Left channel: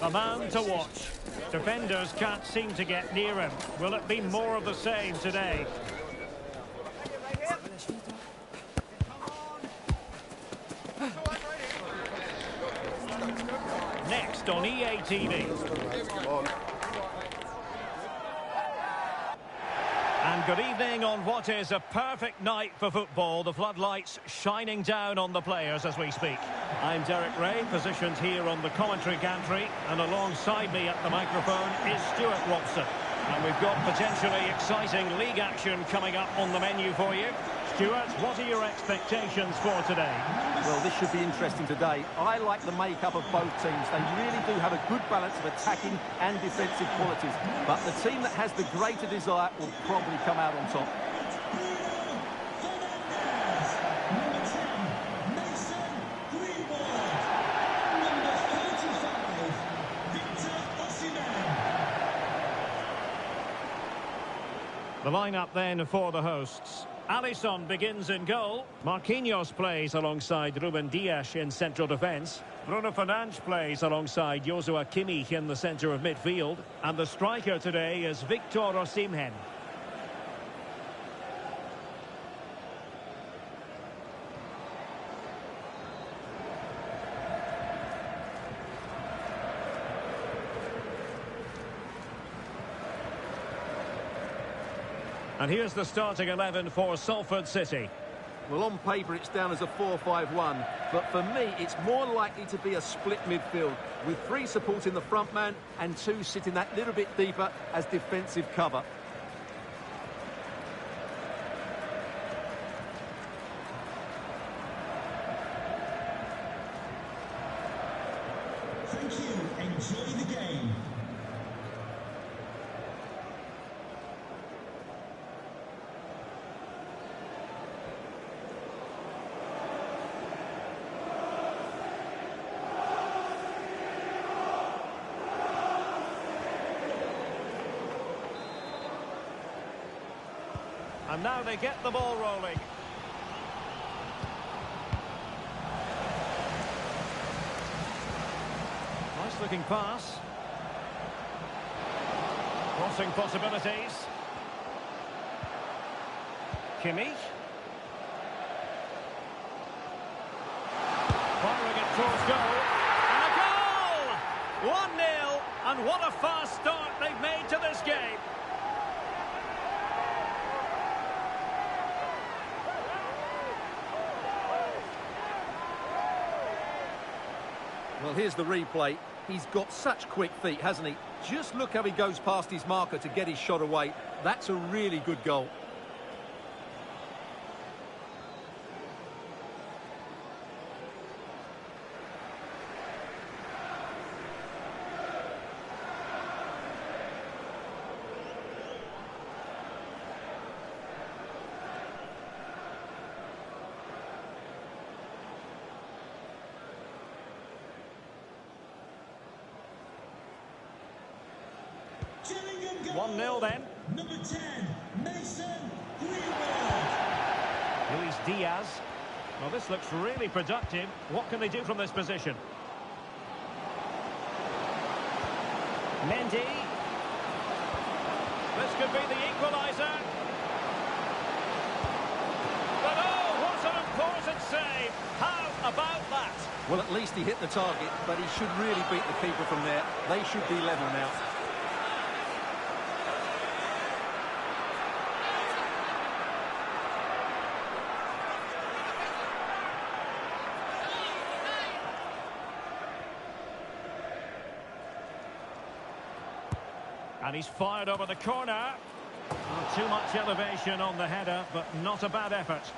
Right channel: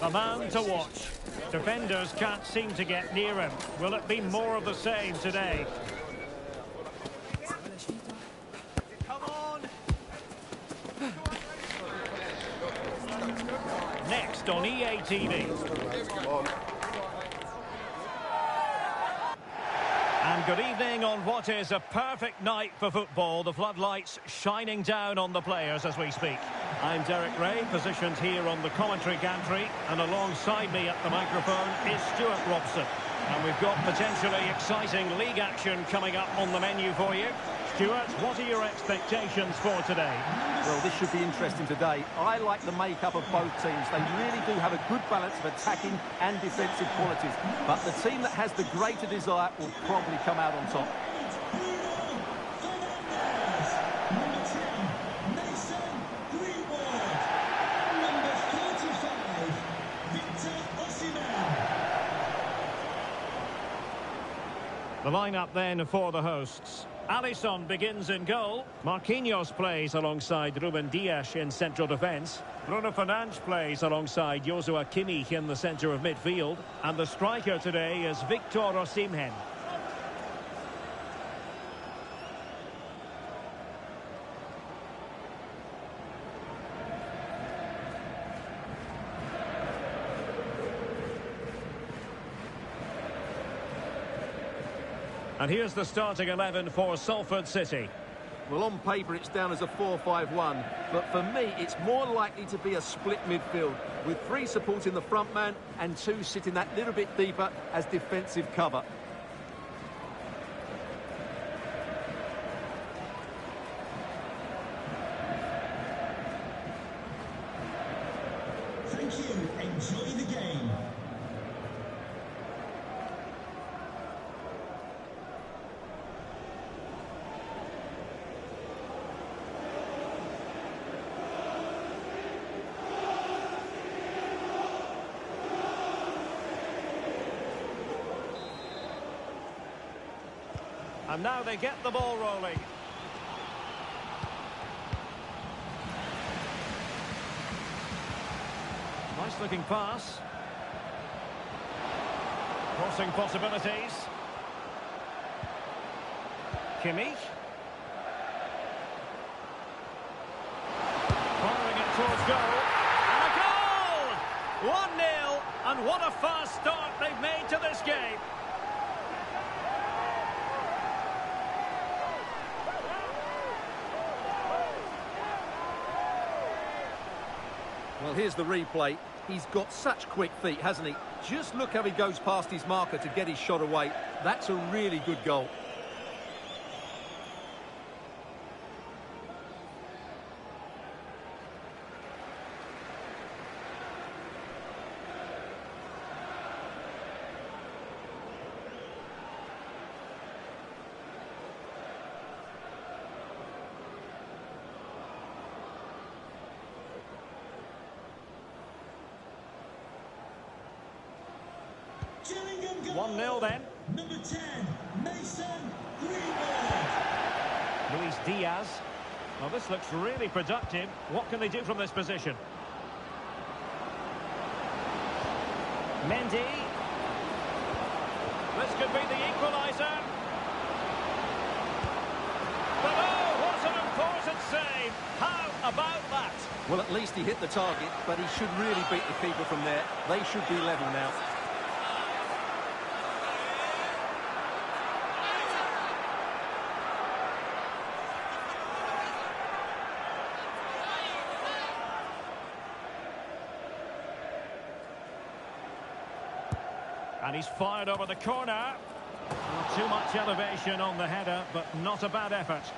The man to watch. Defenders can't seem to get near him. Will it be more of the same today? Next on EA TV. And good evening on what is a perfect night for football. The floodlights shining down on the players as we speak. I'm Derek Ray, positioned here on the commentary gantry, and alongside me at the microphone is Stuart Robson. And we've got potentially exciting league action coming up on the menu for you. Stuart, what are your expectations for today? Well, this should be interesting today. I like the makeup of both teams. They really do have a good balance of attacking and defensive qualities. But the team that has the greater desire will probably come out on top. The lineup then for the hosts. Alisson begins in goal. Marquinhos plays alongside Ruben Dias in central defence. Bruno Fernandes plays alongside Joshua Kimmich in the centre of midfield. And the striker today is Victor Osimhen. And here's the starting 11 for Salford City. Well, on paper, it's down as a 4-5-1. But for me, it's more likely to be a split midfield, with 3 supporting the front man and 2 sitting that little bit deeper as defensive cover. Thank you. Enjoy the game. And now they get the ball rolling. Nice looking pass. Crossing possibilities. Kimmich. Firing it towards goal. And a goal! 1-0. And what a fast start they've made to this game. Well, here's the replay. He's got such quick feet, hasn't he? Just look how he goes past his marker to get his shot away. That's a really good goal. Gillingham 1-0 then. Number 10, Mason Greenwood. Luis Diaz. Well, this looks really productive. What can they do from this position? Mendy. This could be the equaliser. But oh, what an important save. How about that? Well, at least he hit the target, but he should really beat the keeper from there. They should be level now. And he's fired over the corner. Oh, too much elevation on the header, but not a bad effort.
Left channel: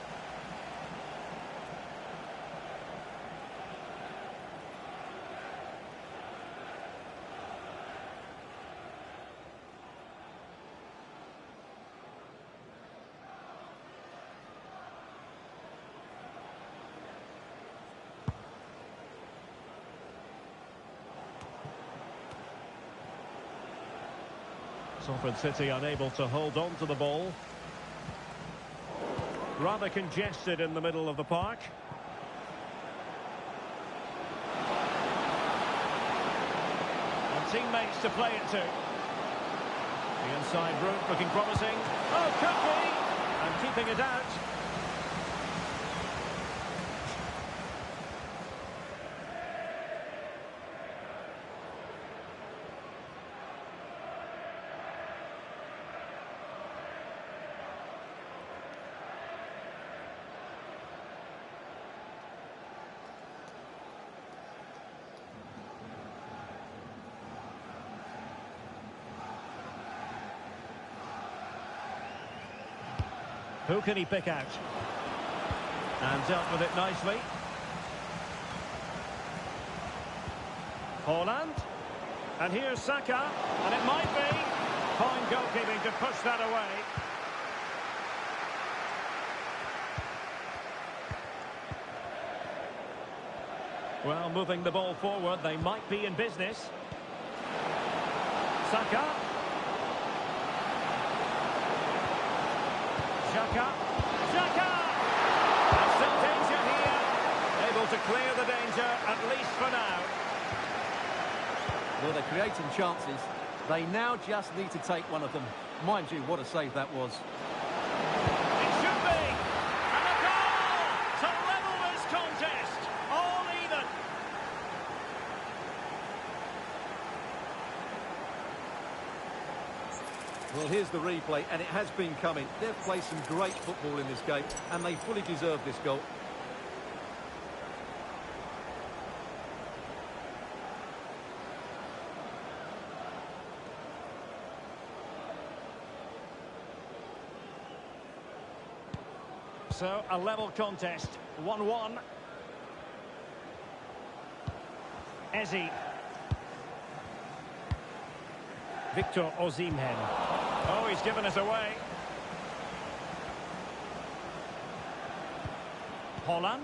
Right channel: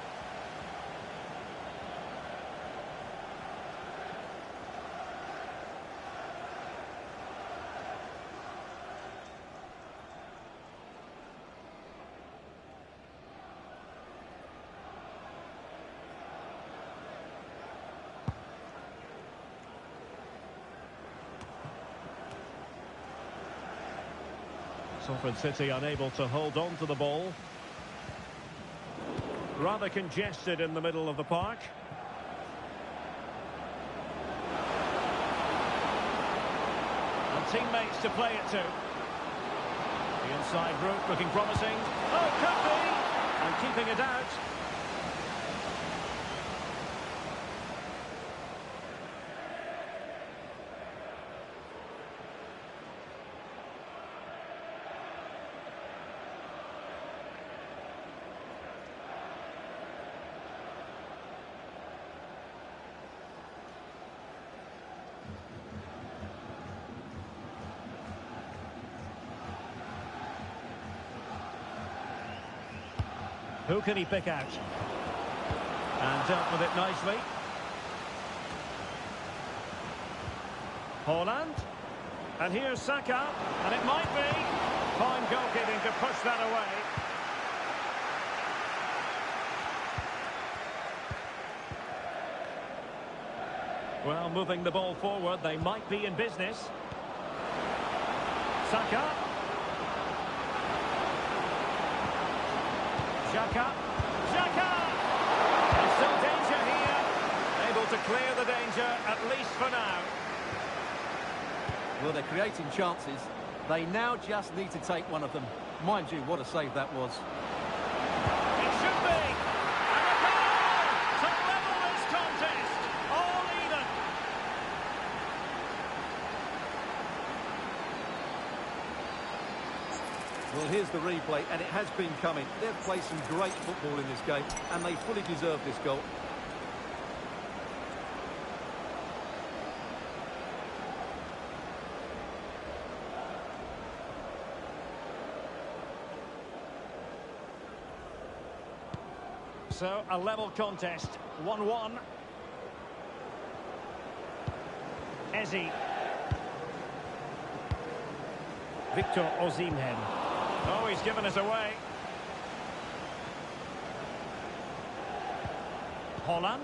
Salford City unable to hold on to the ball. Rather congested in the middle of the park. teammates to play it to. The inside route looking promising. Oh, could be! And keeping it out. Who can he pick out? And dealt with it nicely. Haaland. And here's Saka. And it might be. Fine goalkeeping to push that away. Well, moving the ball forward, they might be in business. Saka. Xhaka! And still danger here. Able to clear the danger, at least for now. Well, they're creating chances. They now just need to take one of them. Mind you, what a save that was. It should be. And a goal to level this contest. All even. Well, here's the replay, and it has been coming. They've played some great football in this game, and they fully deserve this goal. So, a level contest, 1-1. Eze. Victor Osimhen. Oh, he's given us away. Haaland.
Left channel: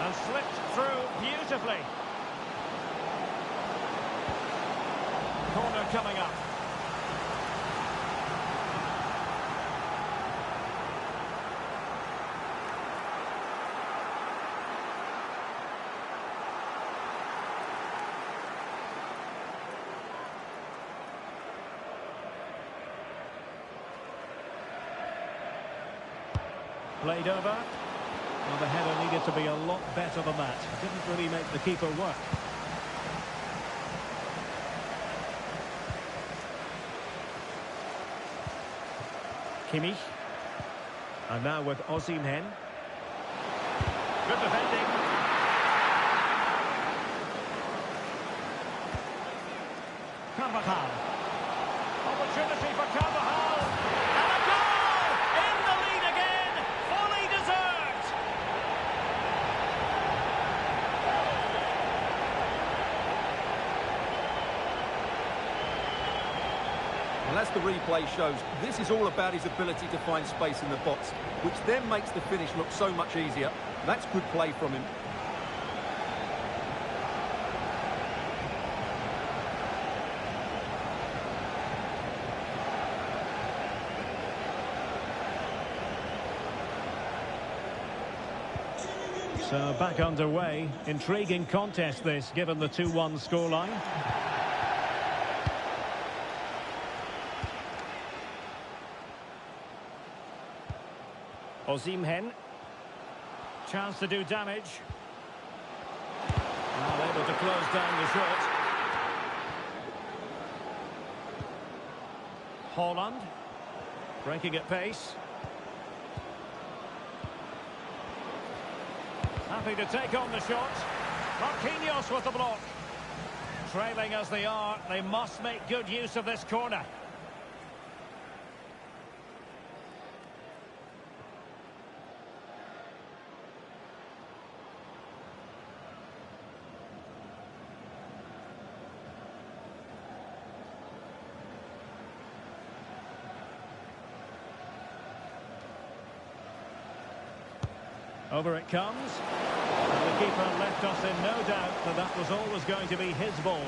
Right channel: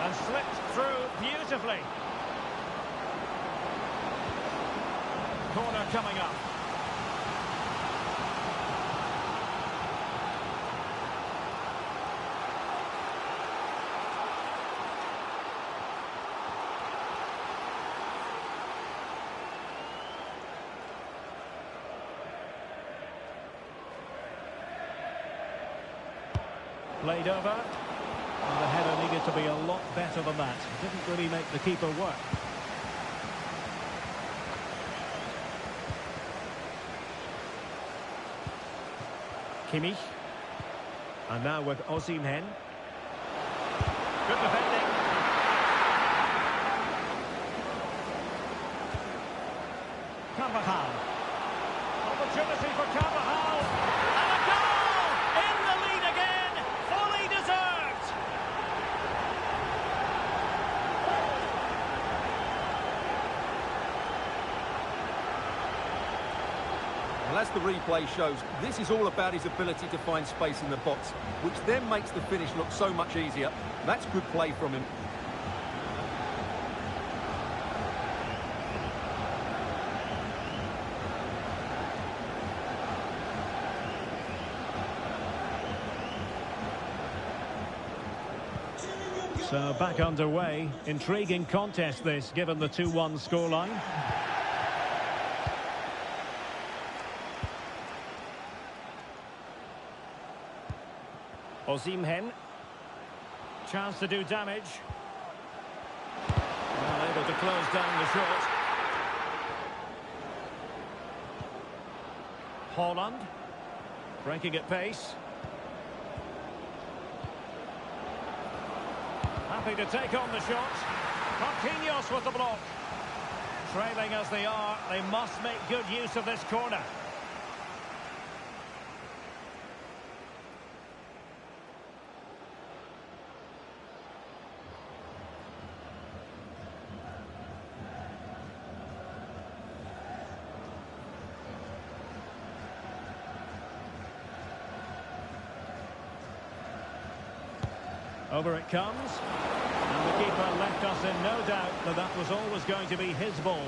And slipped through beautifully. Corner coming up. Played over. Well, the header needed to be a lot better than that. Didn't really make the keeper work. Kimmich. And now with Osimhen. Good defending. Carvajal. Opportunity for Carvajal. And a goal! In the lead again. Fully deserved. Well, as the replay shows, this is all about his ability to find space in the box, which then makes the finish look so much easier. That's good play from him. So back underway. Intriguing contest this, given the 2-1 scoreline. Osimhen. Chance to do damage. Well, able to close down the shot. Haaland. Breaking at pace. Happy to take on the shot. Marquinhos with the block. Trailing as they are, they must make good use of this corner. Over it comes. And the keeper left us in no doubt that that was always going to be his ball.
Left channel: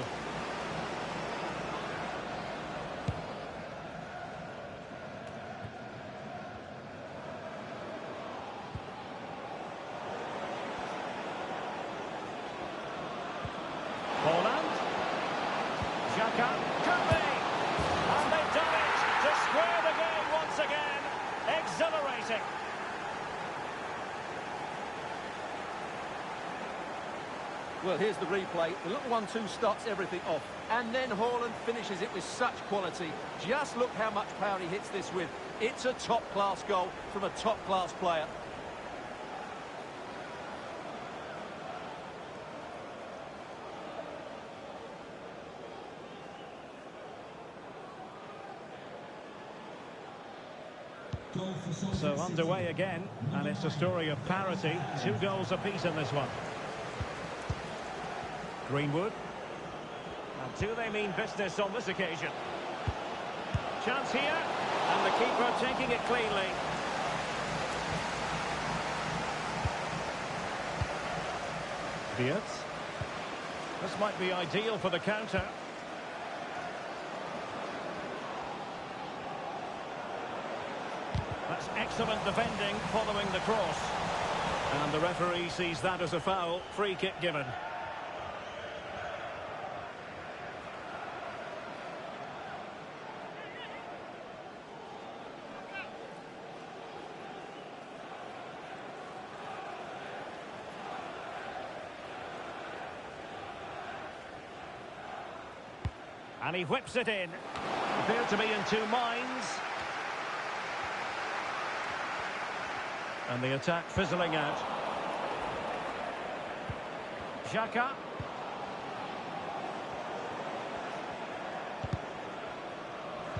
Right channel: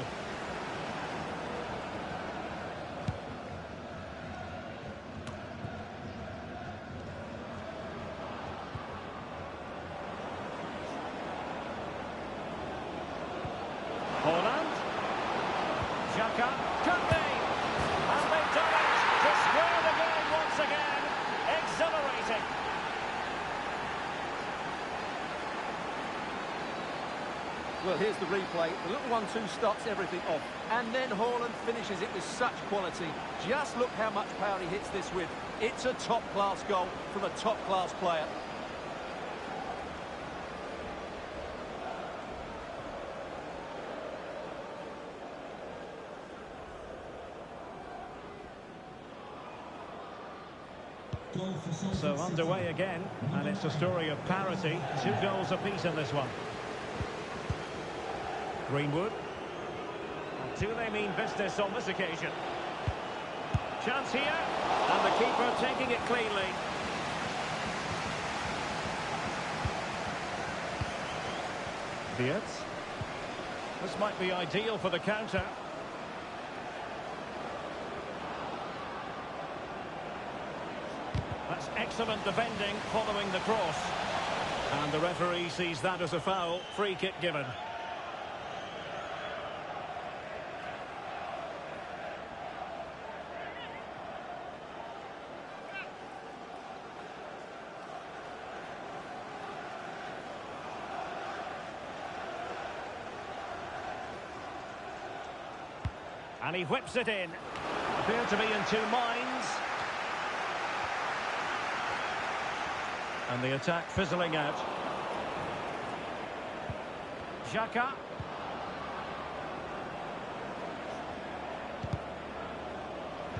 Haaland. Xhaka, could be. And they've done it to square the game once again. Exhilarating. Well, here's the replay. The little 1-2 starts everything off. And then Haaland finishes it with such quality. Just look how much power he hits this with. It's a top-class goal from a top-class player. So underway again, and it's a story of parity. 2 goals apiece in this one. Greenwood. And do they mean business on this occasion? Chance here, and the keeper taking it cleanly. Diaz. This might be ideal for the counter. That's excellent defending following the cross. And the referee sees that as a foul. Free kick given. And he whips it in. Appear to be in 2 minds. And the attack fizzling out. Xhaka.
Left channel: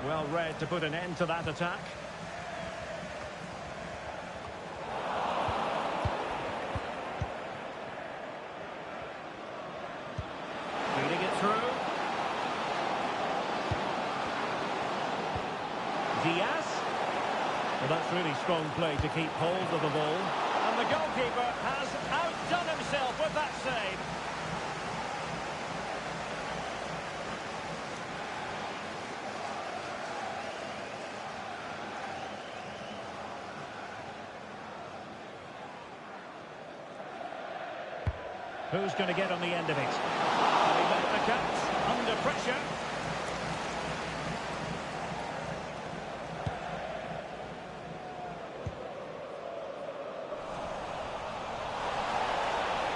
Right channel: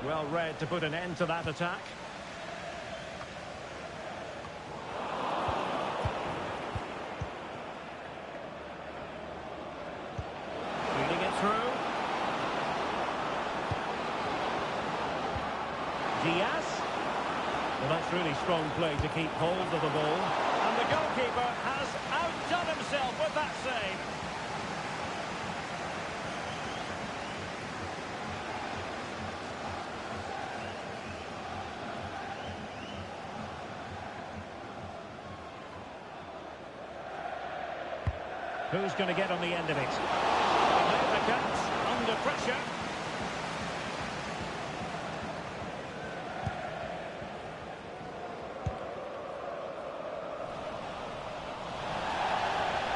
Well read to put an end to that attack. Feeding it through. Diaz. Well, that's really strong play to keep hold of the ball. And the goalkeeper has outdone himself with that save. Who's going to get on the end of it? He made the catch under pressure.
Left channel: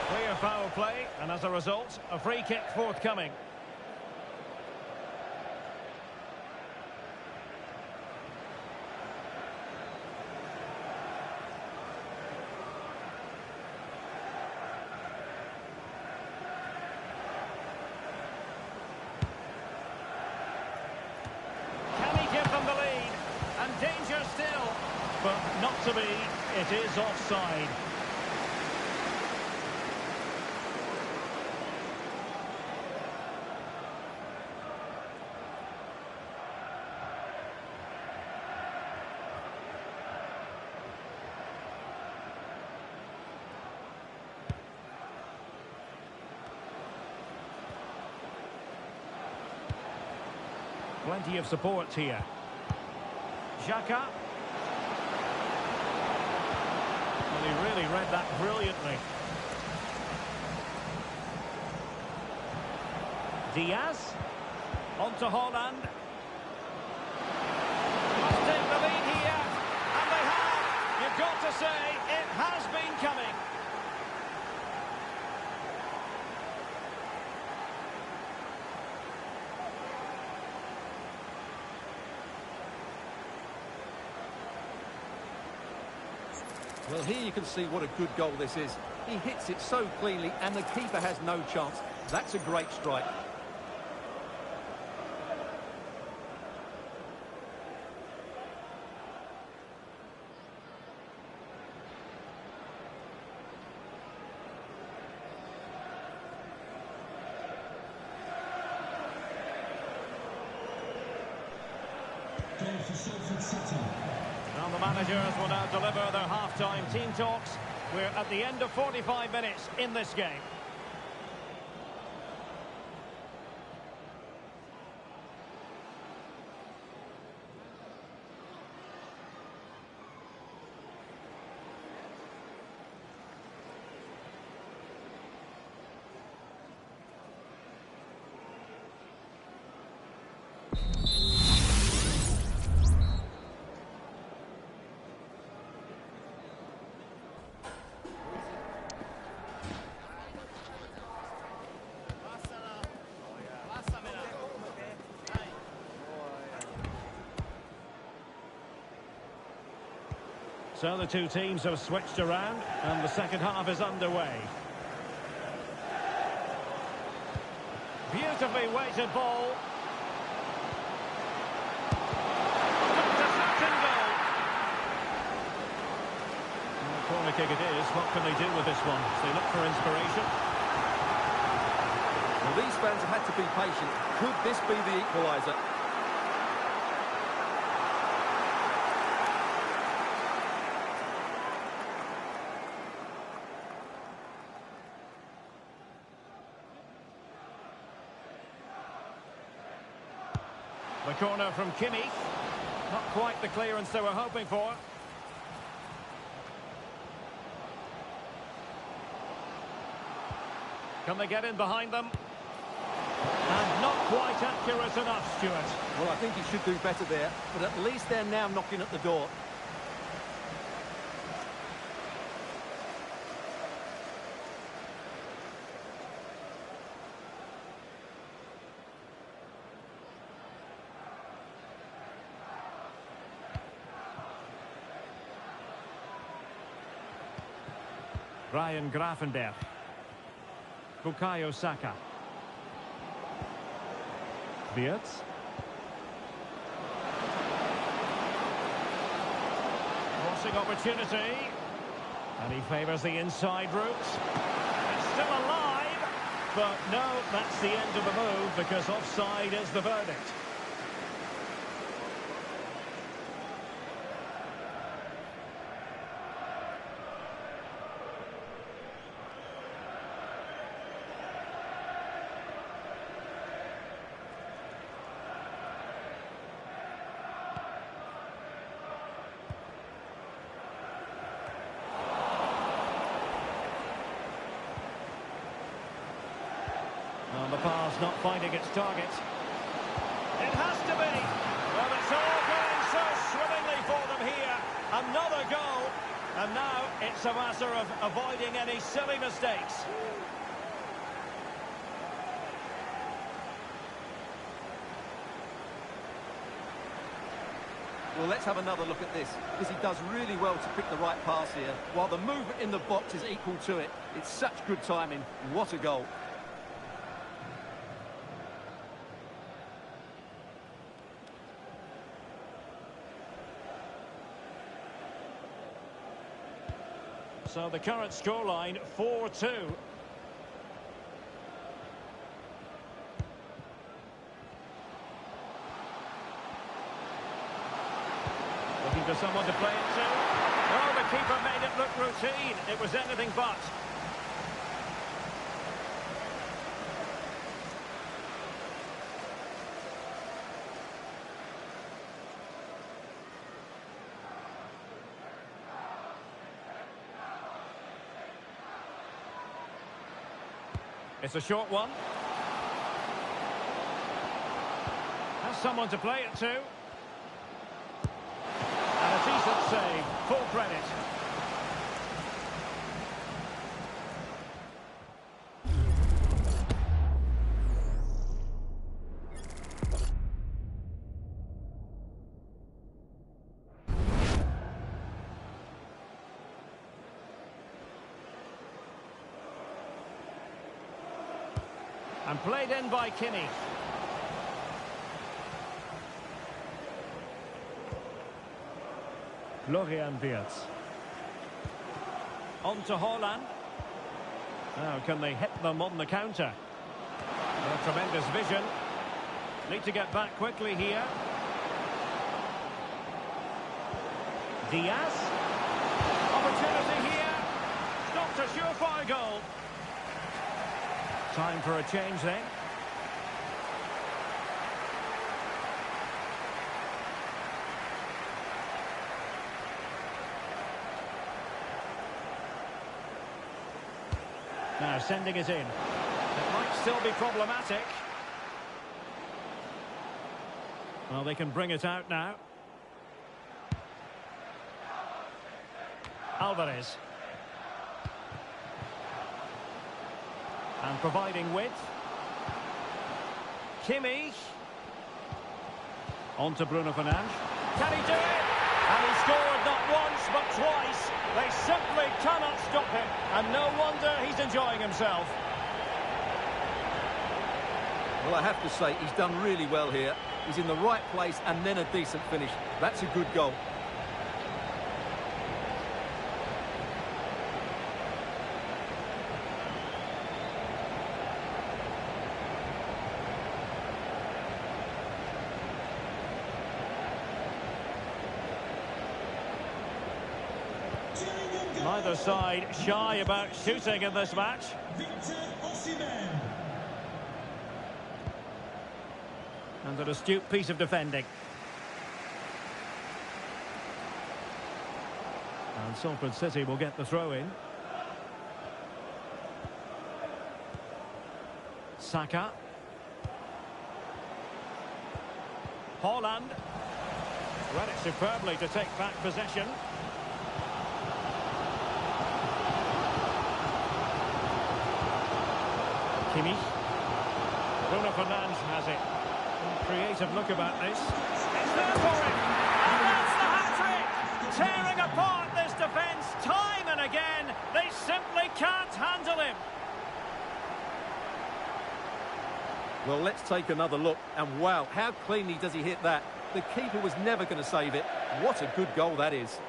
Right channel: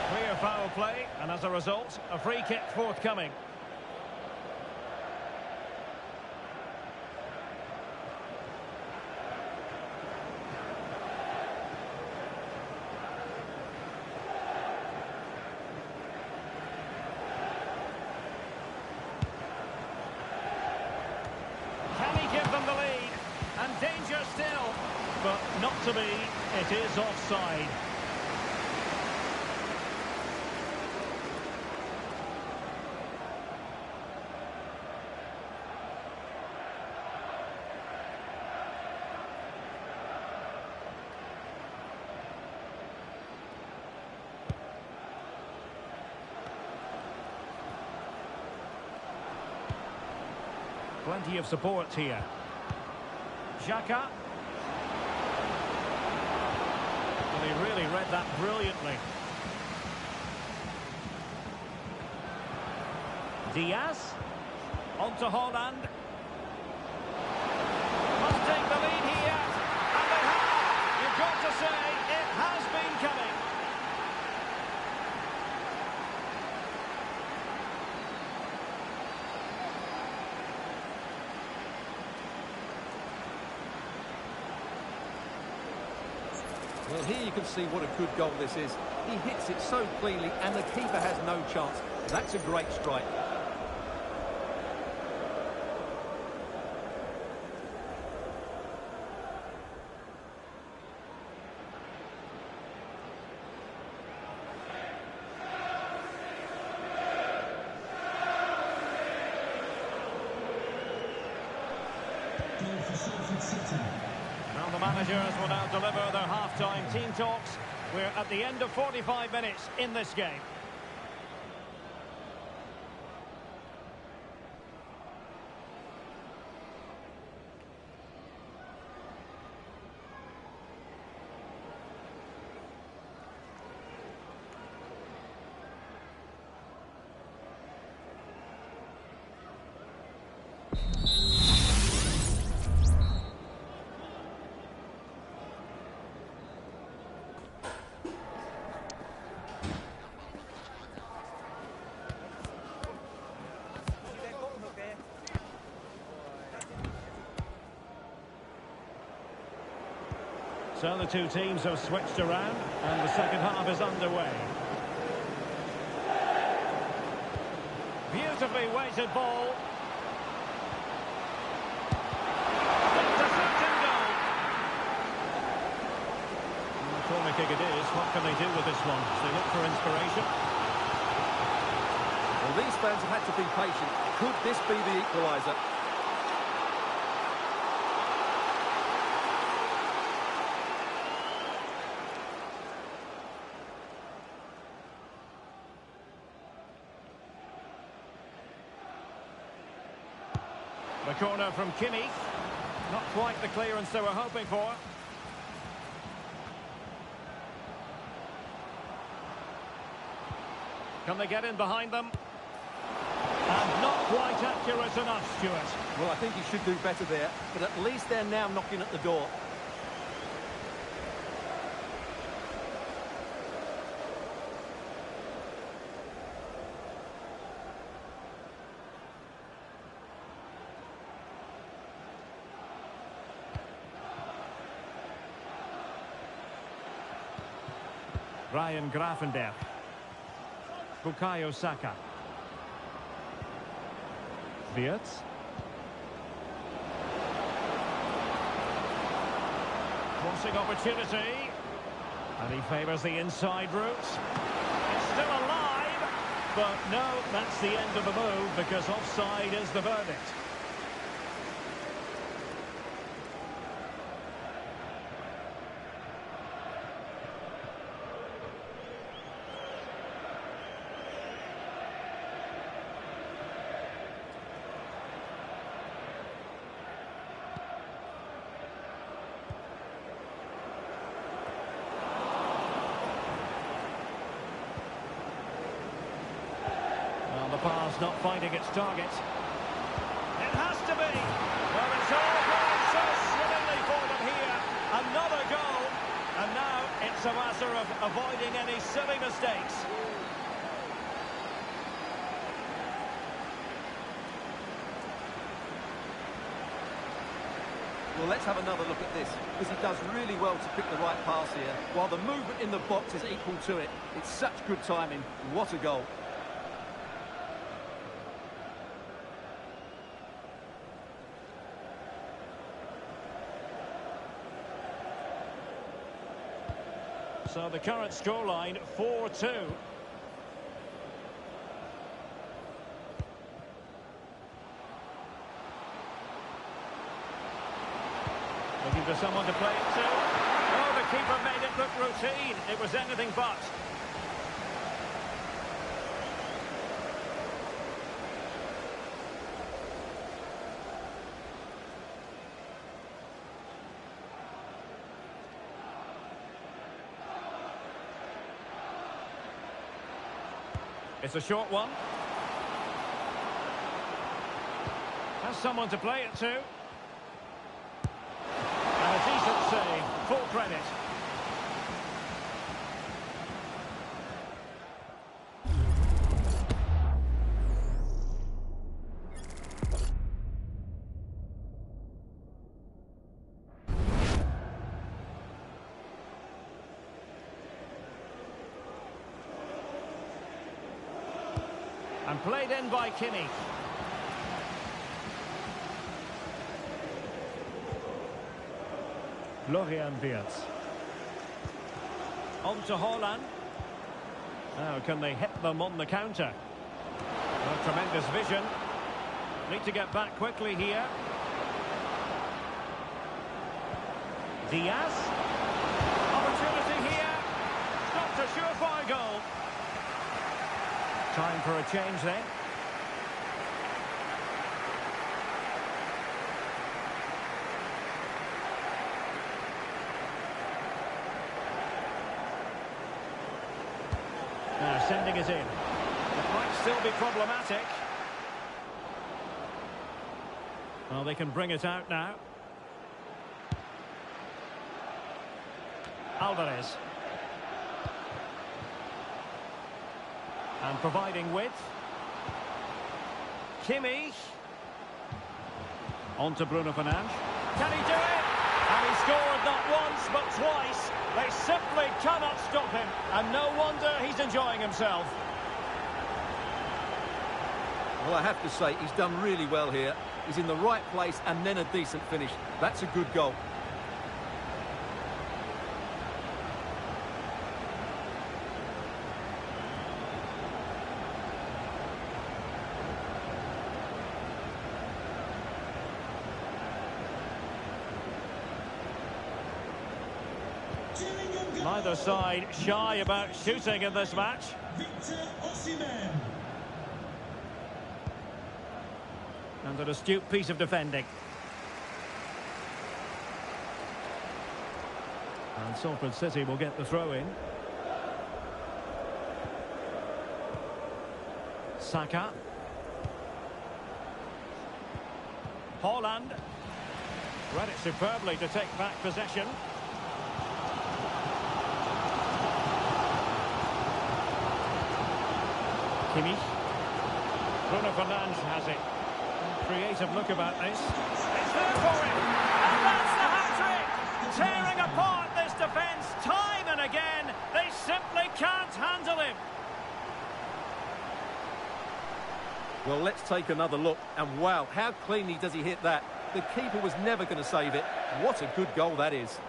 Clear foul play, and as a result, a free kick forthcoming. Can he give them the lead? And danger still, but not to be. It is offside. Plenty of support here. Xhaka. Well, he really read that brilliantly. Diaz. On to Haaland. Must take the lead here. And they have. You've got to say, it has been coming. Well, here you can see what a good goal this is. He hits it so cleanly and the keeper has no chance. That's a great strike. Goal for Salford City. Well, the managers will now deliver their half-time team talks. We're at the end of 45 minutes in this game. So the two teams have switched around, and the second half is underway. Beautifully weighted ball. Stopped a certain goal. And the corner kick it is. What can they do with this one? As they look for inspiration. Well, these fans have had to be patient. Could this be the equaliser? The corner from Kimmich. Not quite the clearance they were hoping for. Can they get in behind them? And not quite accurate enough, Stuart. Well, I think he should do better there, but at least they're now knocking at the door. Ryan Gravenberch. Bukayo Saka. Wirtz. Crossing opportunity. And he favours the inside route. It's still alive. But no, that's the end of the move because offside is the verdict. Well, the pass not finding its target. It has to be. Well, it's all going so swimmingly for them here. Another goal. And now it's a matter of avoiding any silly mistakes. Well, let's have another look at this, because he does really well to pick the right pass here, while the movement in the box is equal to it. It's such good timing. What a goal. So the current scoreline, 4-2. Looking for someone to play it to. Oh, the keeper made it look routine. It was anything but. It's a short one. Has someone to play it to. And a decent save. Full credit. And played in by Kimmich. Florian Wirtz. On to Haaland. Now, can they hit them on the counter? Oh, tremendous vision. Need to get back quickly here. Diaz. Opportunity here. Stopped a surefire goal. Time for a change then. Now sending it in. It might still be problematic. Well, they can bring it out now. Alvarez. And providing width. Kimmich. On to Bruno Fernandes. Can he do it? And he scored not once, but twice. They simply cannot stop him. And no wonder he's enjoying himself. Well, I have to say, he's done really well here. He's in the right place and then a decent finish. That's a good goal. Neither side shy about shooting in this match. And an astute piece of defending. And Salford City will get the throw in. Saka. Haaland. Read it superbly to take back possession. Kimmich. Bruno Fernandes has it. Creative look about this. It's there for him. And that's the hat-trick. Tearing apart this defence time and again. They simply can't handle him. Well, let's take another look. And wow, how cleanly does he hit that? The keeper was never going to save it. What a good goal that is.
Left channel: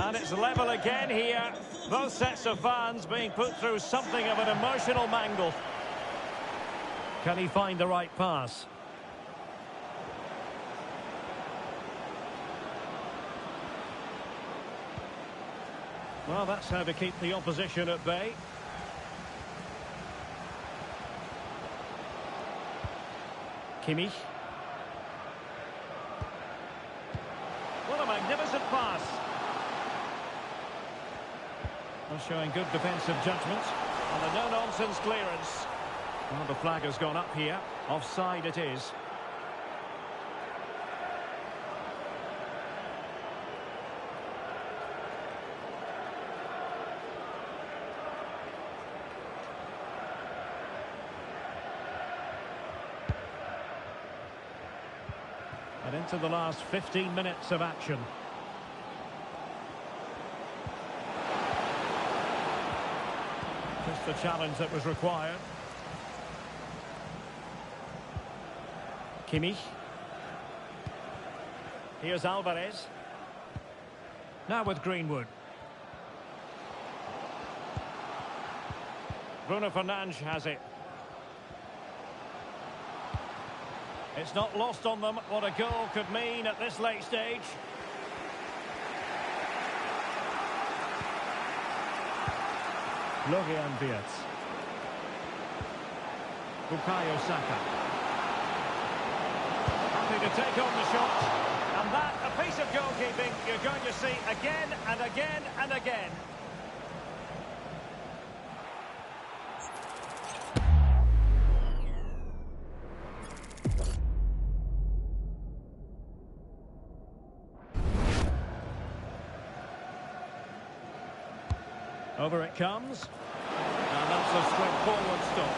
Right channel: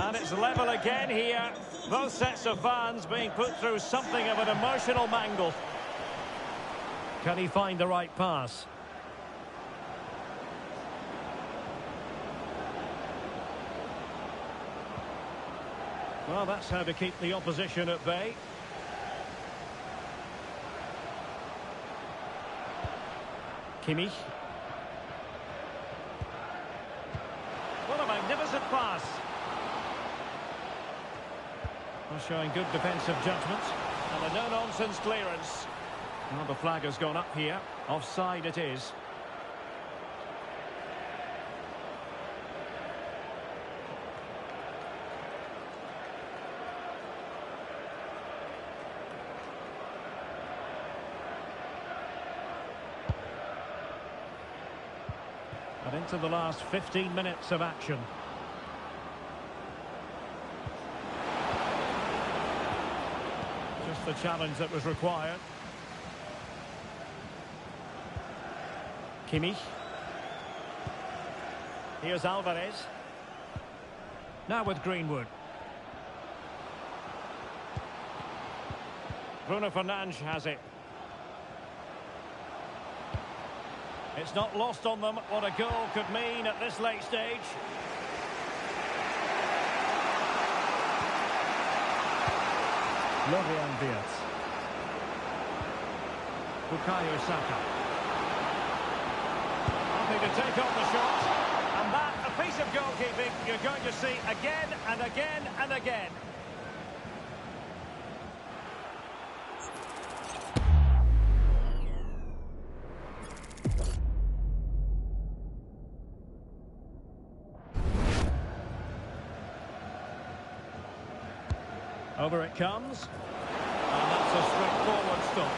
And it's level again here. Both sets of fans being put through something of an emotional mangle. Can he find the right pass? Well, that's how to keep the opposition at bay. Kimmich. What a magnificent pass. Well, showing good defensive judgment. And a no-nonsense clearance. Well, the flag has gone up here. Offside it is. And into the last 15 minutes of action. Just the challenge that was required. Kimmich. Here's Alvarez. Now with Greenwood. Bruno Fernandes has it. It's not lost on them what a goal could mean at this late stage. Florian Wirtz. Bukayo Saka. Happy to take on the shot. And that, a piece of goalkeeping you're going to see again and again and again. Over it comes. And that's a straightforward stop.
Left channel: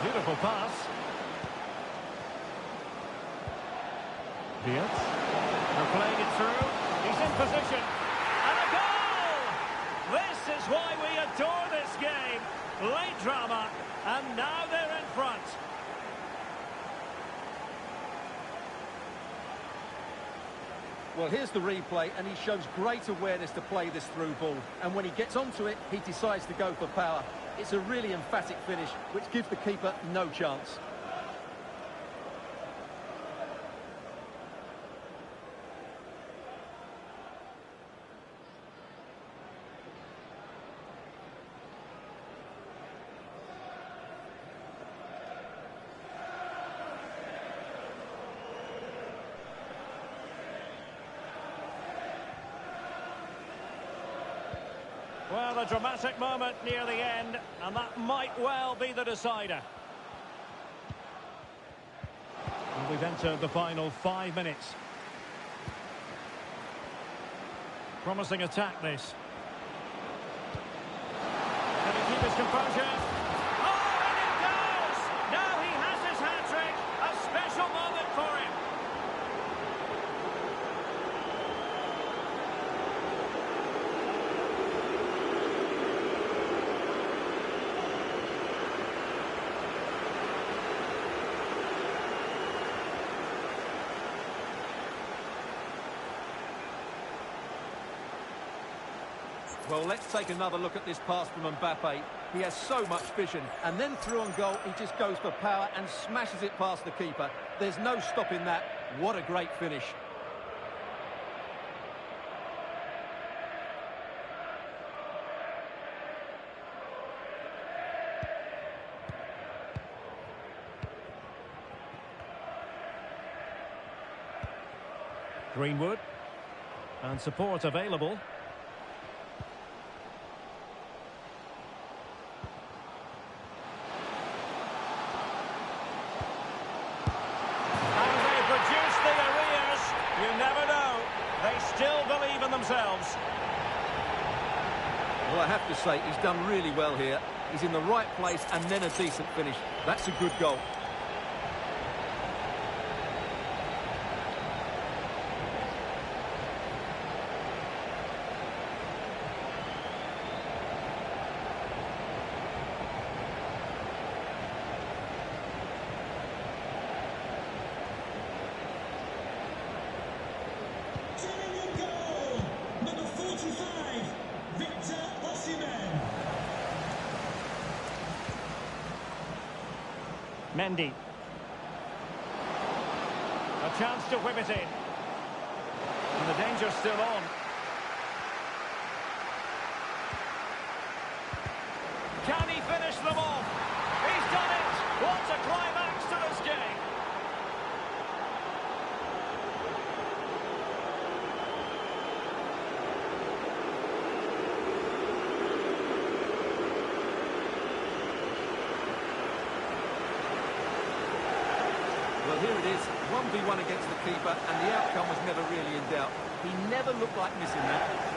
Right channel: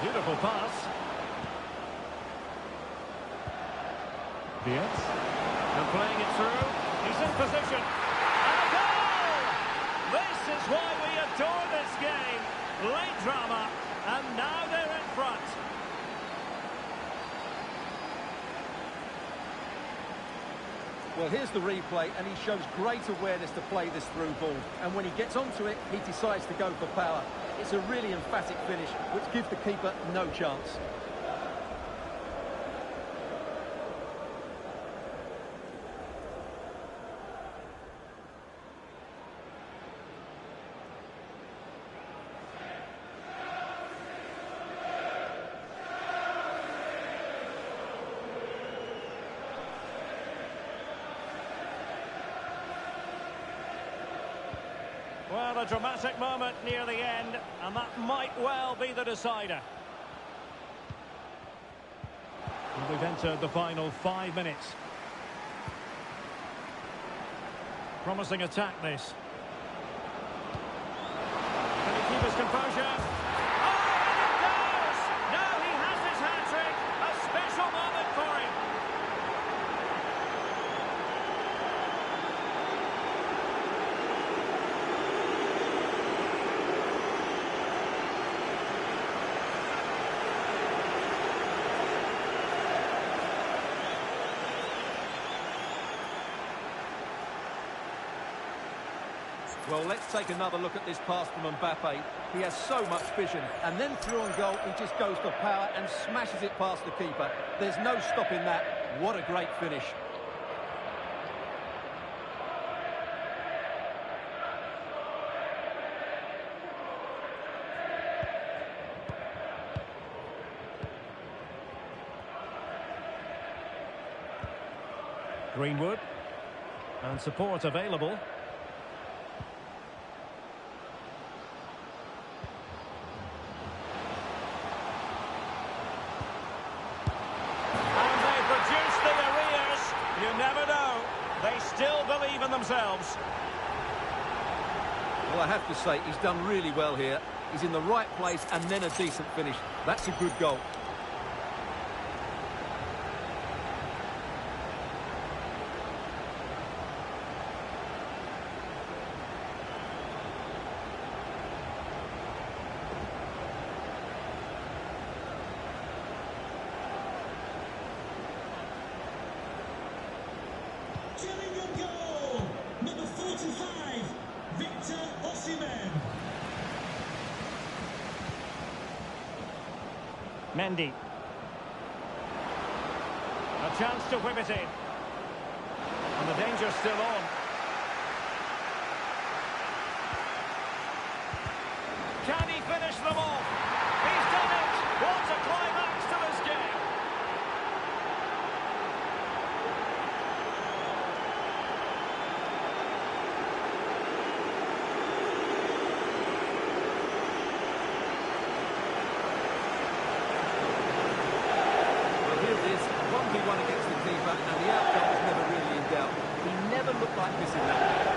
Beautiful pass. Wirtz. And playing it through. He's in position. And a goal! This is why we adore this game. Late drama. And now they're in front. Well, here's the replay, and he shows great awareness to play this through ball. And when he gets onto it, he decides to go for power. It's a really emphatic finish, which gives the keeper no chance. Well, a dramatic moment near the end, and that might well be the decider. And we've entered the final 5 minutes. Promising attack, this. Can he keep his composure? Oh, and it goes! Now he has his hat-trick. A special moment for him. Well, let's take another look at this pass from Mbappe. He has so much vision, and then through on goal, he just goes for power and smashes it past the keeper. There's no stopping that. What a great finish. Greenwood. And support available. Reduce the arrears. You never know. They still believe in themselves. Well, I have to say, he's done really well here. He's in the right place and then a decent finish. That's a good goal. Getting a goal! Number 45, Victor Osimhen. Mendy. A chance to whip it in. And the danger's still on. Can he finish them off? He's done it! What a climax to this game! Well, here it is, 1v1 against the keeper, and the outcome was never really in doubt. He never looked like missing that.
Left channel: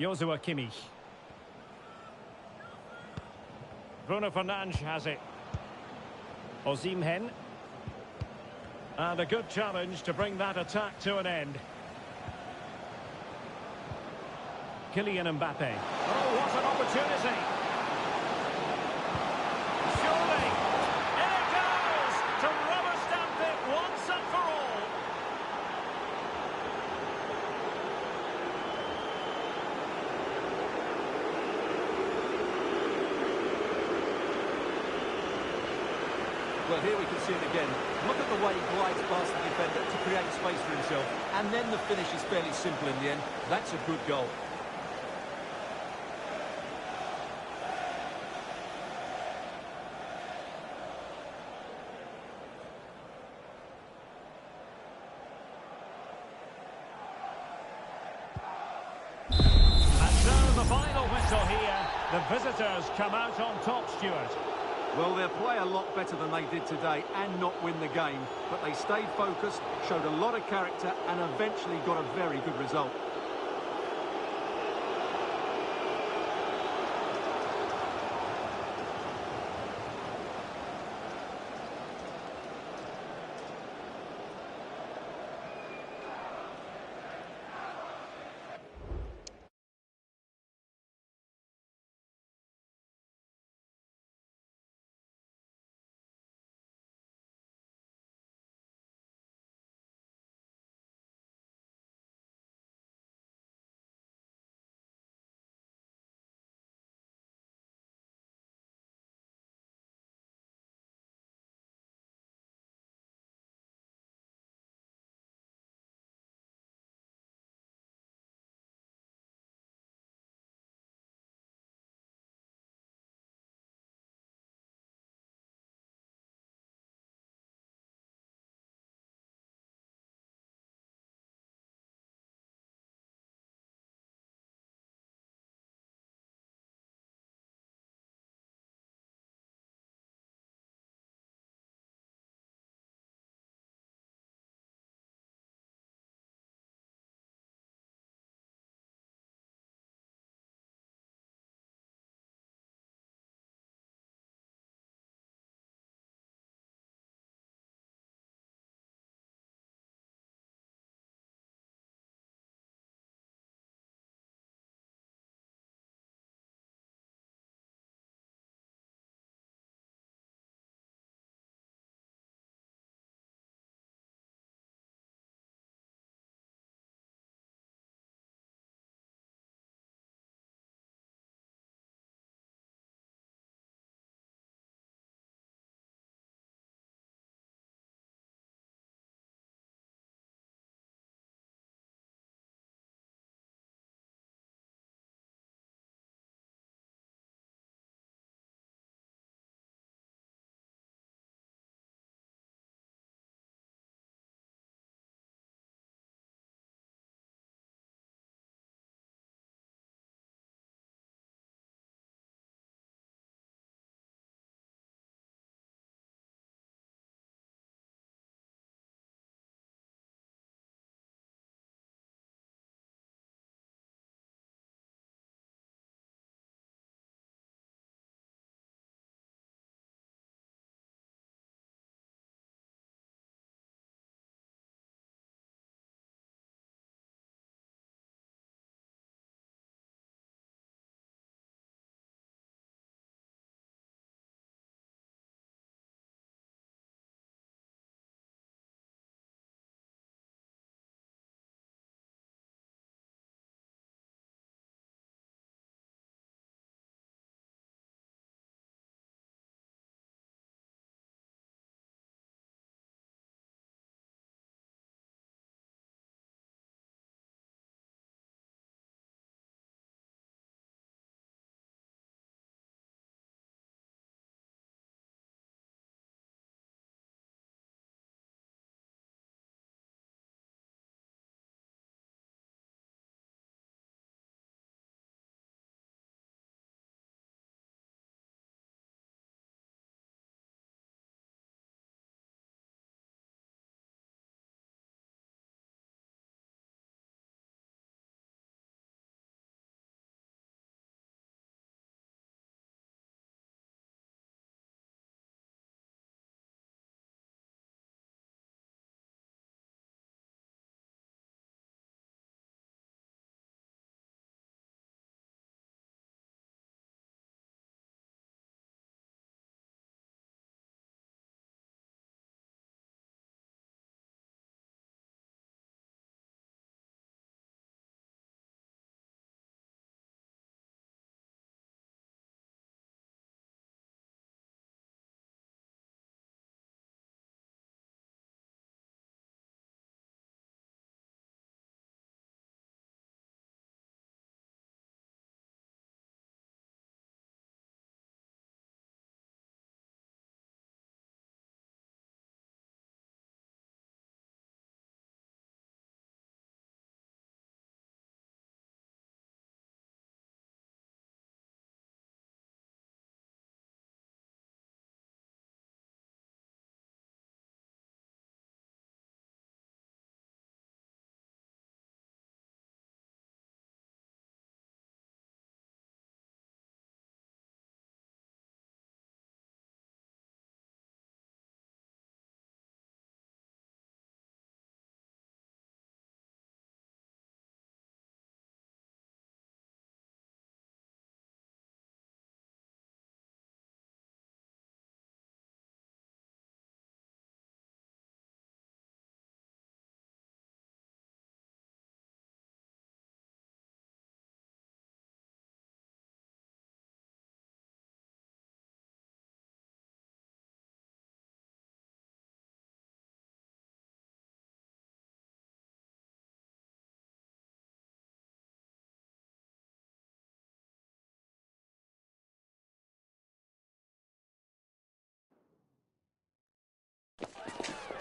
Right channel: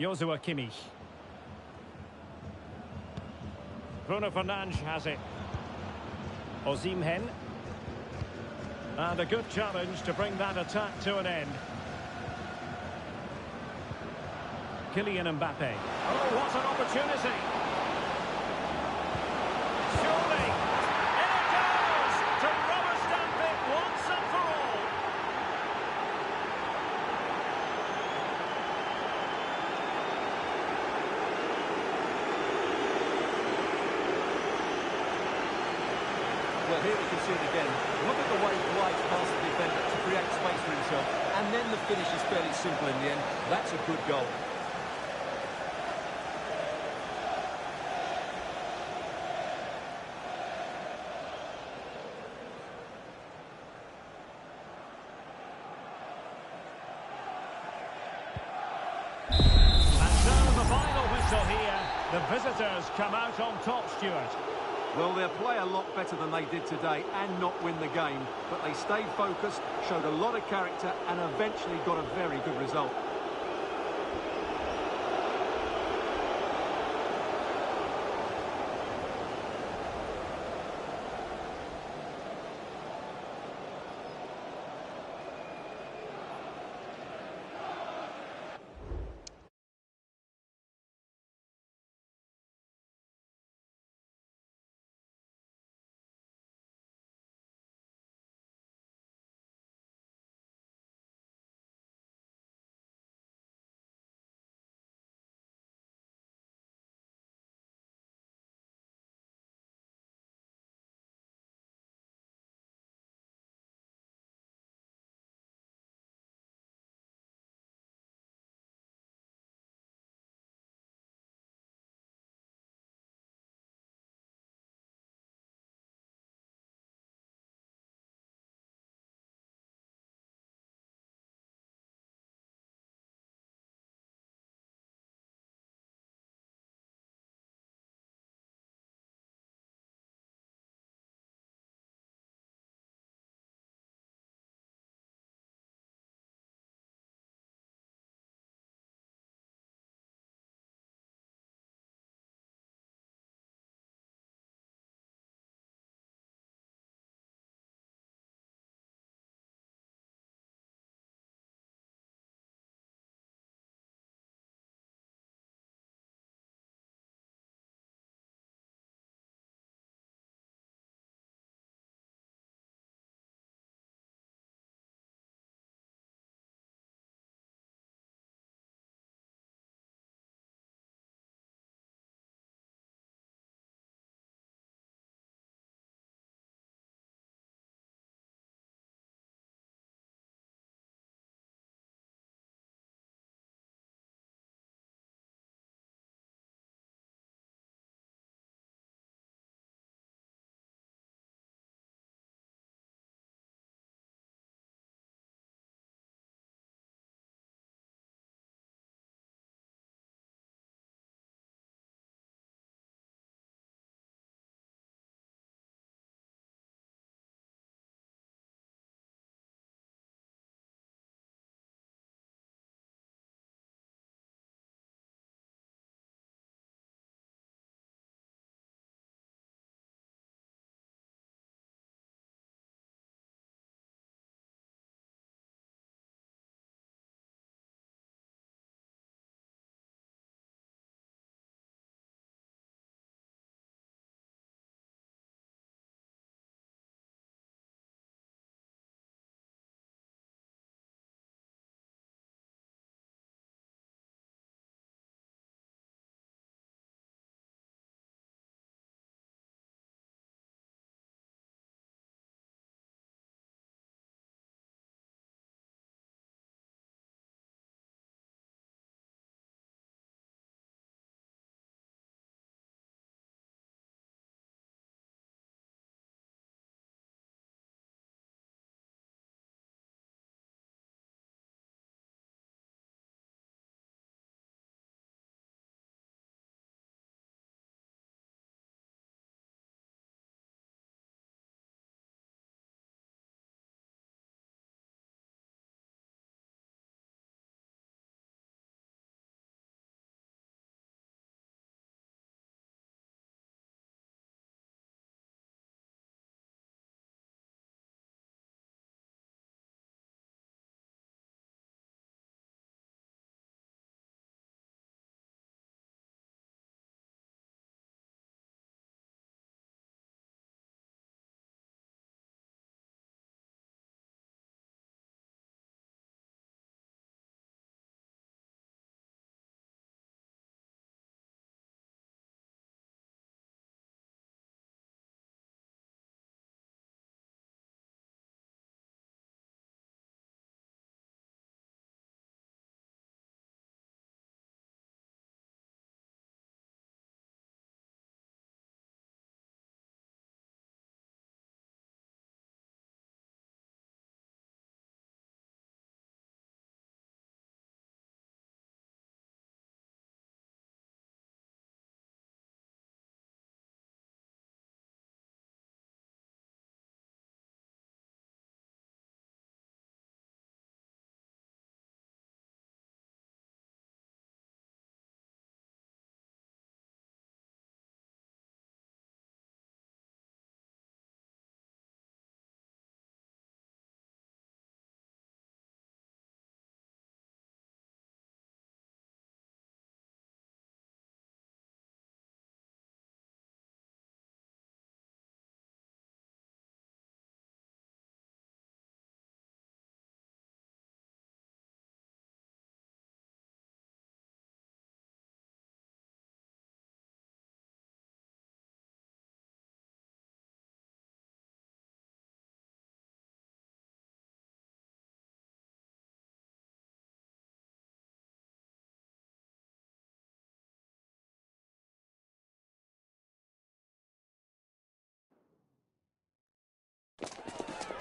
Joshua Kimmich. Bruno Fernandes has it. Osimhen. And a good challenge to bring that attack to an end. Kylian Mbappe. Oh, what an opportunity. Surely. In it goes! To rubber stamp it once and for all. Well, here we can see it again. Look at the way he glides past the defender to create space for himself. And then the finish is fairly simple in the end. That's a good goal. And so the final whistle here. The visitors come out on top, Stuart. Well, they'll play a lot better than they did today and not win the game. But they stayed focused, showed a lot of character and eventually got a very good result.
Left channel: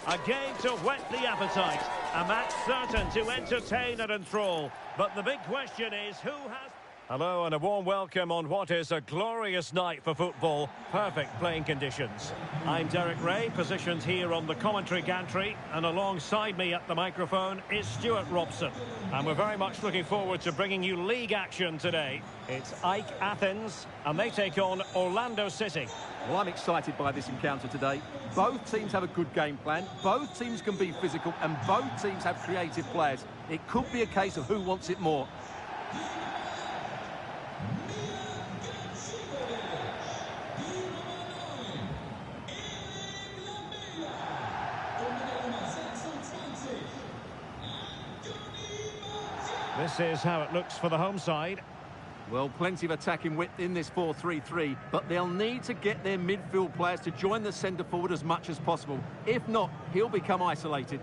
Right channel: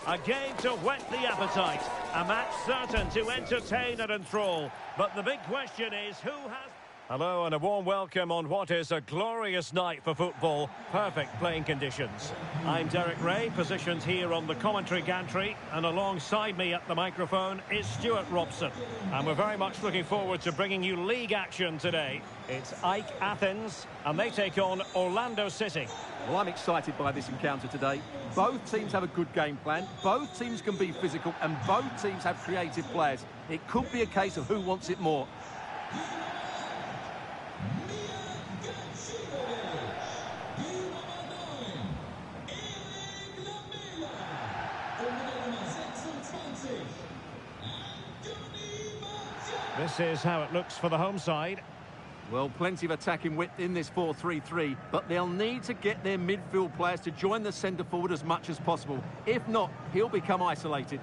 A game to whet the appetite. A match certain to entertain and enthrall. But the big question is, who has... Hello and a warm welcome on what is a glorious night for football. Perfect playing conditions. I'm Derek Ray, positioned here on the commentary gantry, and alongside me at the microphone is Stuart Robson. And we're very much looking forward to bringing you league action today. It's Ike Athens, and they take on Orlando City. Well, I'm excited by this encounter today. Both teams have a good game plan, both teams can be physical, and both teams have creative players. It could be a case of who wants it more. This is how it looks for the home side. Well, plenty of attacking width in this 4-3-3, but they'll need to get their midfield players to join the centre forward as much as possible. If not, he'll become isolated.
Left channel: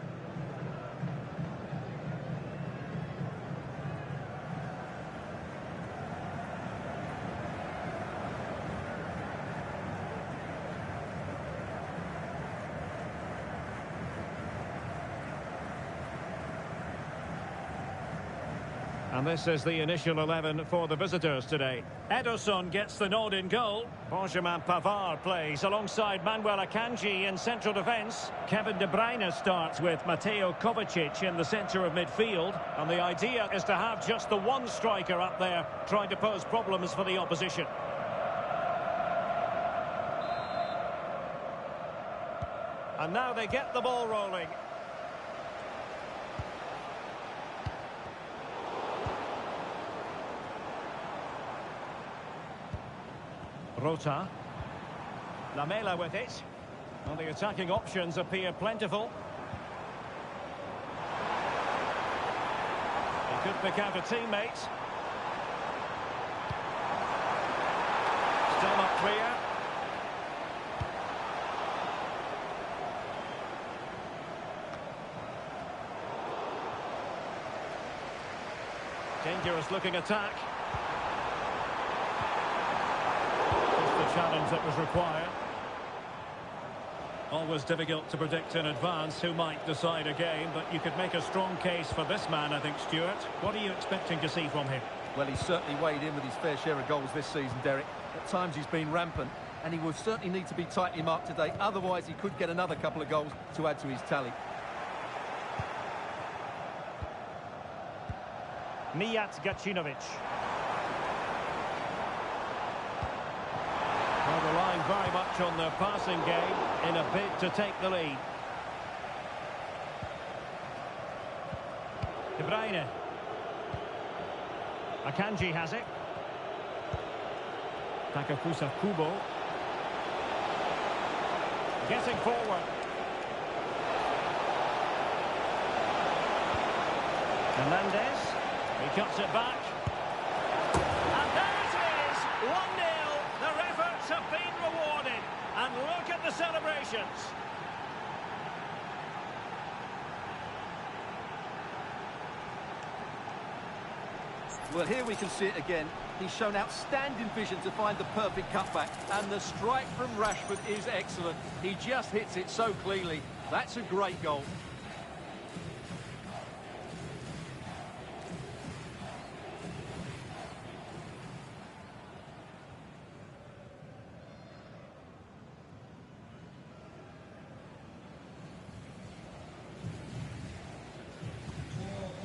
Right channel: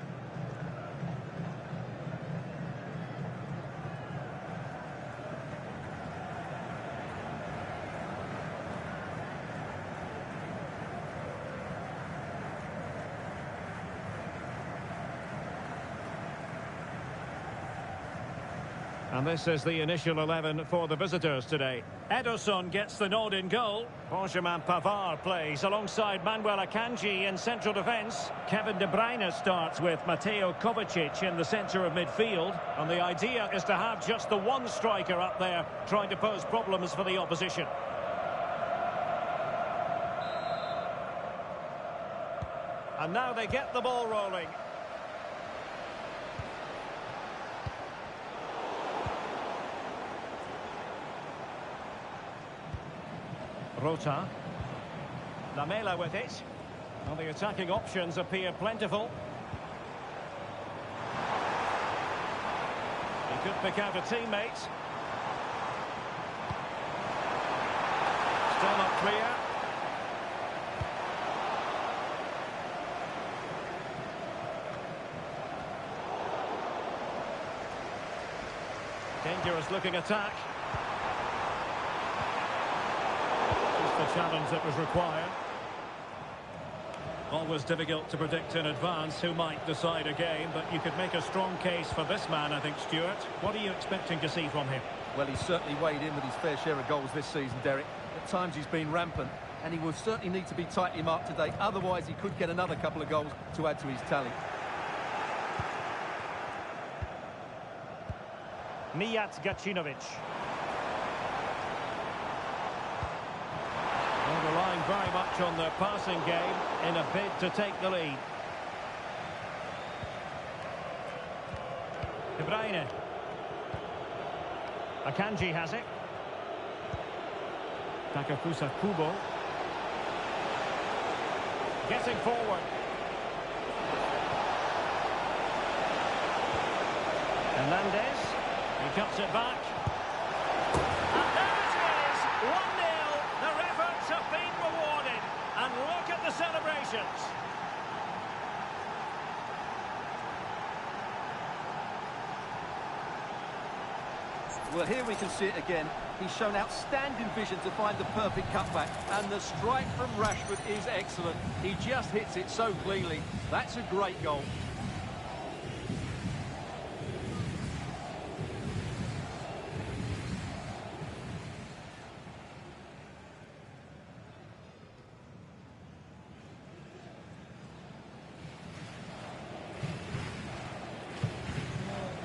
And this is the initial 11 for the visitors today. Ederson gets the nod in goal. Benjamin Pavard plays alongside Manuel Akanji in central defence. Kevin De Bruyne starts with Mateo Kovacic in the centre of midfield. And the idea is to have just the one striker up there trying to pose problems for the opposition. And now they get the ball rolling. Rota. Lamela with it. Well, the attacking options appear plentiful. He could pick out a teammate. Still not clear. Dangerous looking attack. The challenge that was required. Always difficult to predict in advance who might decide a game, but you could make a strong case for this man, I think, Stuart. What are you expecting to see from him? Well, he's certainly weighed in with his fair share of goals this season, Derek. At times he's been rampant, and he will certainly need to be tightly marked today. Otherwise, he could get another couple of goals to add to his tally. Mijat Gacinovic. Well, relying very much on their passing game in a bid to take the lead. De Bruyne. Akanji has it. Takafusa Kubo. Getting forward. Hernandez. He cuts it back. And there it is! 1-0. Their efforts have been rewarded. And look at the celebrations. Well, here we can see it again. He's shown outstanding vision to find the perfect cutback. And the strike from Rashford is excellent. He just hits it so cleanly. That's a great goal.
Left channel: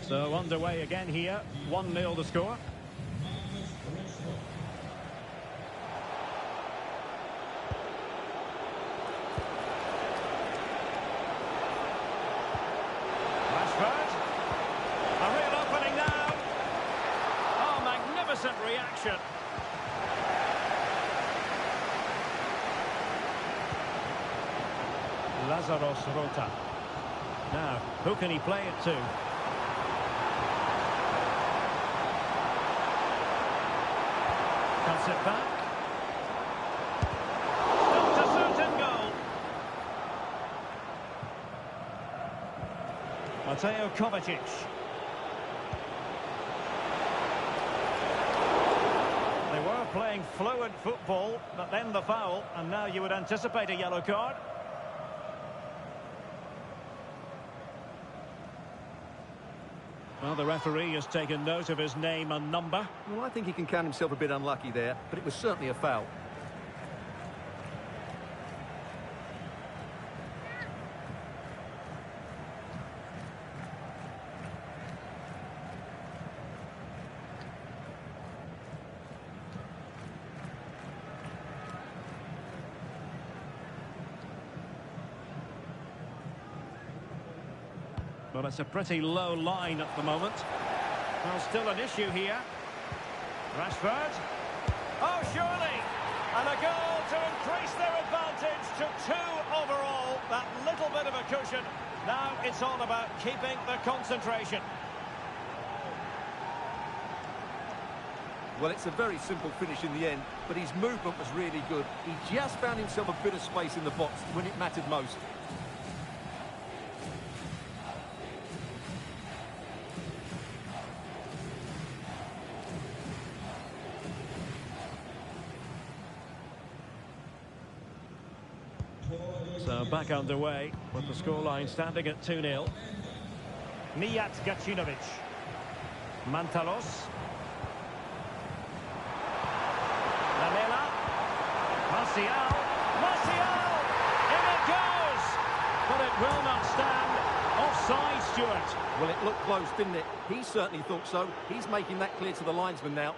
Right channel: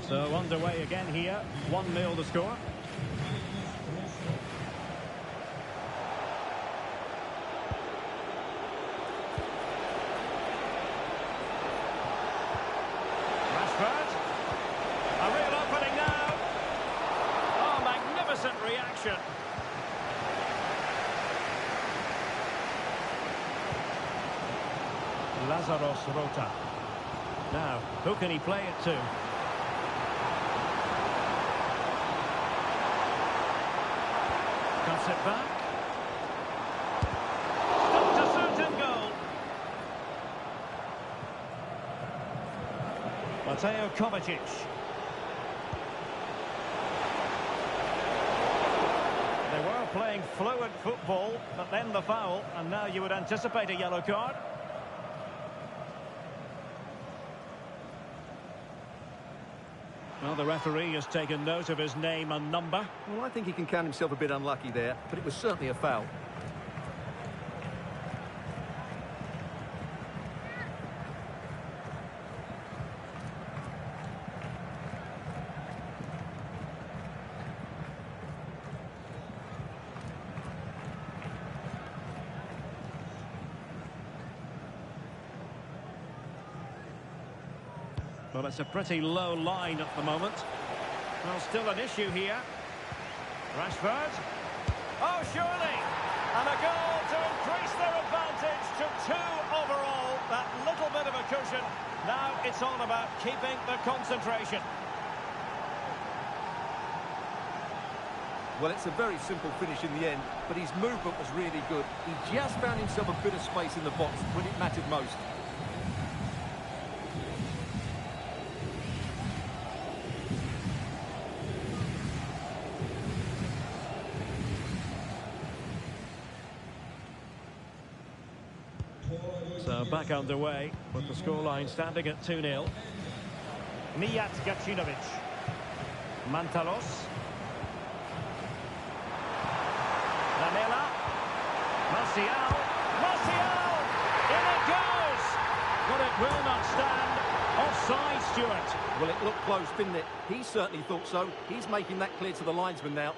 So underway again here, 1-0 the score. Rashford. A real opening now. Oh, magnificent reaction. Lazaros Rota. Now, who can he play it to? Cuts it back. Stopped a certain goal. Mateo Kovacic. They were playing fluent football, but then the foul, and now you would anticipate a yellow card. Well, the referee has taken note of his name and number. Well, I think he can count himself a bit unlucky there, but it was certainly a foul. Well, it's a pretty low line at the moment. Well, still an issue here. Rashford. Oh, surely! And a goal to increase their advantage to 2 overall. That little bit of a cushion. Now it's all about keeping the concentration. Well, it's a very simple finish in the end, but his movement was really good. He just found himself a bit of space in the box when it mattered most. So back underway with the scoreline standing at 2-0. Mijat Gacinovic. Mantalos. Lamela. Martial. Martial! In it goes! But it will not stand. Offside, Stuart. Well, it looked close, didn't it? He certainly thought so. He's making that clear to the linesman now.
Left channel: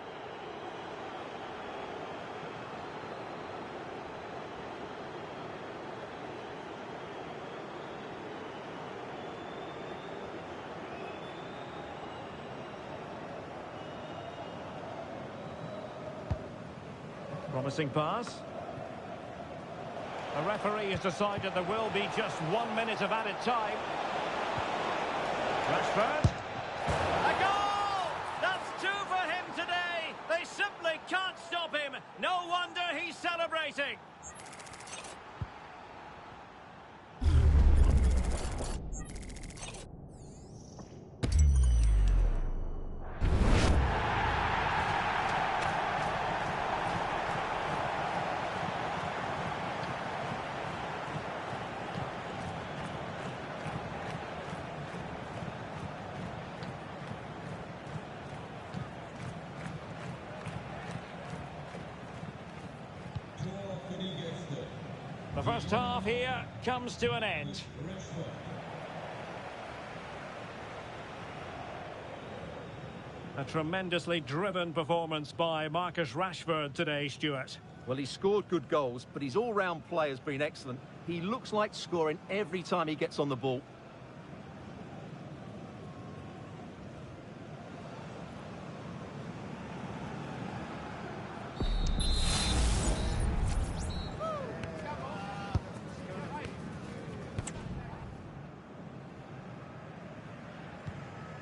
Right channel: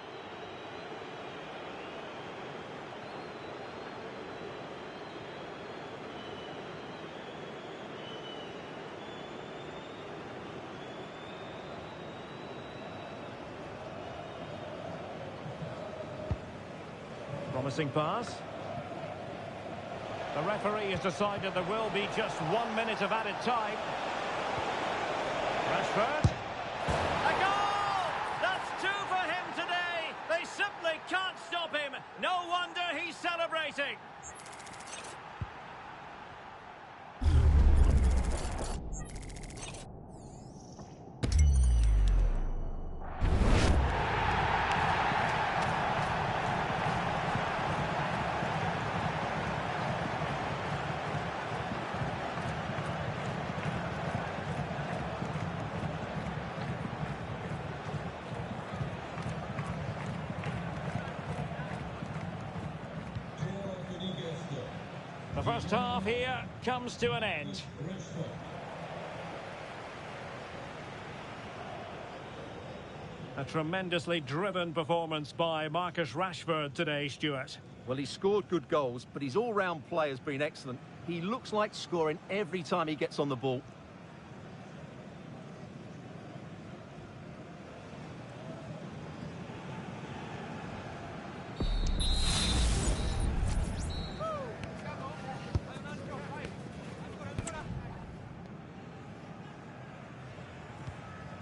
Promising pass. The referee has decided there will be just 1 minute of added time. Rashford. A goal! That's 2 for him today. They simply can't stop him. No wonder he's celebrating. The first half here comes to an end. A tremendously driven performance by Marcus Rashford today, Stuart. Well, he scored good goals, but his all-round play has been excellent. He looks like scoring every time he gets on the ball.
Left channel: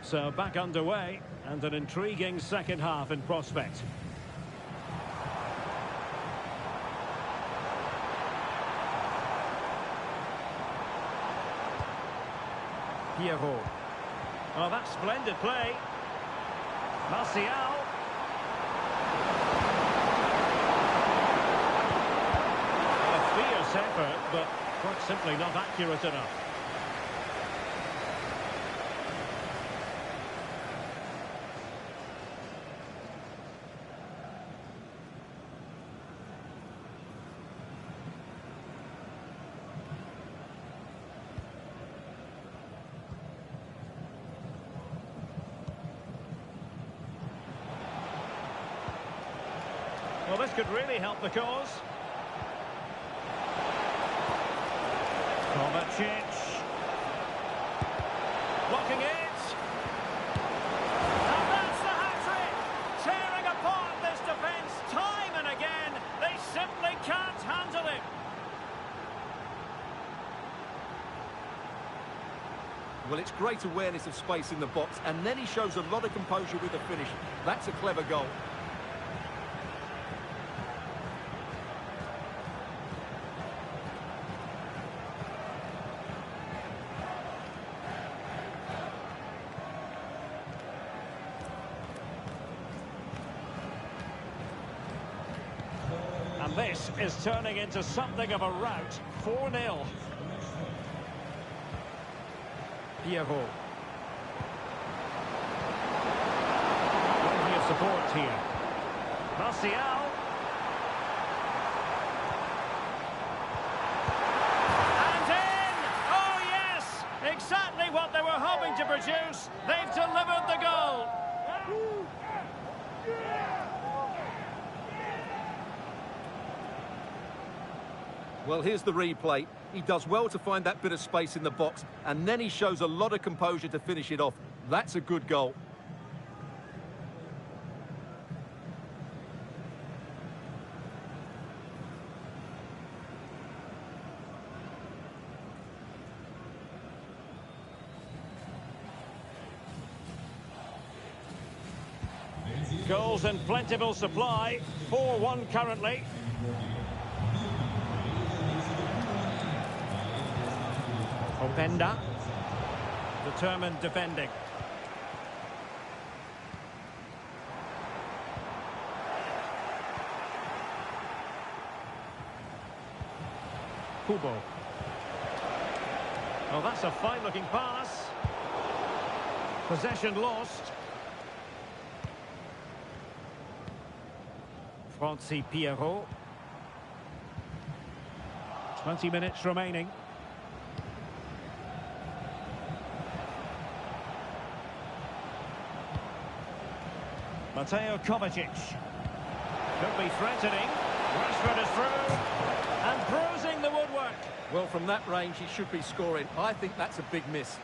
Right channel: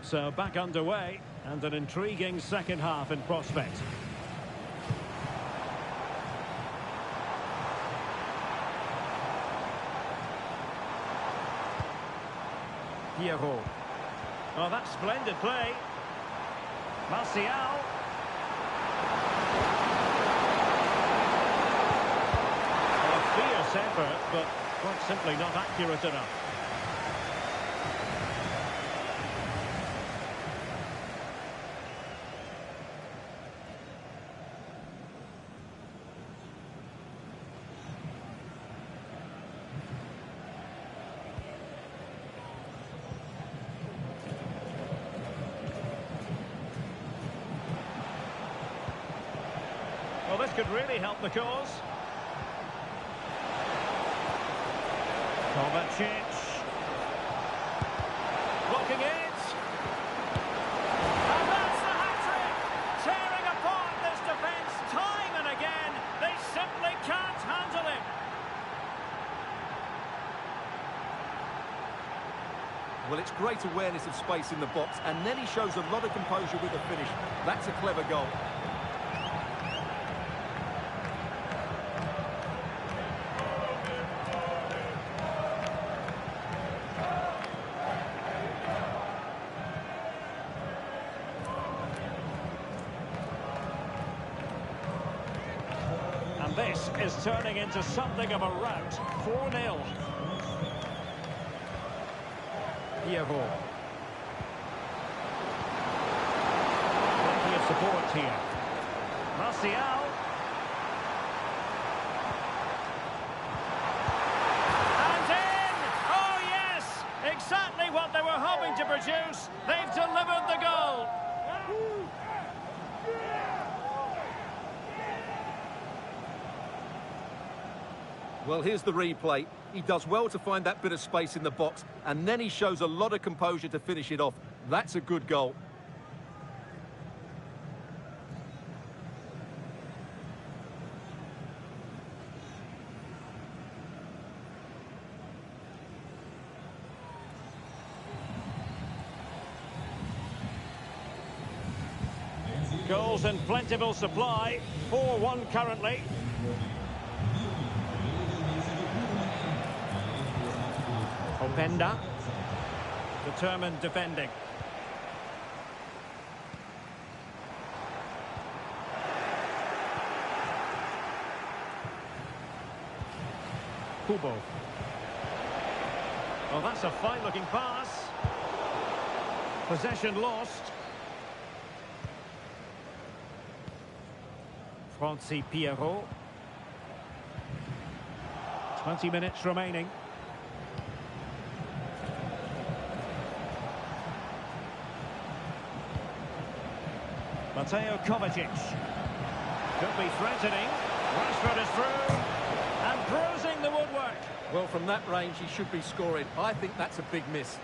So back underway, and an intriguing second half in prospect. Pierrot. Oh, that's splendid play. Martial. Well, a fierce effort, but quite simply not accurate enough. Well, this could really help the cause. Kovacic. Blocking it. And that's the hat-trick! Tearing apart this defence time and again. They simply can't handle him. Well, it's great awareness of space in the box, and then he shows a lot of composure with the finish. That's a clever goal. And this is turning into something of a rout. 4-0. Pierrot. support here. Martial. And in! Oh, yes! Exactly what they were hoping to produce. They've delivered the goal. Well, here's the replay. He does well to find that bit of space in the box, and then he shows a lot of composure to finish it off. That's a good goal. Goals in plentiful supply. 4-1 currently. Openda. Determined defending. Kubo. Oh, that's a fine-looking pass. Possession lost. Francis Pierrot. 20 minutes remaining. Mateo Kovacic. Could be threatening. Rashford is through. And bruising the woodwork. Well, from that range, he should be scoring. I think that's a big miss.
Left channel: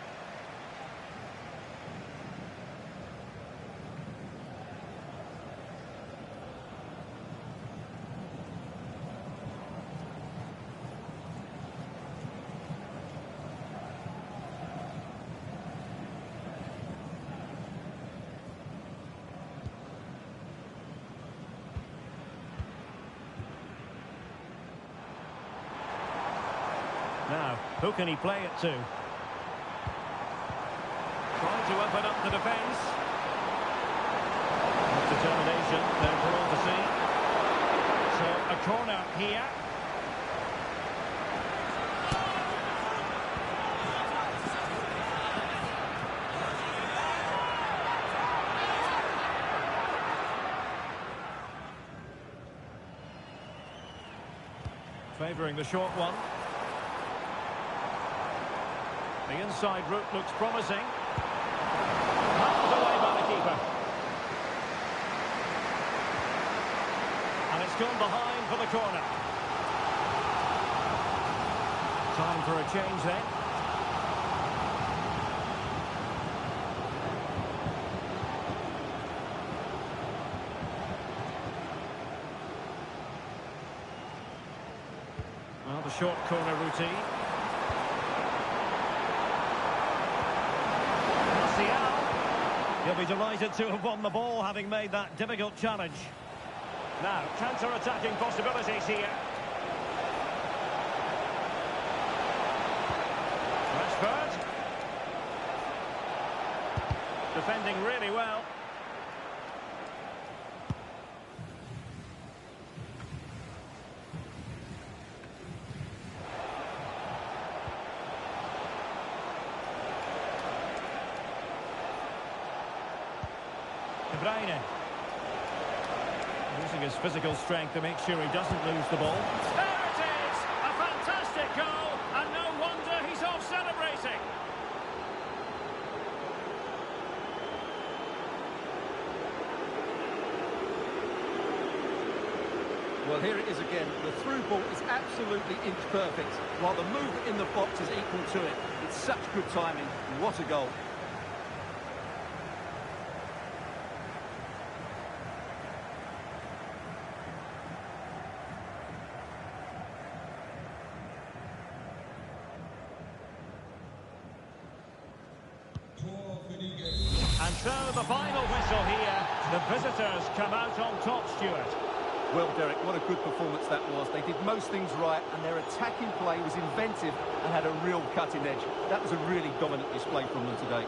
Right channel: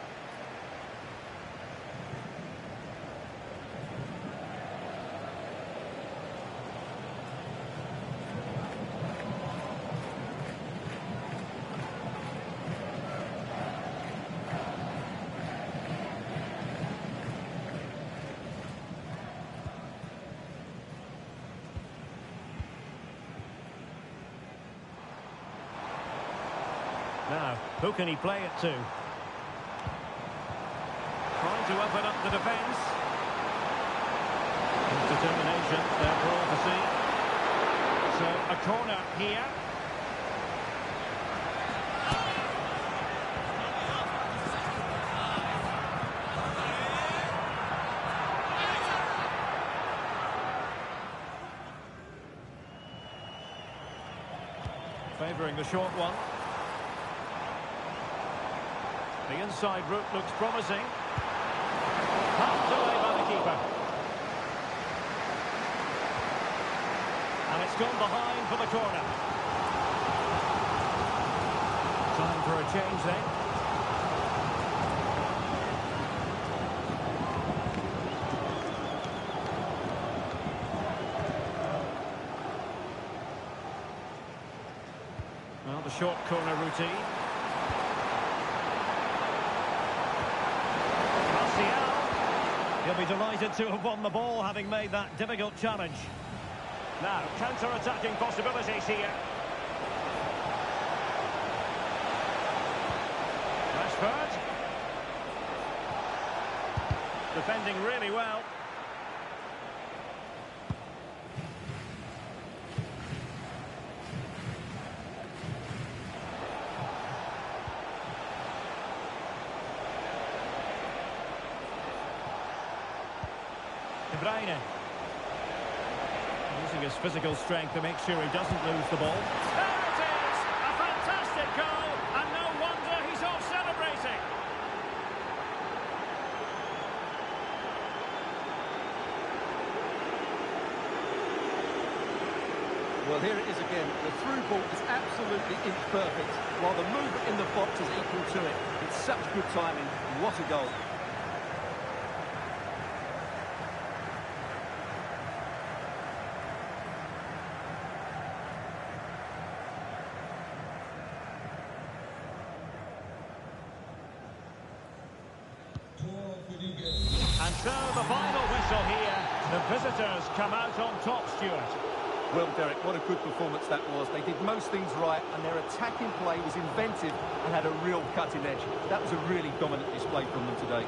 Now, who can he play it to? Trying to open up the defence. With determination there for all to see. So, a corner here. Favouring the short one. The inside route looks promising. Hands away by the keeper. And it's gone behind for the corner. Time for a change then. Well, the short corner routine. He'll be delighted to have won the ball, having made that difficult challenge. Now, counter-attacking possibilities here. Rashford. Defending really well. De Bruyne. Using his physical strength to make sure he doesn't lose the ball. There it is! A fantastic goal, and no wonder he's off celebrating. Well, here it is again. The through ball is absolutely inch perfect, while the movement in the box is equal to it. It's such good timing. What a goal. And so the final whistle here. The visitors come out on top, Stuart. Well, Derek, what a good performance that was. They did most things right, and their attacking play was inventive and had a real cutting edge. That was a really dominant display from them today.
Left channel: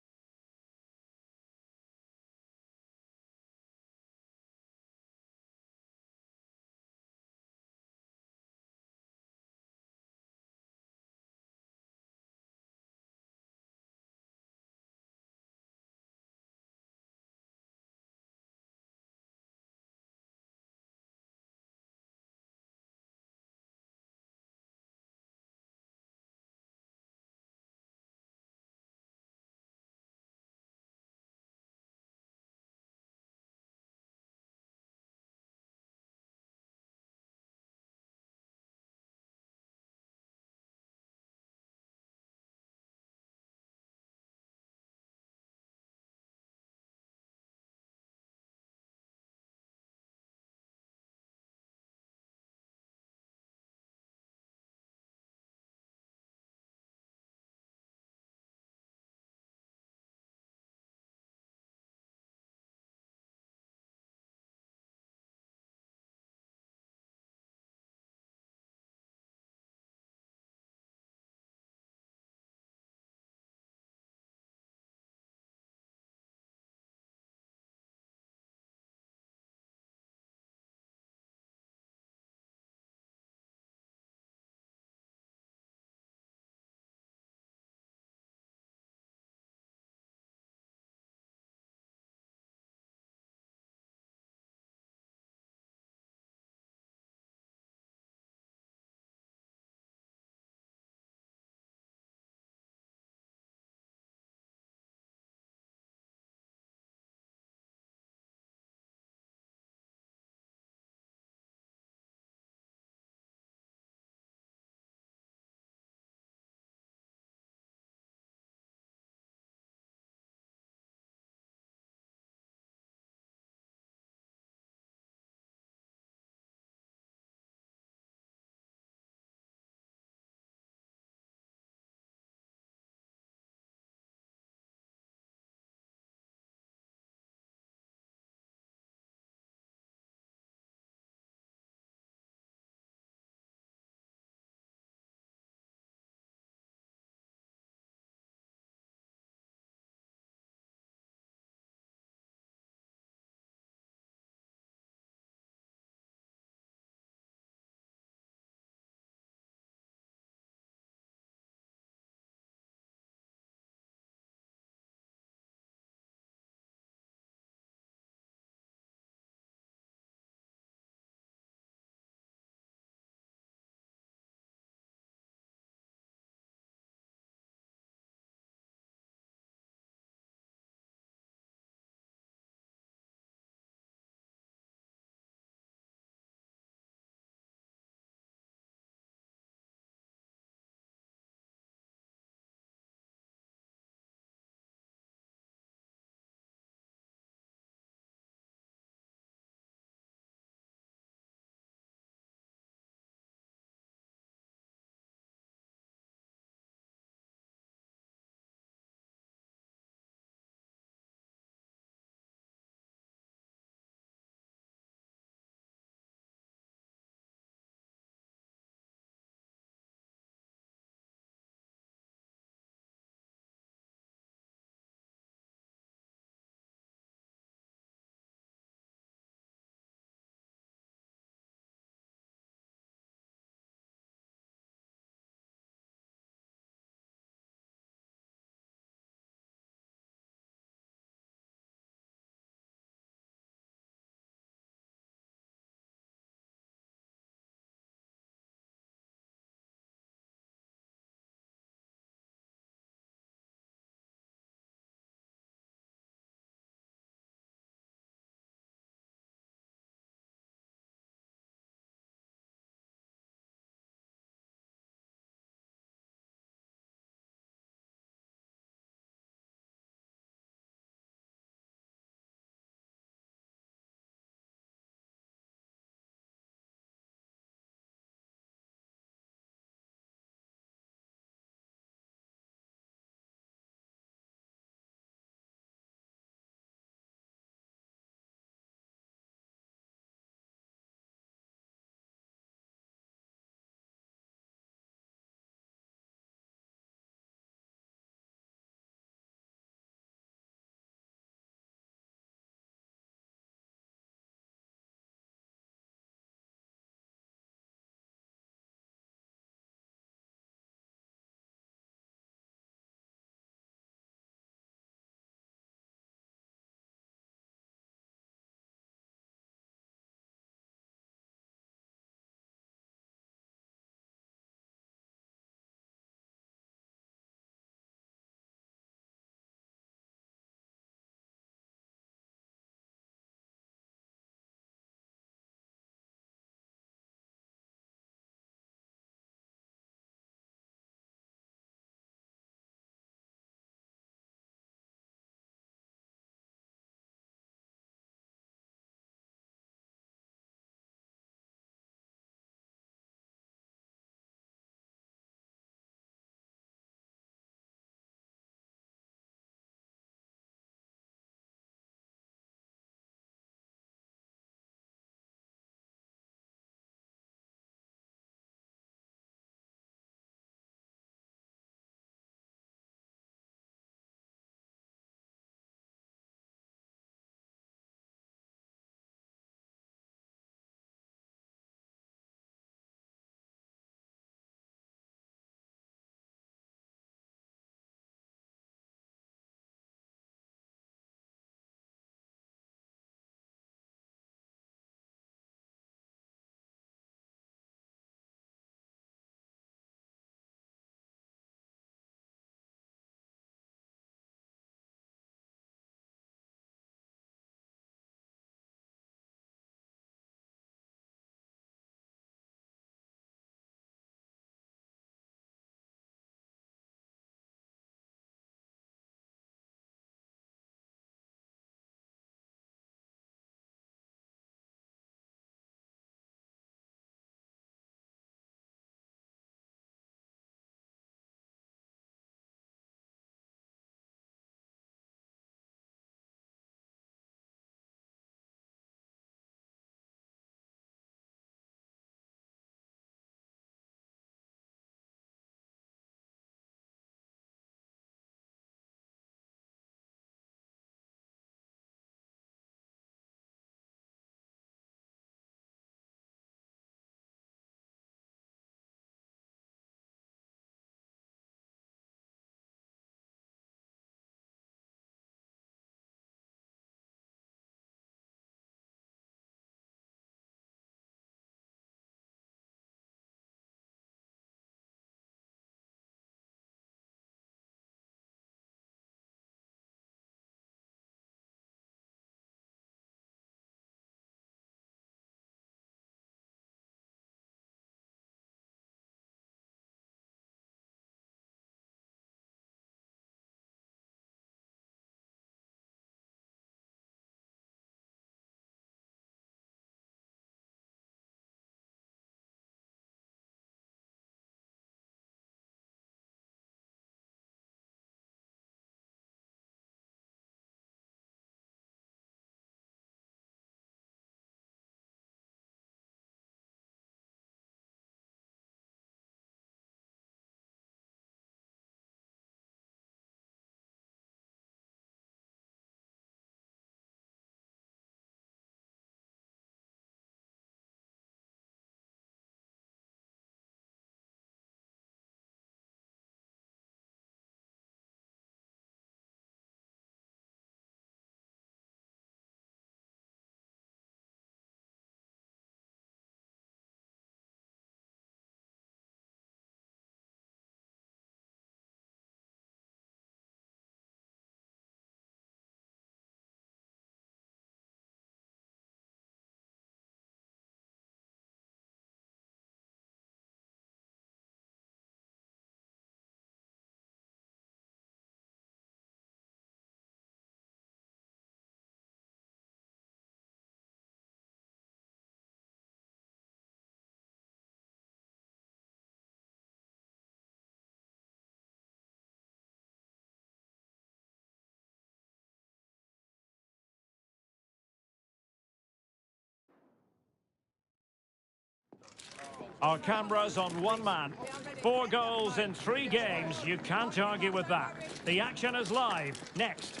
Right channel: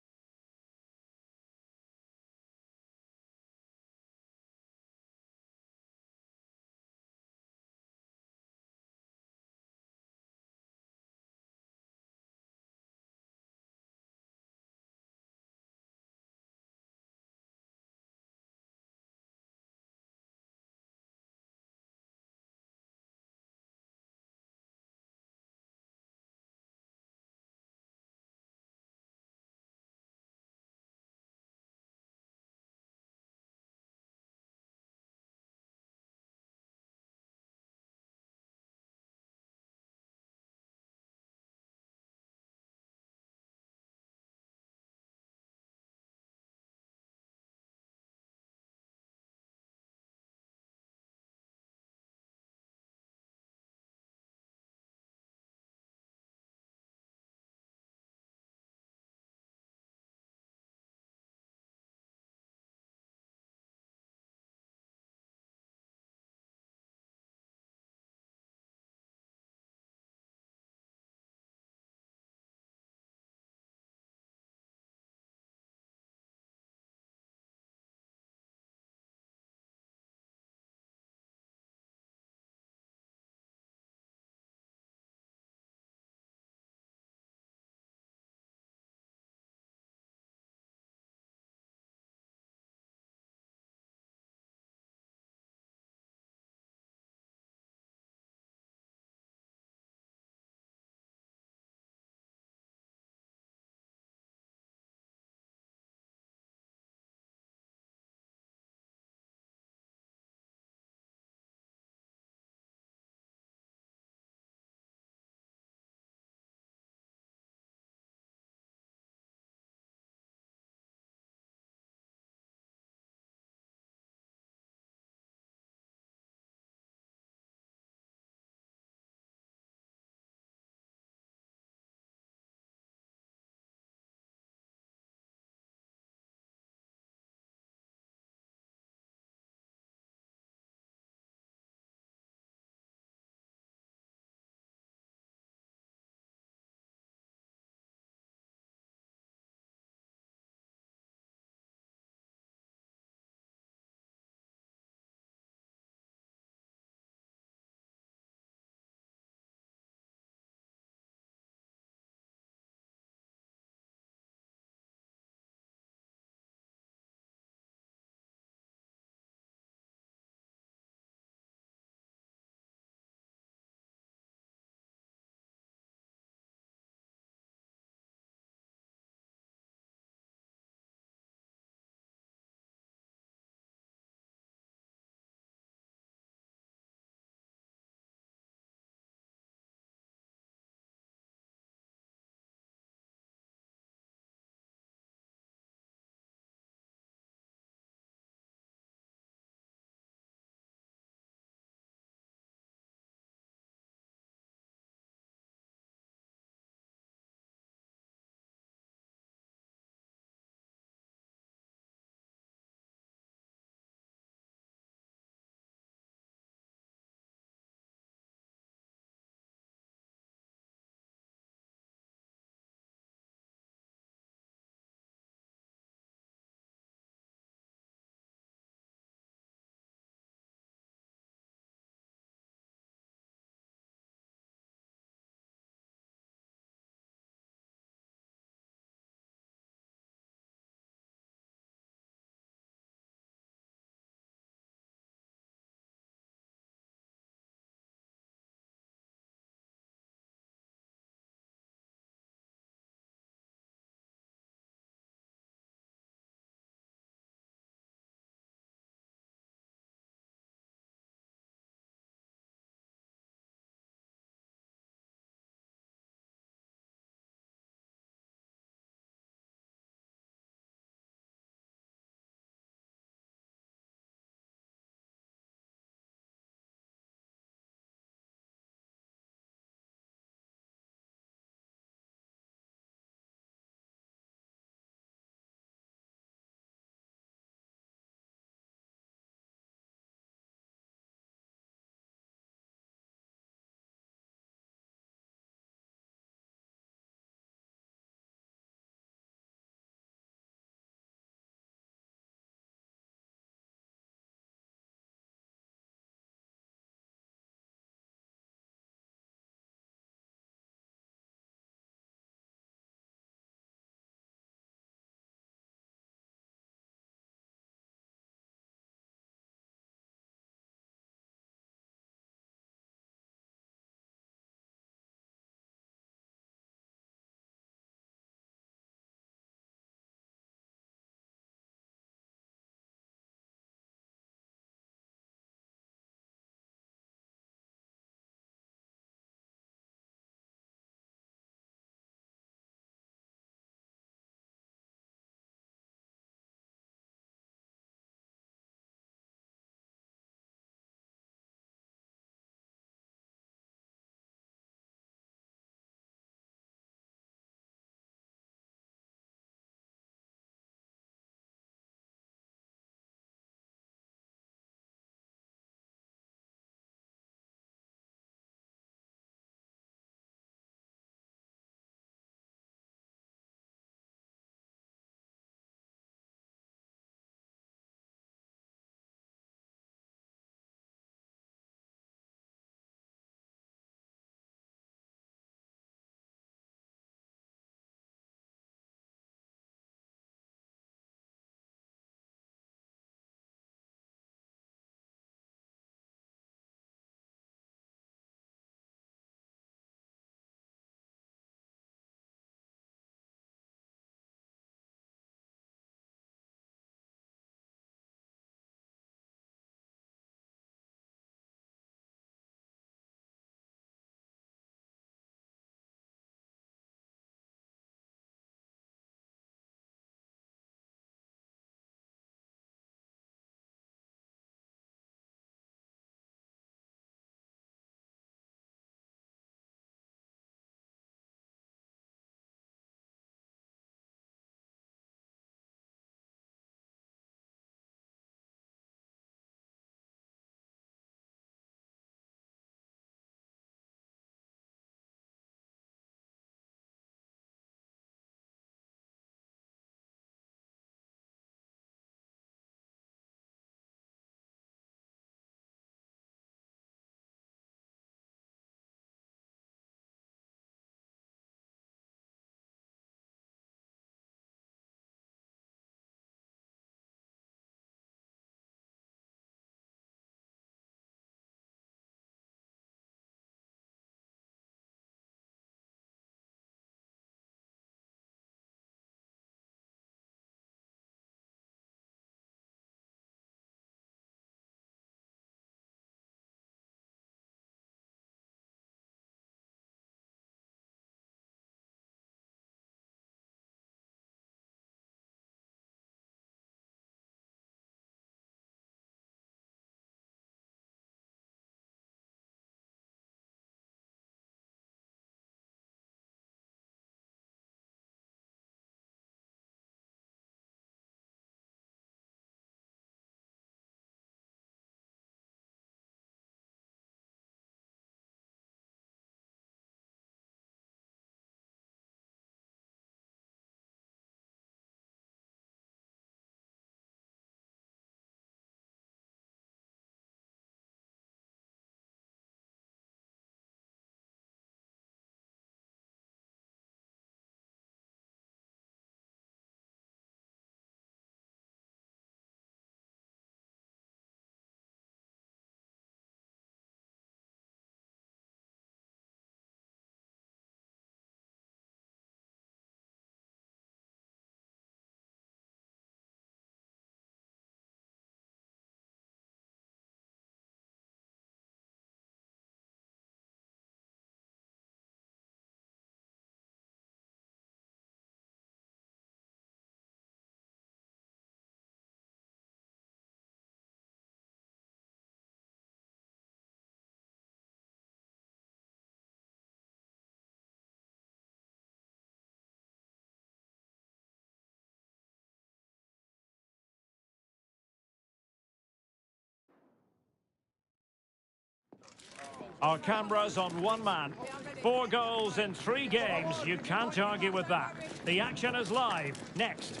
Our cameras on one man. 4 goals in 3 games. You can't argue with that. The action is live. Next.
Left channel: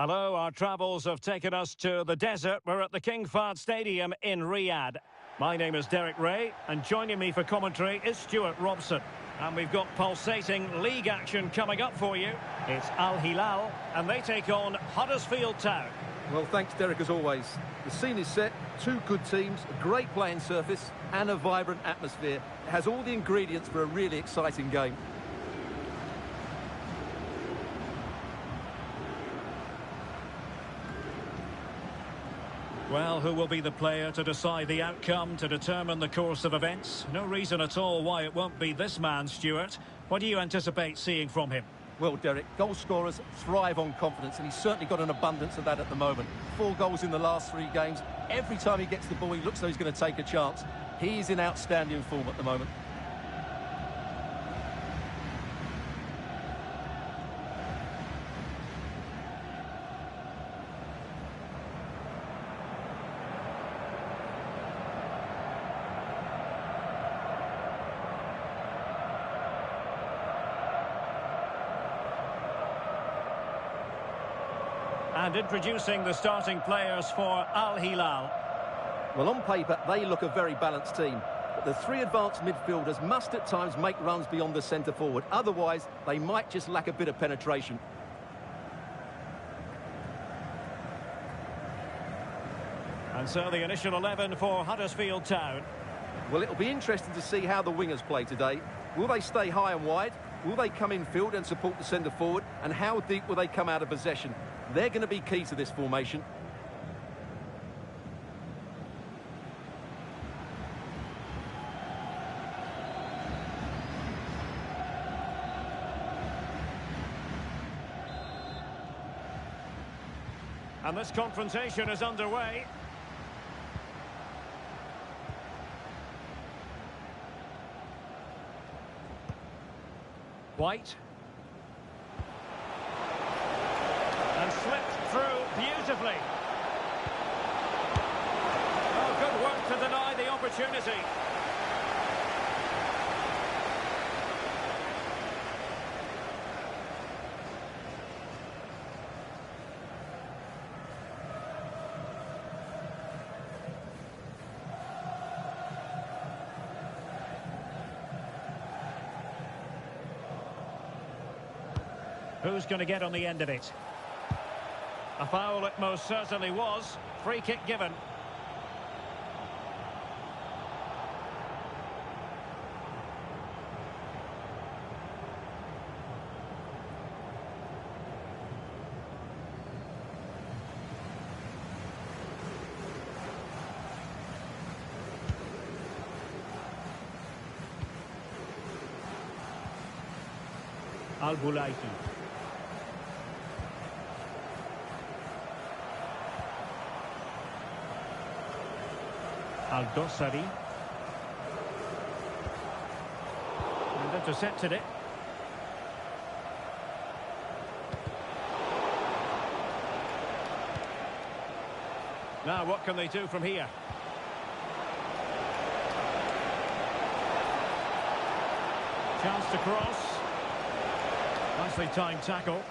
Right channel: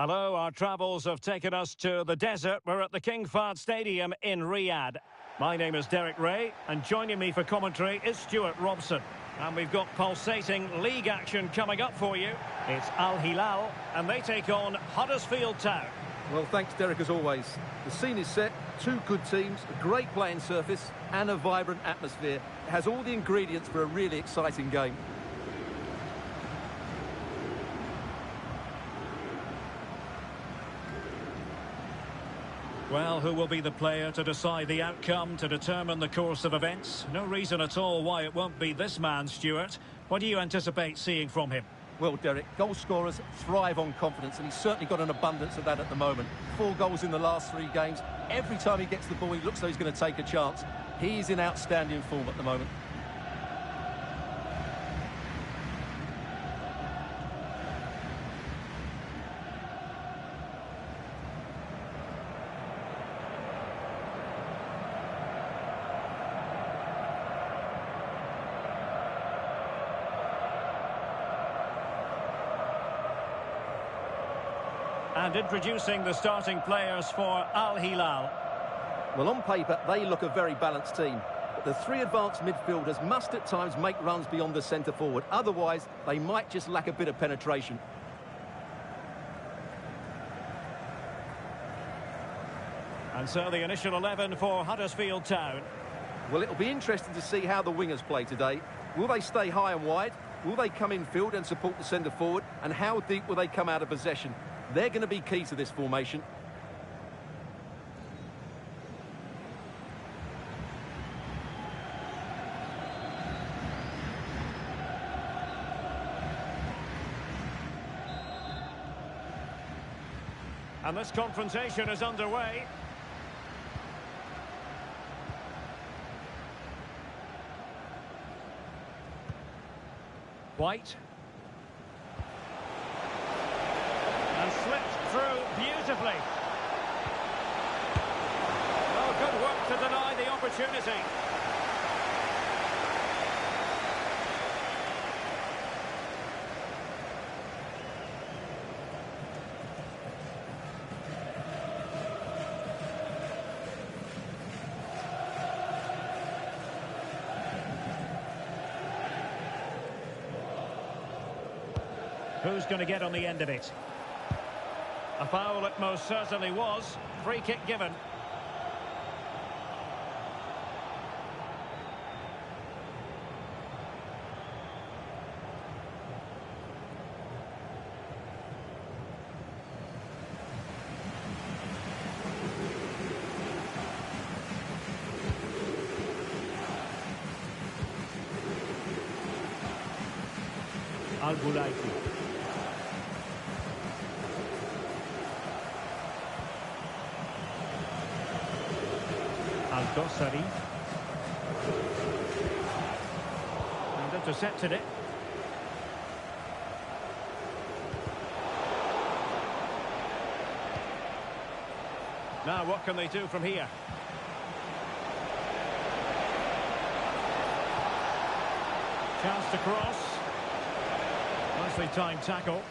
Hello, our travels have taken us to the desert. We're at the King Fahd Stadium in Riyadh. My name is Derek Ray, and joining me for commentary is Stuart Robson. And we've got pulsating league action coming up for you. It's Al Hilal, and they take on Huddersfield Town. Well, thanks, Derek, as always. The scene is set, 2 good teams, a great playing surface and a vibrant atmosphere. It has all the ingredients for a really exciting game. Well, who will be the player to decide the outcome, to determine the course of events? No reason at all why it won't be this man, Stuart. What do you anticipate seeing from him? Well, Derek, goal scorers thrive on confidence, and he's certainly got an abundance of that at the moment. 4 goals in the last 3 games. Every time he gets the ball, he looks like he's going to take a chance. He's in outstanding form at the moment. And introducing the starting players for Al Hilal. Well, on paper, they look a very balanced team. But the 3 advanced midfielders must at times make runs beyond the centre forward. Otherwise, they might just lack a bit of penetration. And so the initial 11 for Huddersfield Town. Well, it'll be interesting to see how the wingers play today. Will they stay high and wide? Will they come in field and support the centre forward? And how deep will they come out of possession? They're going to be key to this formation. And this confrontation is underway. White. And slipped through beautifully. Oh, good work to deny the opportunity. Who's going to get on the end of it? A foul it most certainly was. Free kick given. Al-Bulaiki. Al-Dossari. And intercepted it. Now what can they do from here? Chance to cross. Nicely timed tackle.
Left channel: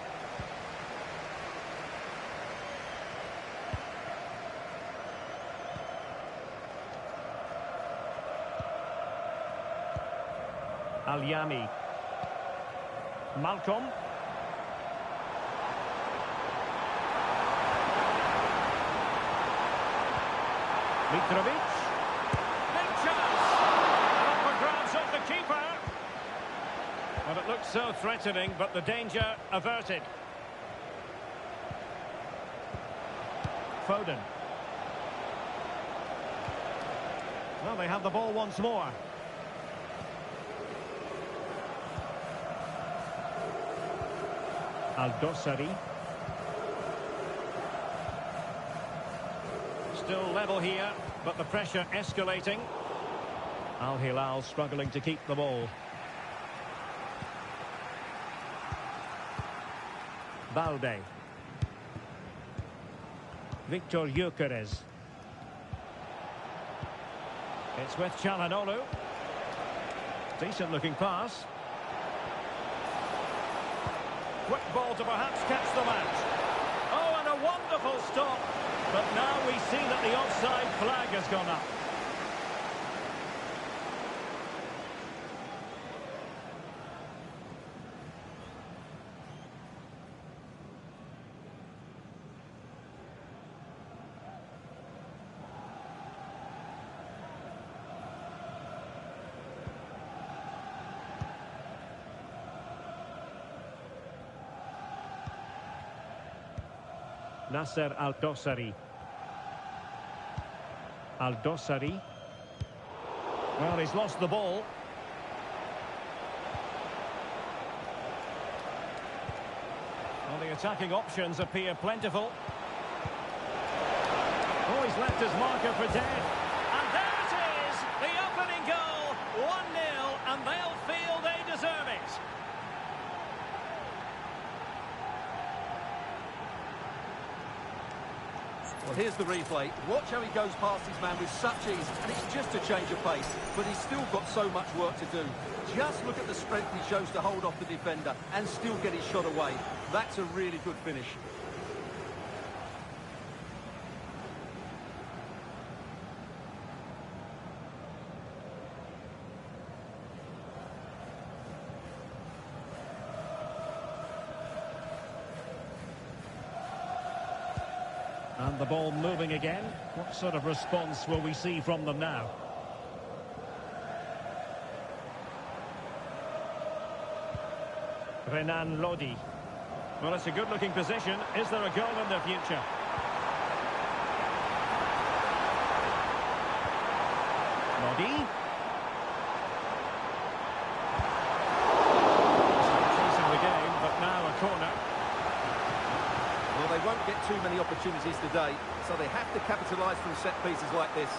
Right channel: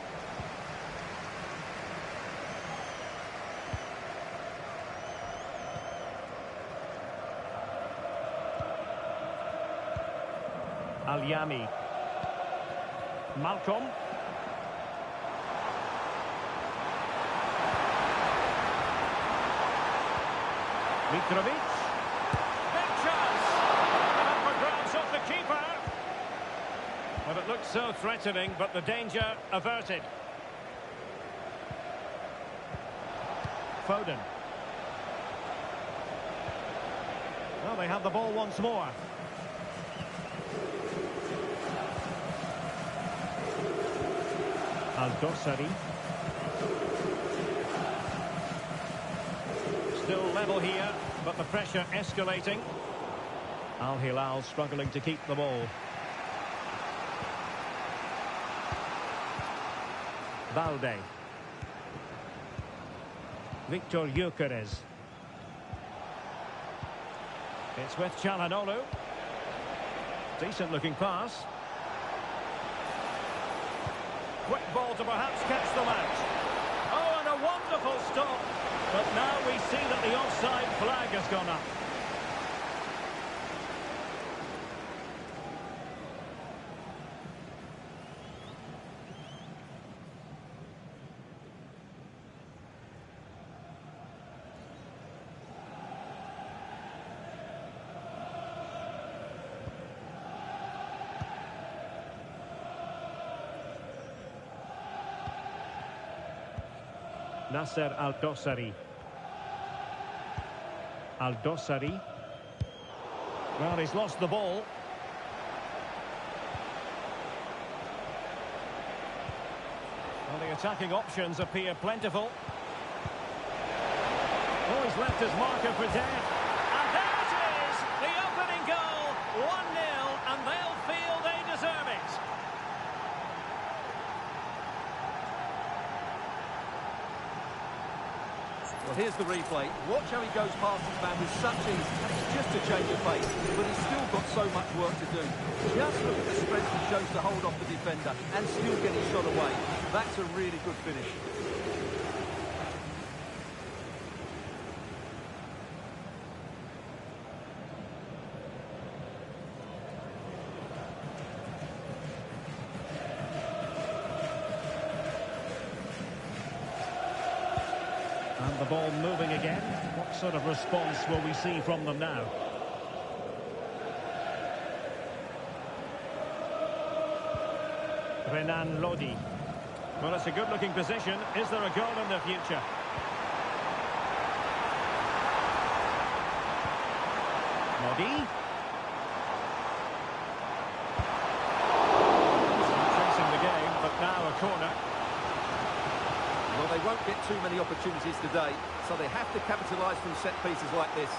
Al-Yami. Malcolm. Mitrovic. Big chance. And up for grabs off the keeper. Well, it looked so threatening, but the danger averted. Foden. Well, they have the ball once more. Al-Dossari. Still level here, but the pressure escalating. Al Hilal struggling to keep the ball. Valde. Victor Gyökeres. It's with Çalhanoğlu. Decent looking pass. Quick ball to perhaps catch them out. Oh, and a wonderful stop. But now we see that the offside flag has gone up. Nasser Al-Dossari. Al-Dossari. Well, he's lost the ball. Well, the attacking options appear plentiful. Oh, he's left his marker for dead. And there it is! The opening goal! 1-0, and they'll feel they deserve it. Well, here's the replay. Watch how he goes past his man with such ease, and it's just a change of pace, but he's still got so much work to do. Just look at the strength he shows to hold off the defender and still get his shot away. That's a really good finish. And the ball moving again. What sort of response will we see from them now? Renan Lodi. Well, it's a good-looking position. Is there a goal in the future? Lodi. Still chasing the game, but now a corner. Well, they won't get too many opportunities today, so they have to capitalise from set pieces like this.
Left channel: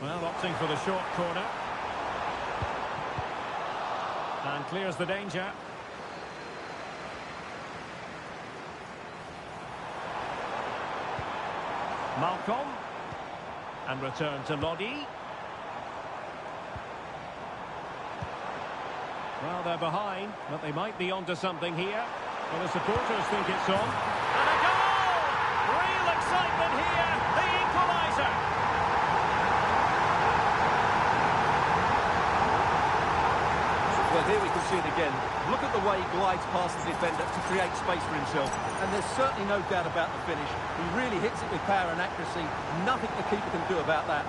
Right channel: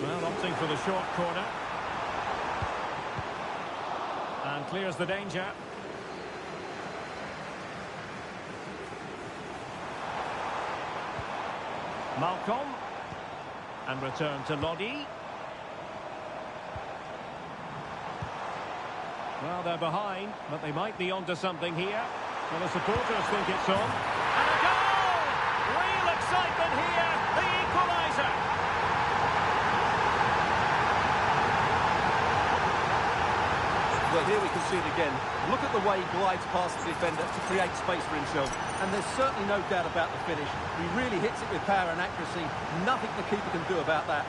Well, opting for the short corner. And clears the danger. Malcolm. And return to Lodi. Well, they're behind, but they might be onto something here. Well, the supporters think it's on. And a goal! Real excitement here, the equaliser. Well, here we can see it again. Look at the way he glides past the defender to create space for himself. And there's certainly no doubt about the finish. He really hits it with power and accuracy. Nothing the keeper can do about that.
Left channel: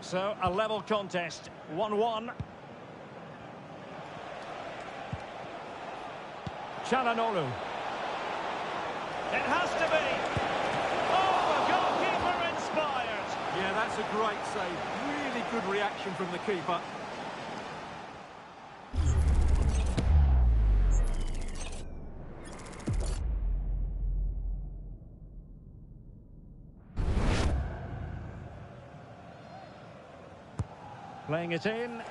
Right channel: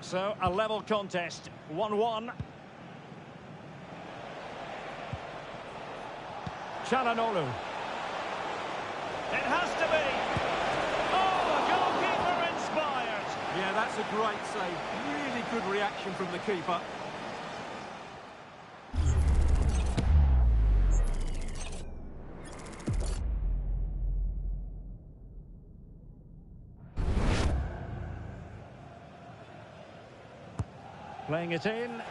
So, a level contest, 1-1. Çalhanoğlu. It has to be. Oh, a goalkeeper inspired. Yeah, that's a great save. Really good reaction from the keeper. Playing it in.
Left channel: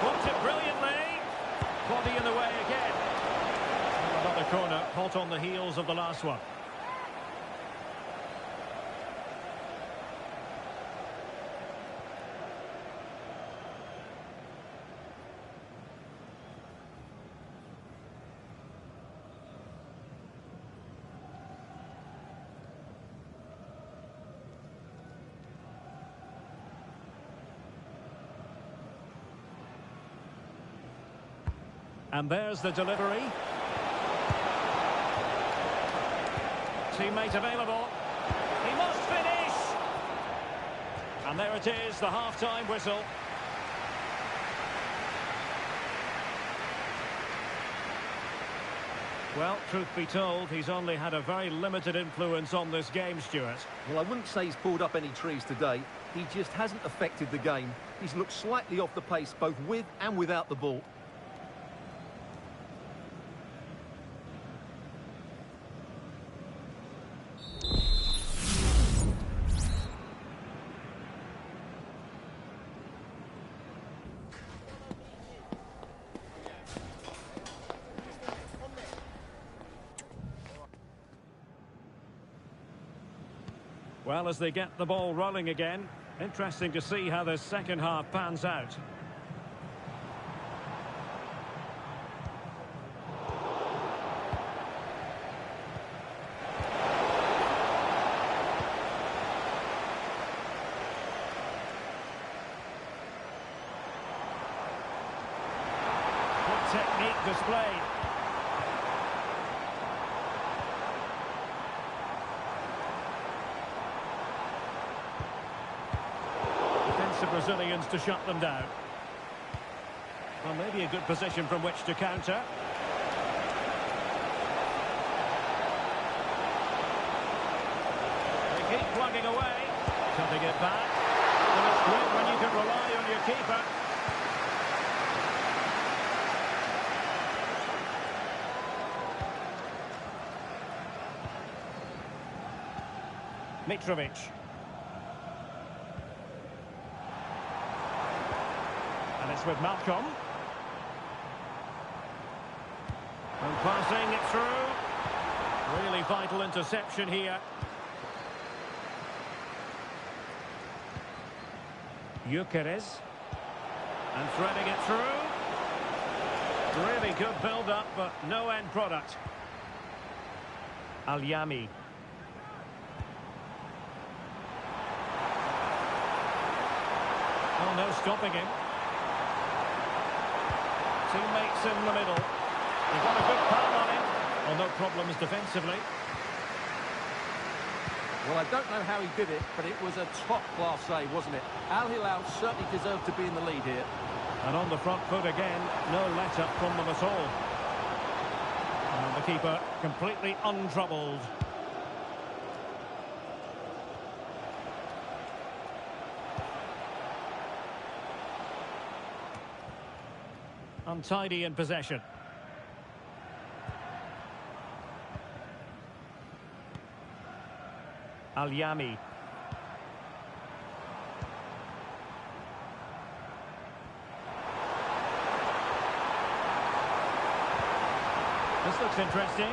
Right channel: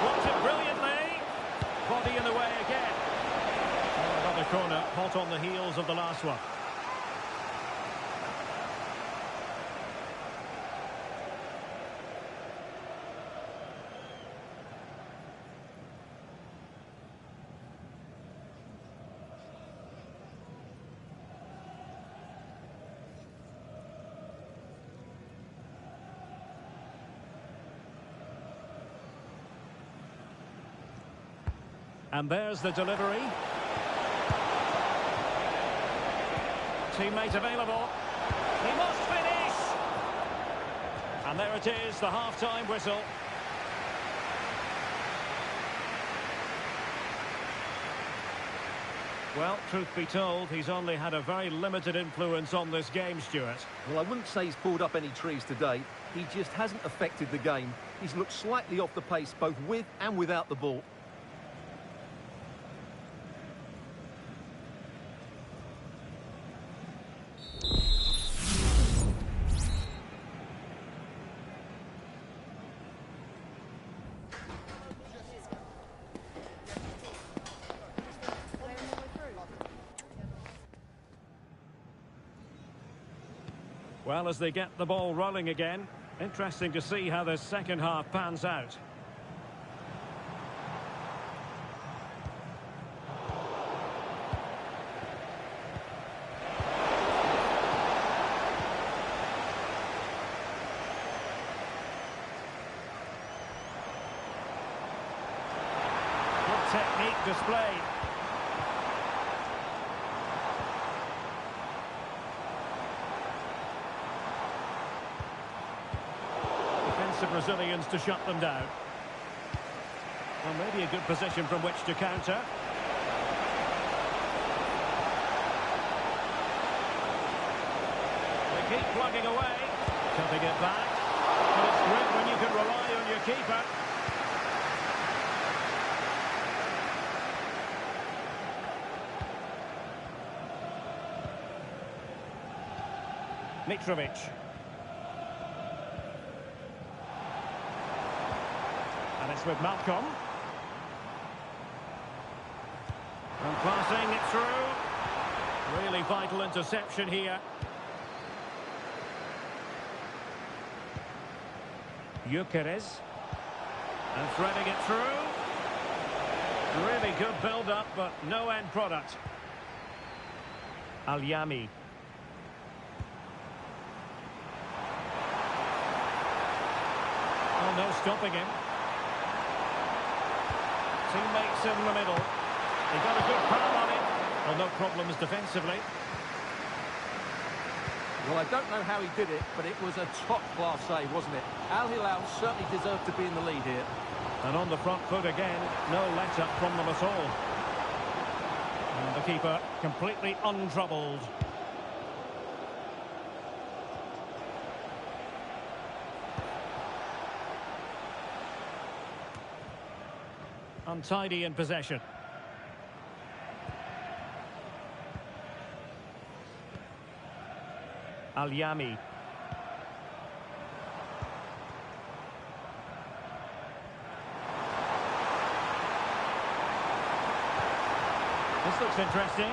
Blocked it brilliantly. Body in the way again. Oh, another corner, hot on the heels of the last one. And there's the delivery. Teammate available. He must finish. And there it is, the half-time whistle. Well, truth be told, he's only had a very limited influence on this game, Stuart. Well, I wouldn't say he's pulled up any trees today, he just hasn't affected the game. He's looked slightly off the pace, both with and without the ball. Well, as they get the ball rolling again, interesting to see how the second half pans out. Good technique displayed. Defensive Brazilians to shut them down. Well, maybe a good position from which to counter. They keep plugging away. Cutting it back. But it's great when you can rely on your keeper. Mitrovic. And it's with Malcolm. And passing it through. Really vital interception here. Gyökeres. And threading it through. Really good build-up, but no end product. Alyami. Oh, no stopping him. Teammates in the middle. He got a good palm on him. Well, no problems defensively. Well, I don't know how he did it, but it was a top-class save, wasn't it? Al Hilal certainly deserved to be in the lead here. And on the front foot again, no let-up from them at all. And the keeper completely untroubled. Untidy in possession. Alyami. This looks interesting.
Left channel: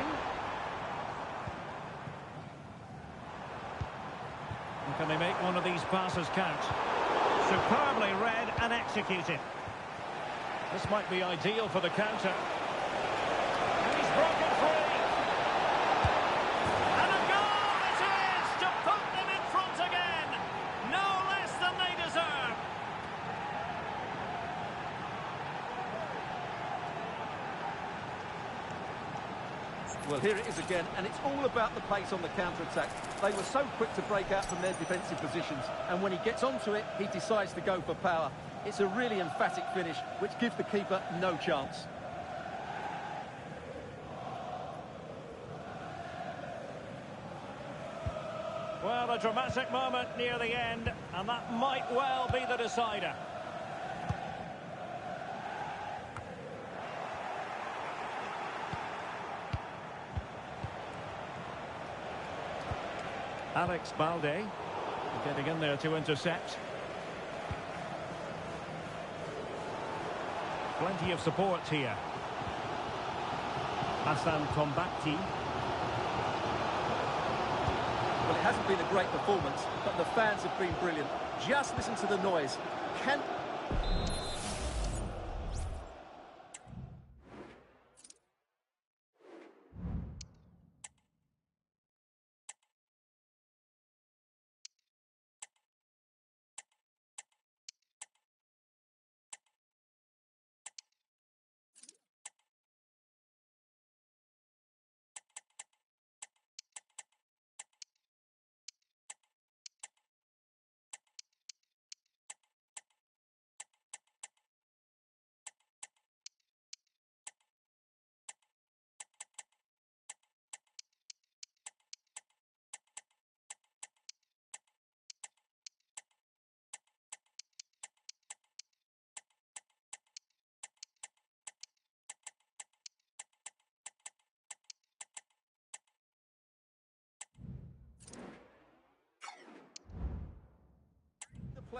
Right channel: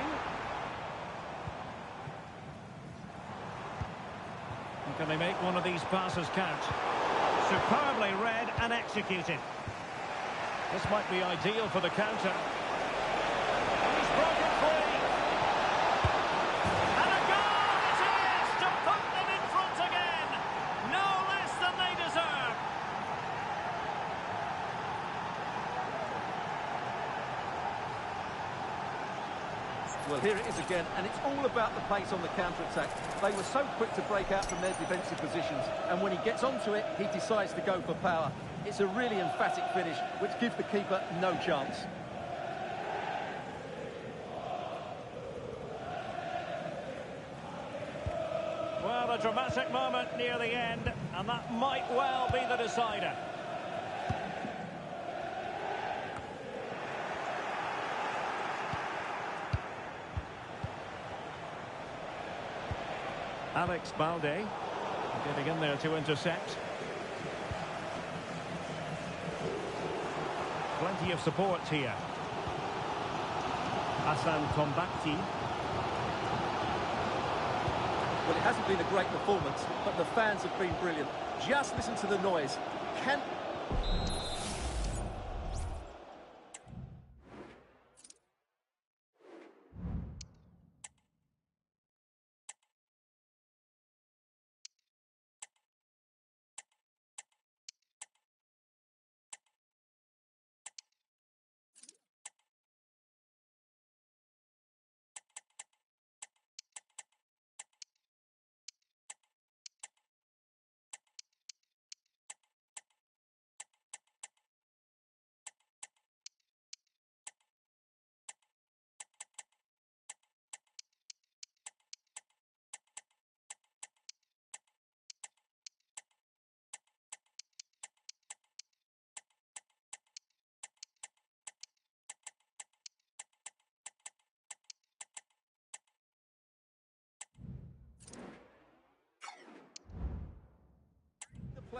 And can they make one of these passes count? Superbly read and executed. This might be ideal for the counter. And he's broken free. And a goal it is to put them in front again. No less than they deserve. Well, here it is again, and it's all about the pace on the counter-attack. They were so quick to break out from their defensive positions, and when he gets onto it, he decides to go for power. It's a really emphatic finish, which gives the keeper no chance. Well, a dramatic moment near the end, and that might well be the decider. Alex Balde getting in there to intercept. Plenty of support here. Hassan Tombakti. Well, it hasn't been a great performance, but the fans have been brilliant. Just listen to the noise.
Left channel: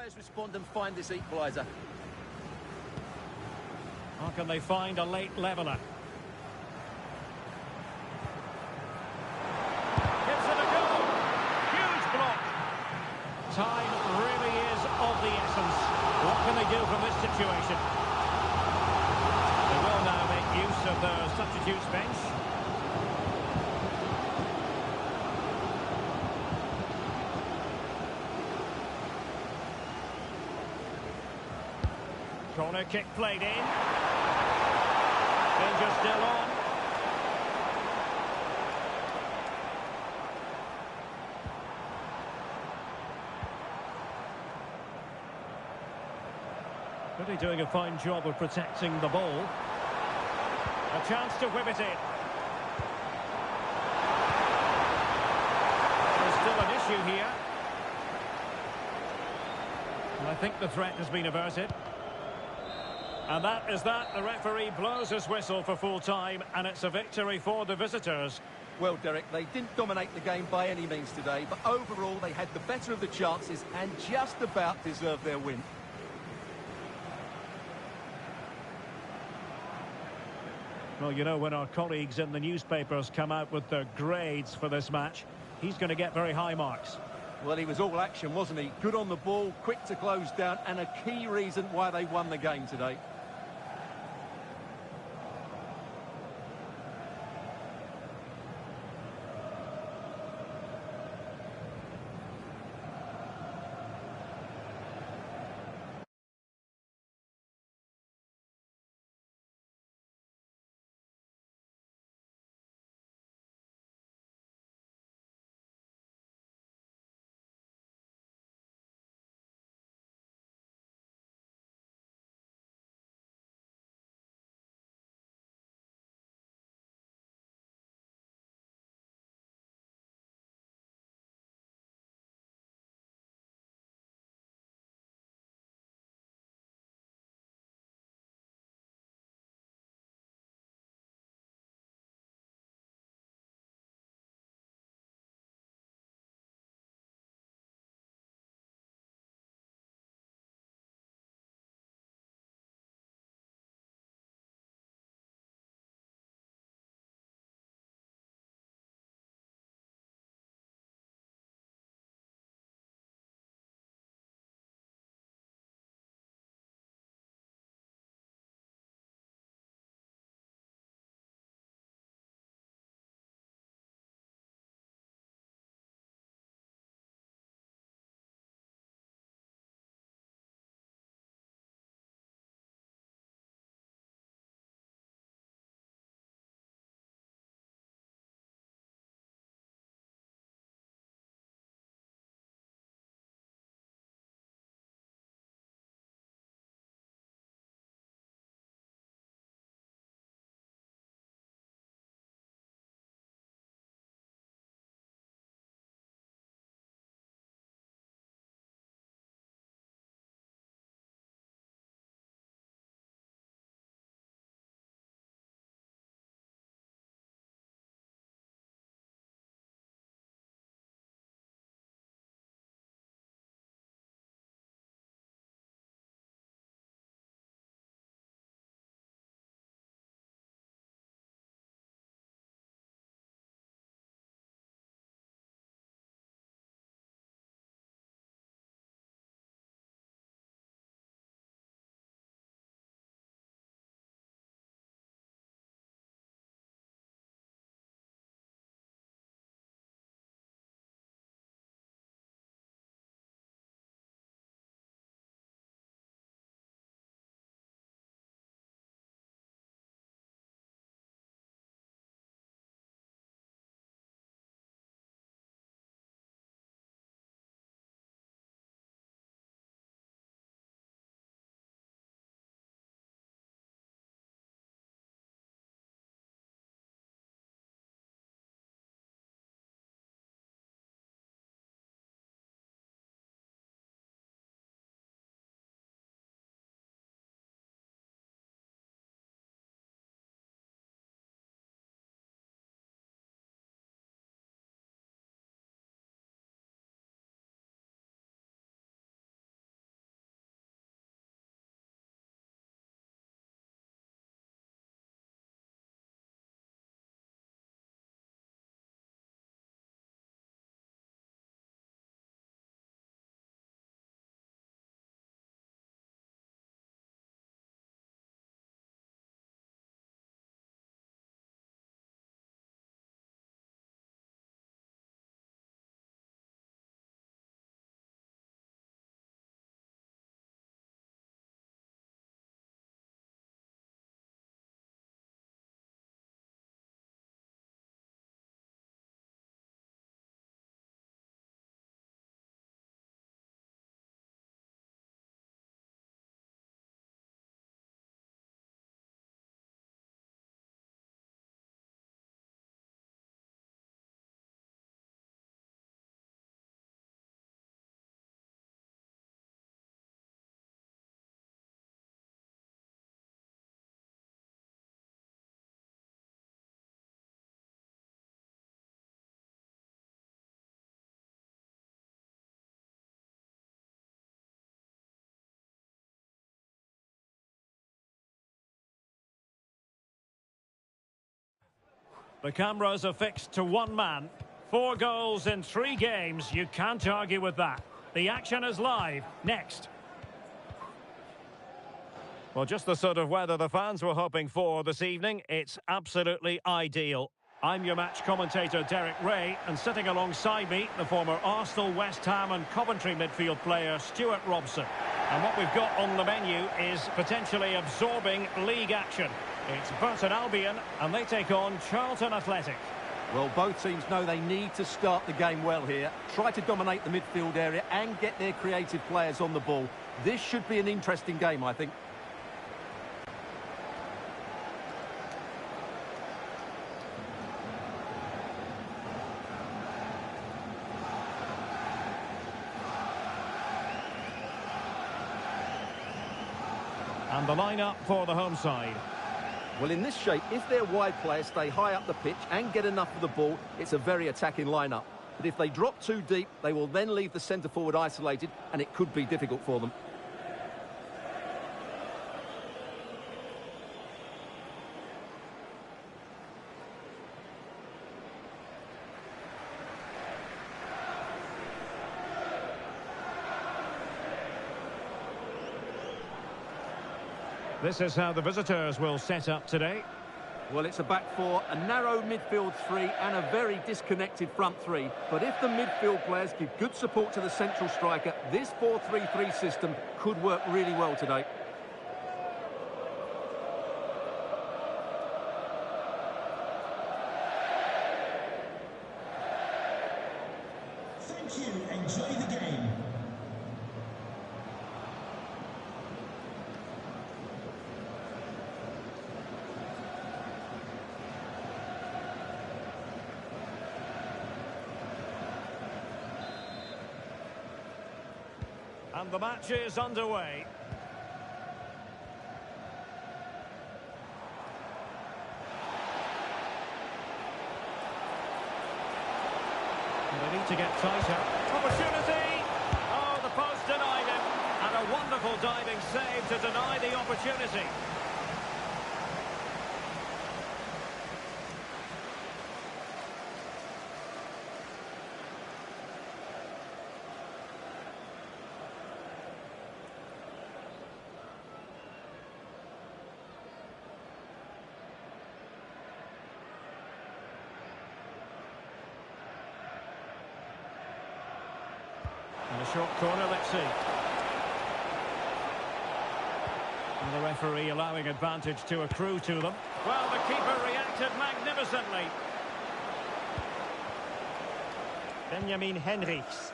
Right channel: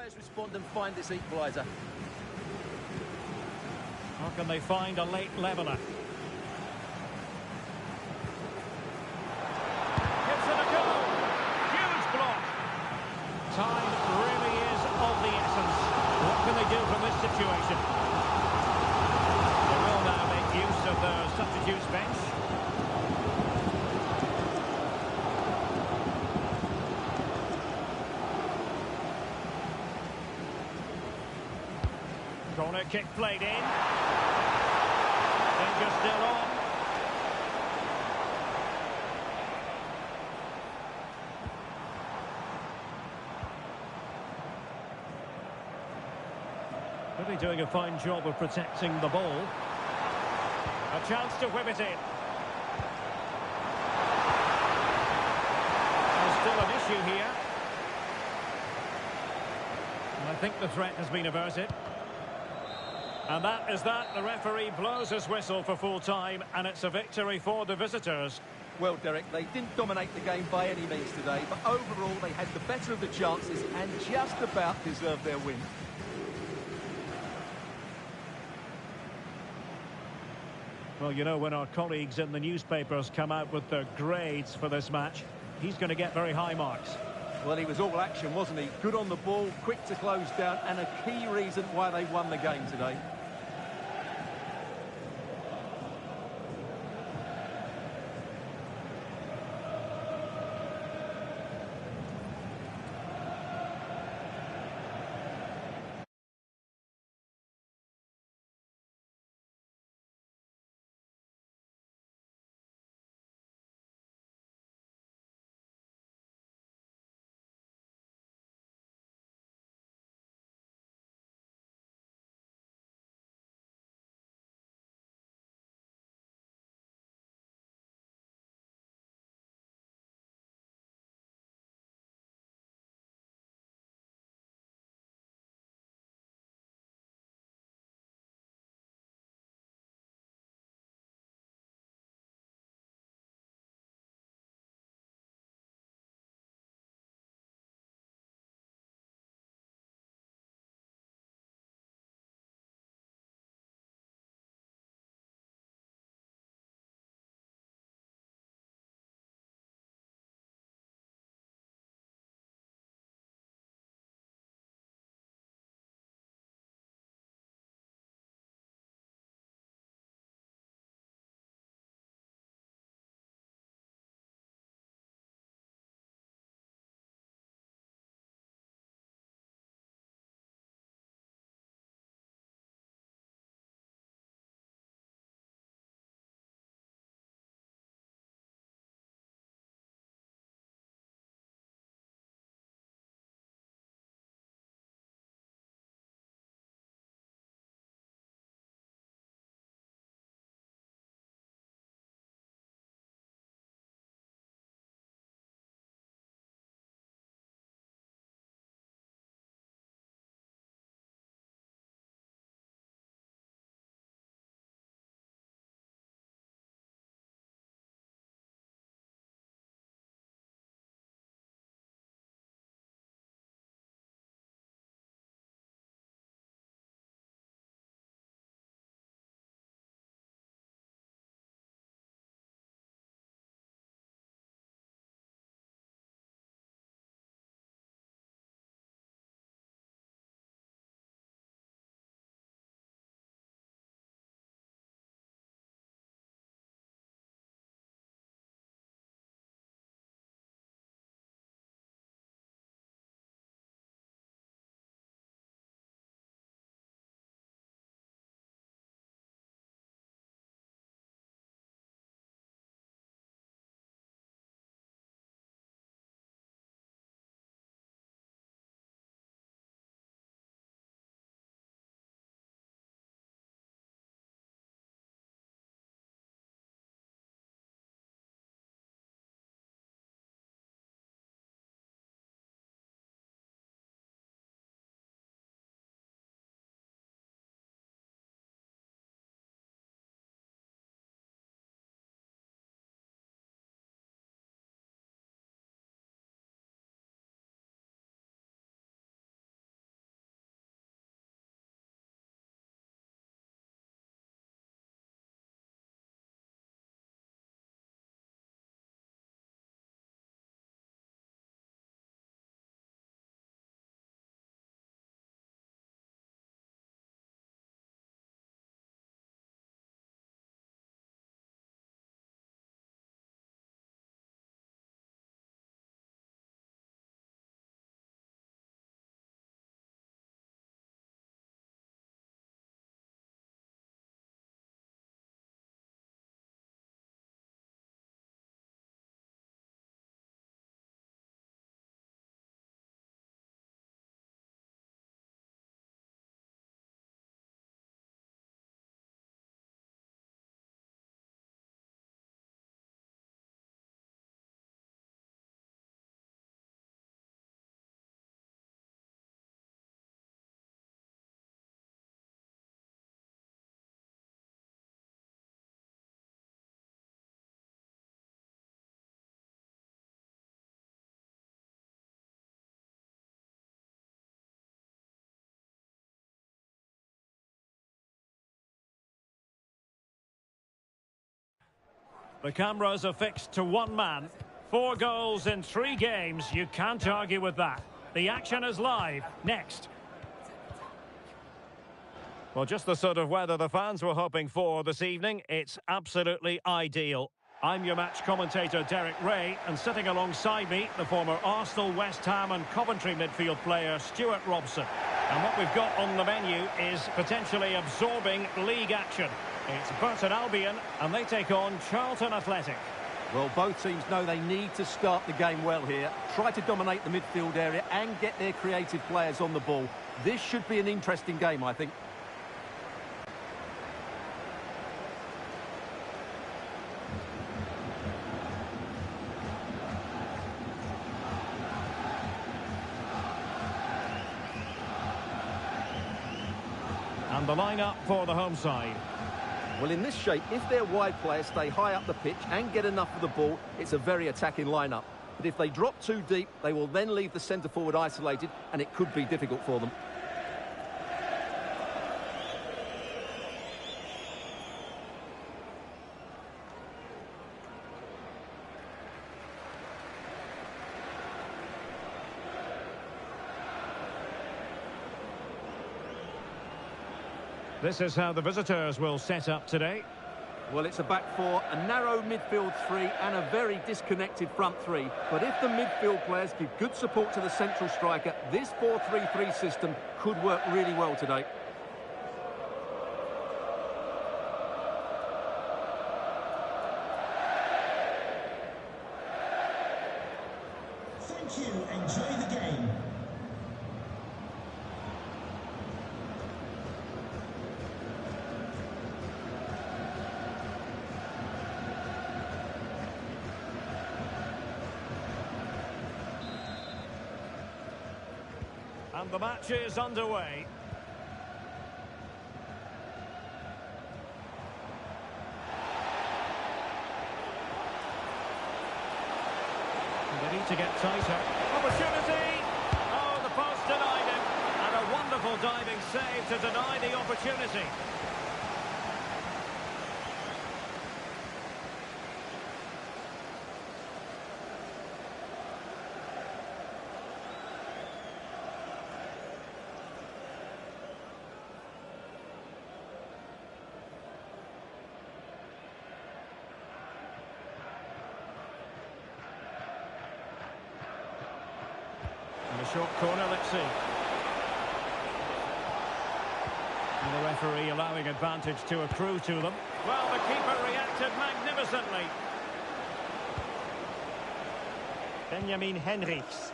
players respond and find this equaliser. How can they find a late leveller? Gives it a go. Huge block. Time really is of the essence. What can they do from this situation? They will now make use of their substitutes bench. Corner kick played in. Danger still on. Really doing a fine job of protecting the ball. A chance to whip it in. There's still an issue here. I think the threat has been averted. And that is that. The referee blows his whistle for full time, and it's a victory for the visitors. Well, Derek, they didn't dominate the game by any means today, but overall they had the better of the chances and just about deserved their win. Well, you know, when our colleagues in the newspapers come out with their grades for this match, he's going to get very high marks. Well, he was all action, wasn't he? Good on the ball, quick to close down, and a key reason why they won the game today. The cameras are fixed to one man. 4 goals in 3 games. You can't argue with that. The action is live. Next. Well, just the sort of weather the fans were hoping for this evening. It's absolutely ideal. I'm your match commentator, Derek Ray, and sitting alongside me, the former Arsenal, West Ham and Coventry midfield player, Stuart Robson. And what we've got on the menu is potentially absorbing league action. It's Burton Albion, and they take on Charlton Athletic. Well, both teams know they need to start the game well here. Try to dominate the midfield area and get their creative players on the ball. This should be an interesting game, I think. And the lineup for the home side. Well, in this shape, if their wide players stay high up the pitch and get enough of the ball, it's a very attacking lineup. But if they drop too deep, they will then leave the centre-forward isolated, and it could be difficult for them. This is how the visitors will set up today. Well, it's a back four, a narrow midfield three and a very disconnected front three. But if the midfield players give good support to the central striker, this 4-3-3 system could work really well today. Thank you. Enjoy the game. And the match is underway. They need to get tighter. Opportunity! Oh, the post denied him. And a wonderful diving save to deny the opportunity. In the short corner, let's see. And the referee allowing advantage to accrue to them. Well, the keeper reacted magnificently. Benjamin Henrichs.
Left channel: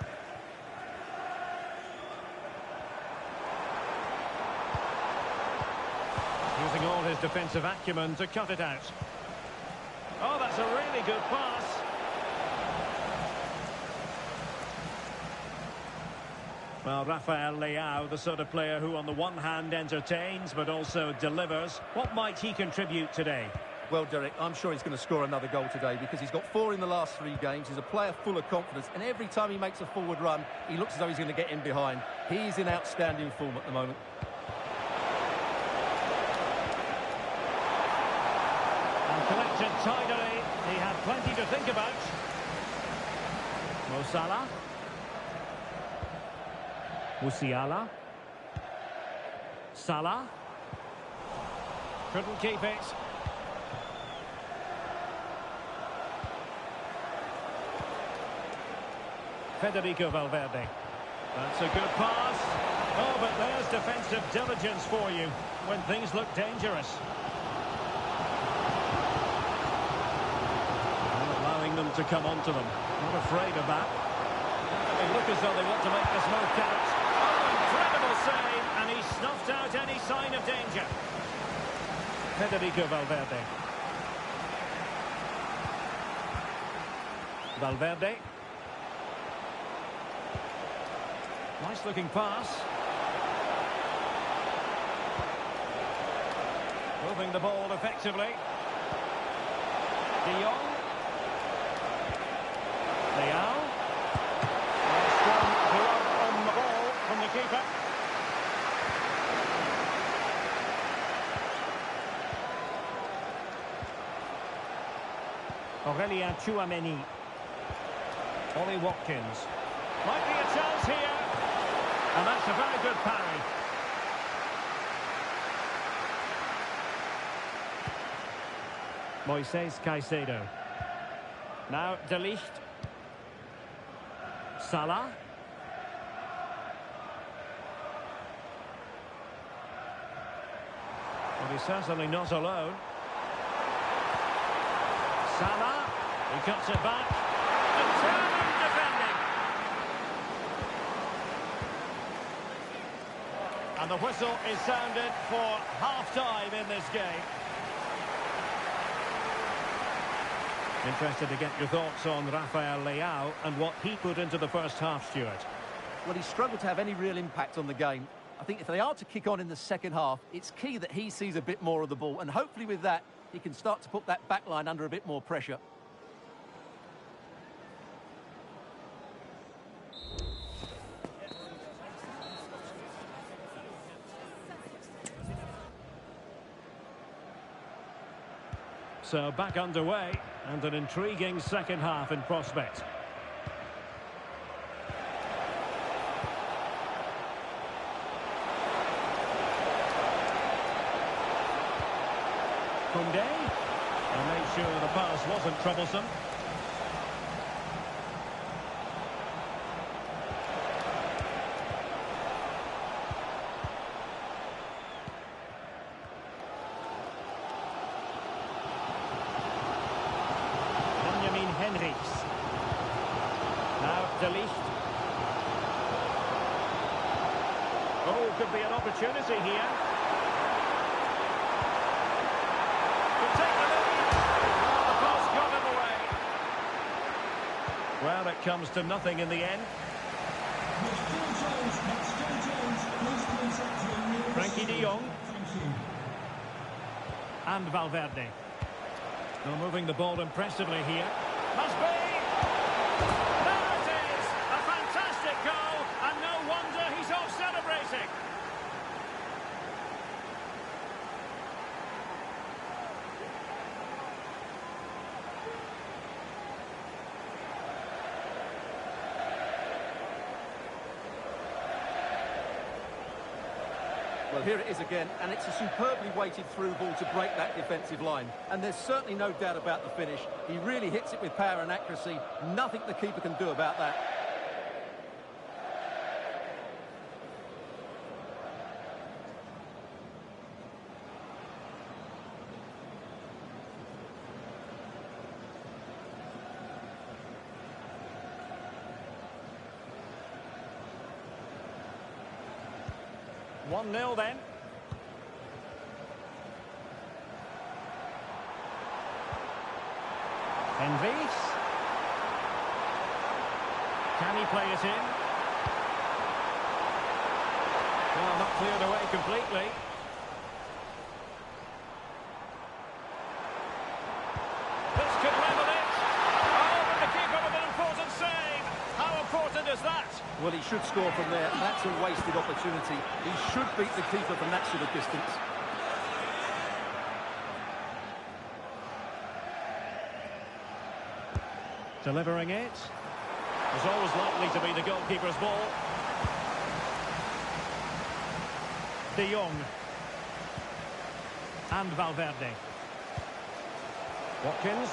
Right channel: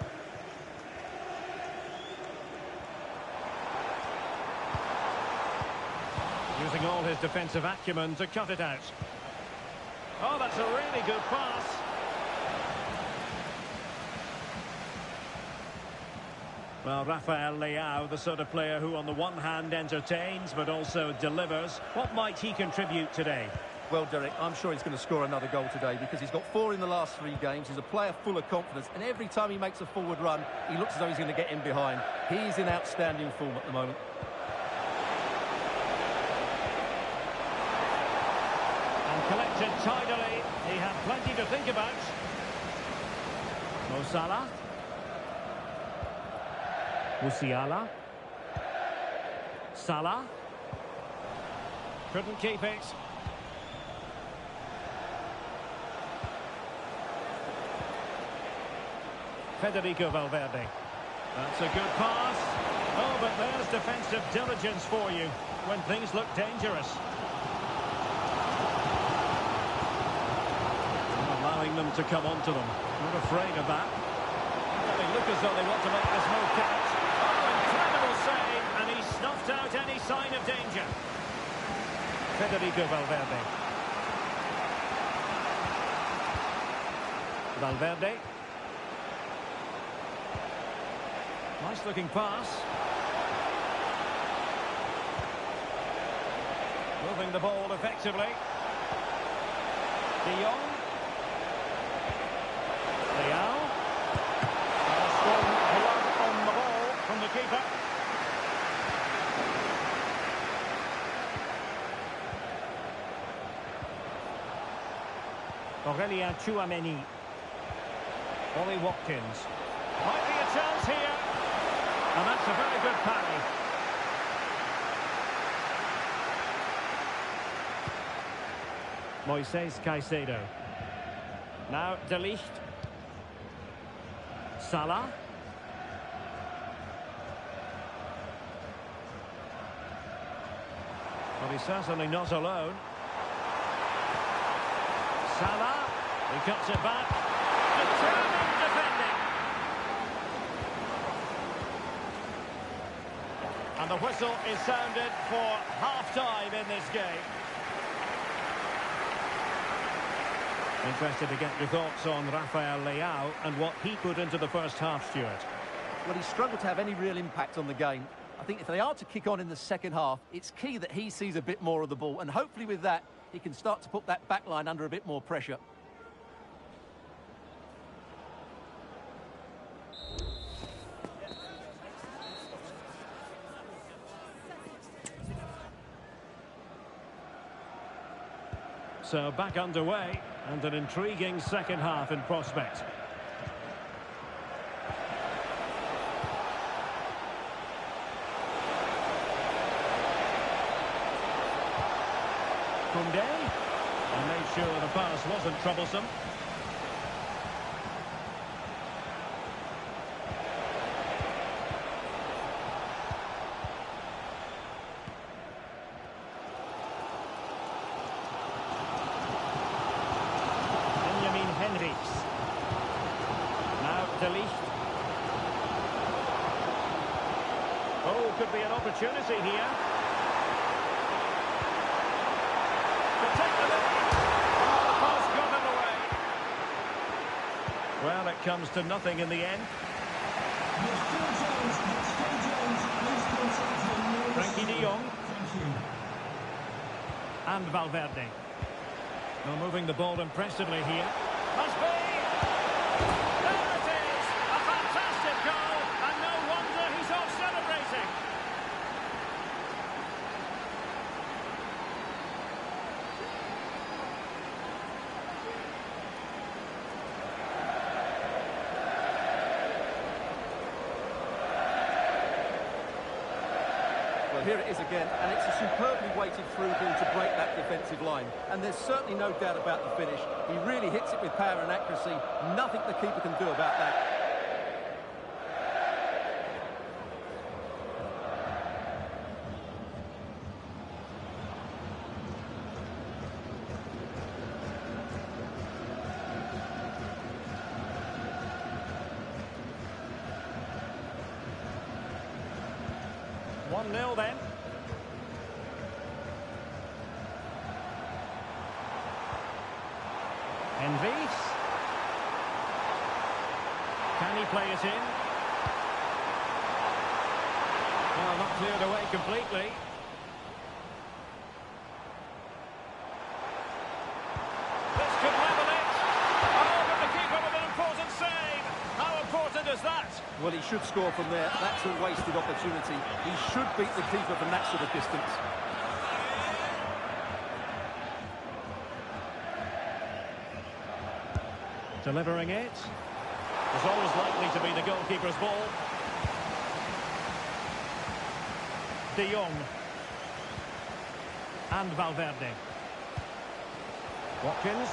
Using all his defensive acumen to cut it out. Oh, that's a really good pass. Well, Rafael Leao, the sort of player who on the one hand entertains but also delivers. What might he contribute today? Well, Derek, I'm sure he's going to score another goal today because he's got 4 in the last 3 games. He's a player full of confidence, and every time he makes a forward run, he looks as though he's going to get in behind. He's in outstanding form at the moment. And collected tidily. He had plenty to think about. Mo Salah. Musiala. Salah. Couldn't keep it. Federico Valverde. That's a good pass. Oh, but there's defensive diligence for you when things look dangerous. Not allowing them to come onto them. Not afraid of that. They look as though they want to make this move count. Oh, incredible save, and he snuffed out any sign of danger. Federico Valverde. Valverde. Nice looking pass. Moving the ball effectively. De Jong. Leao. A strong glove on the ball from the keeper. Aurelien Tchouameni. Ollie Watkins. Might be a chance here. And that's a very good parry. Moises Caicedo. Now De Ligt. Salah. Well, he's certainly not alone. Salah. He cuts it back. Determined defending. And the whistle is sounded for half-time in this game. Interested to get your thoughts on Rafael Leao and what he put into the first half, Stuart. Well, he struggled to have any real impact on the game. I think if they are to kick on in the second half, it's key that he sees a bit more of the ball. And hopefully with that, he can start to put that back line under a bit more pressure. So back underway, and an intriguing second half in prospect. Koundé, and made sure the pass wasn't troublesome. Henrichs. Now De Ligt. Oh, could be an opportunity here. Could take the lead. Oh, the pass got in the way. Well, it comes to nothing in the end. Frankie de Jong. Thank you. And Valverde. Now moving the ball impressively here. Must be! There it is! A fantastic goal, and no wonder he's off celebrating. Well, here it is again, and it's a superbly weighted through ball to break that defensive line. And there's certainly no doubt about the finish. He really hits it with power and accuracy. Nothing the keeper can do about that. One 0 then. Henrichs. Can he play it in? Well, not cleared away completely. This could level it. Oh, but the keeper with an important save. How important is that? Well, he should score from there. That's a wasted opportunity. He should beat the keeper from that sort of distance. Delivering it. Was always likely to be the goalkeeper's ball. De Jong. And Valverde. Watkins.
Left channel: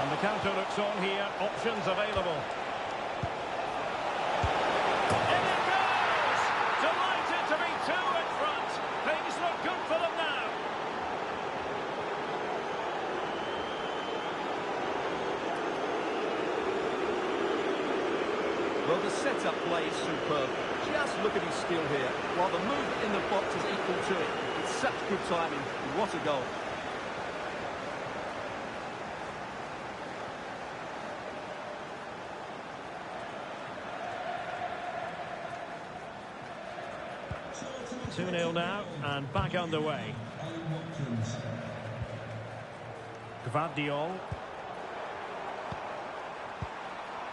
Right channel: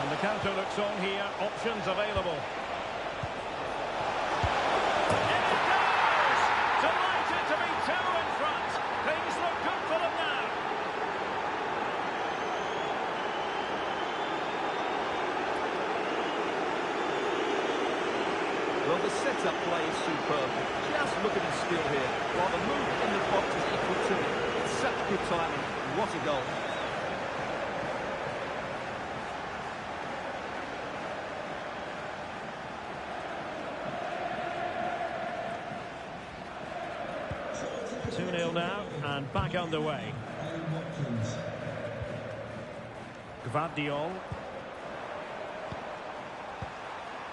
And the counter looks on here. Options available. In it goes! Delighted to be two in front. Things look good for them now. Well, the setup play is superb. Just look at his skill here. While the movement in the box is equal to it. It's such good timing. What a goal. Two 2-0 now, and back underway. Gvardiol.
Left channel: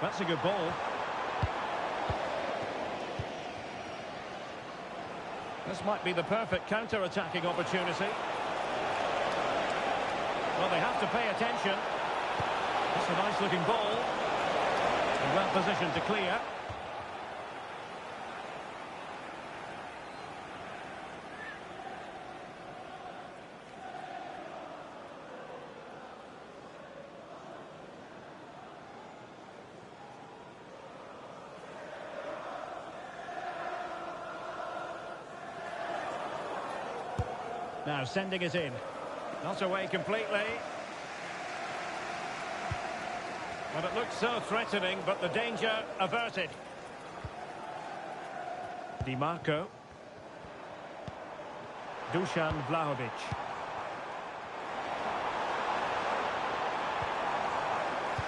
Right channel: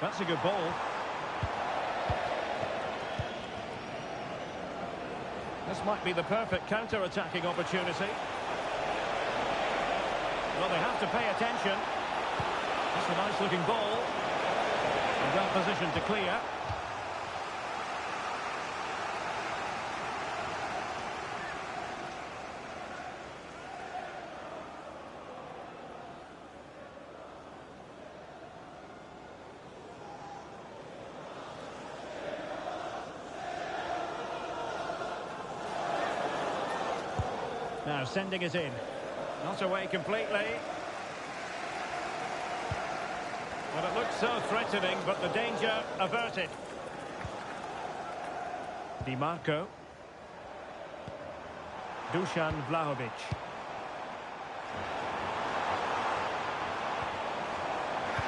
That's a good ball. This might be the perfect counter-attacking opportunity. Well, they have to pay attention. It's a nice-looking ball. And well positioned to clear. Now sending it in. Not away completely. Well, it looks so threatening, but the danger averted. Di Marco. Dusan Vlahovic.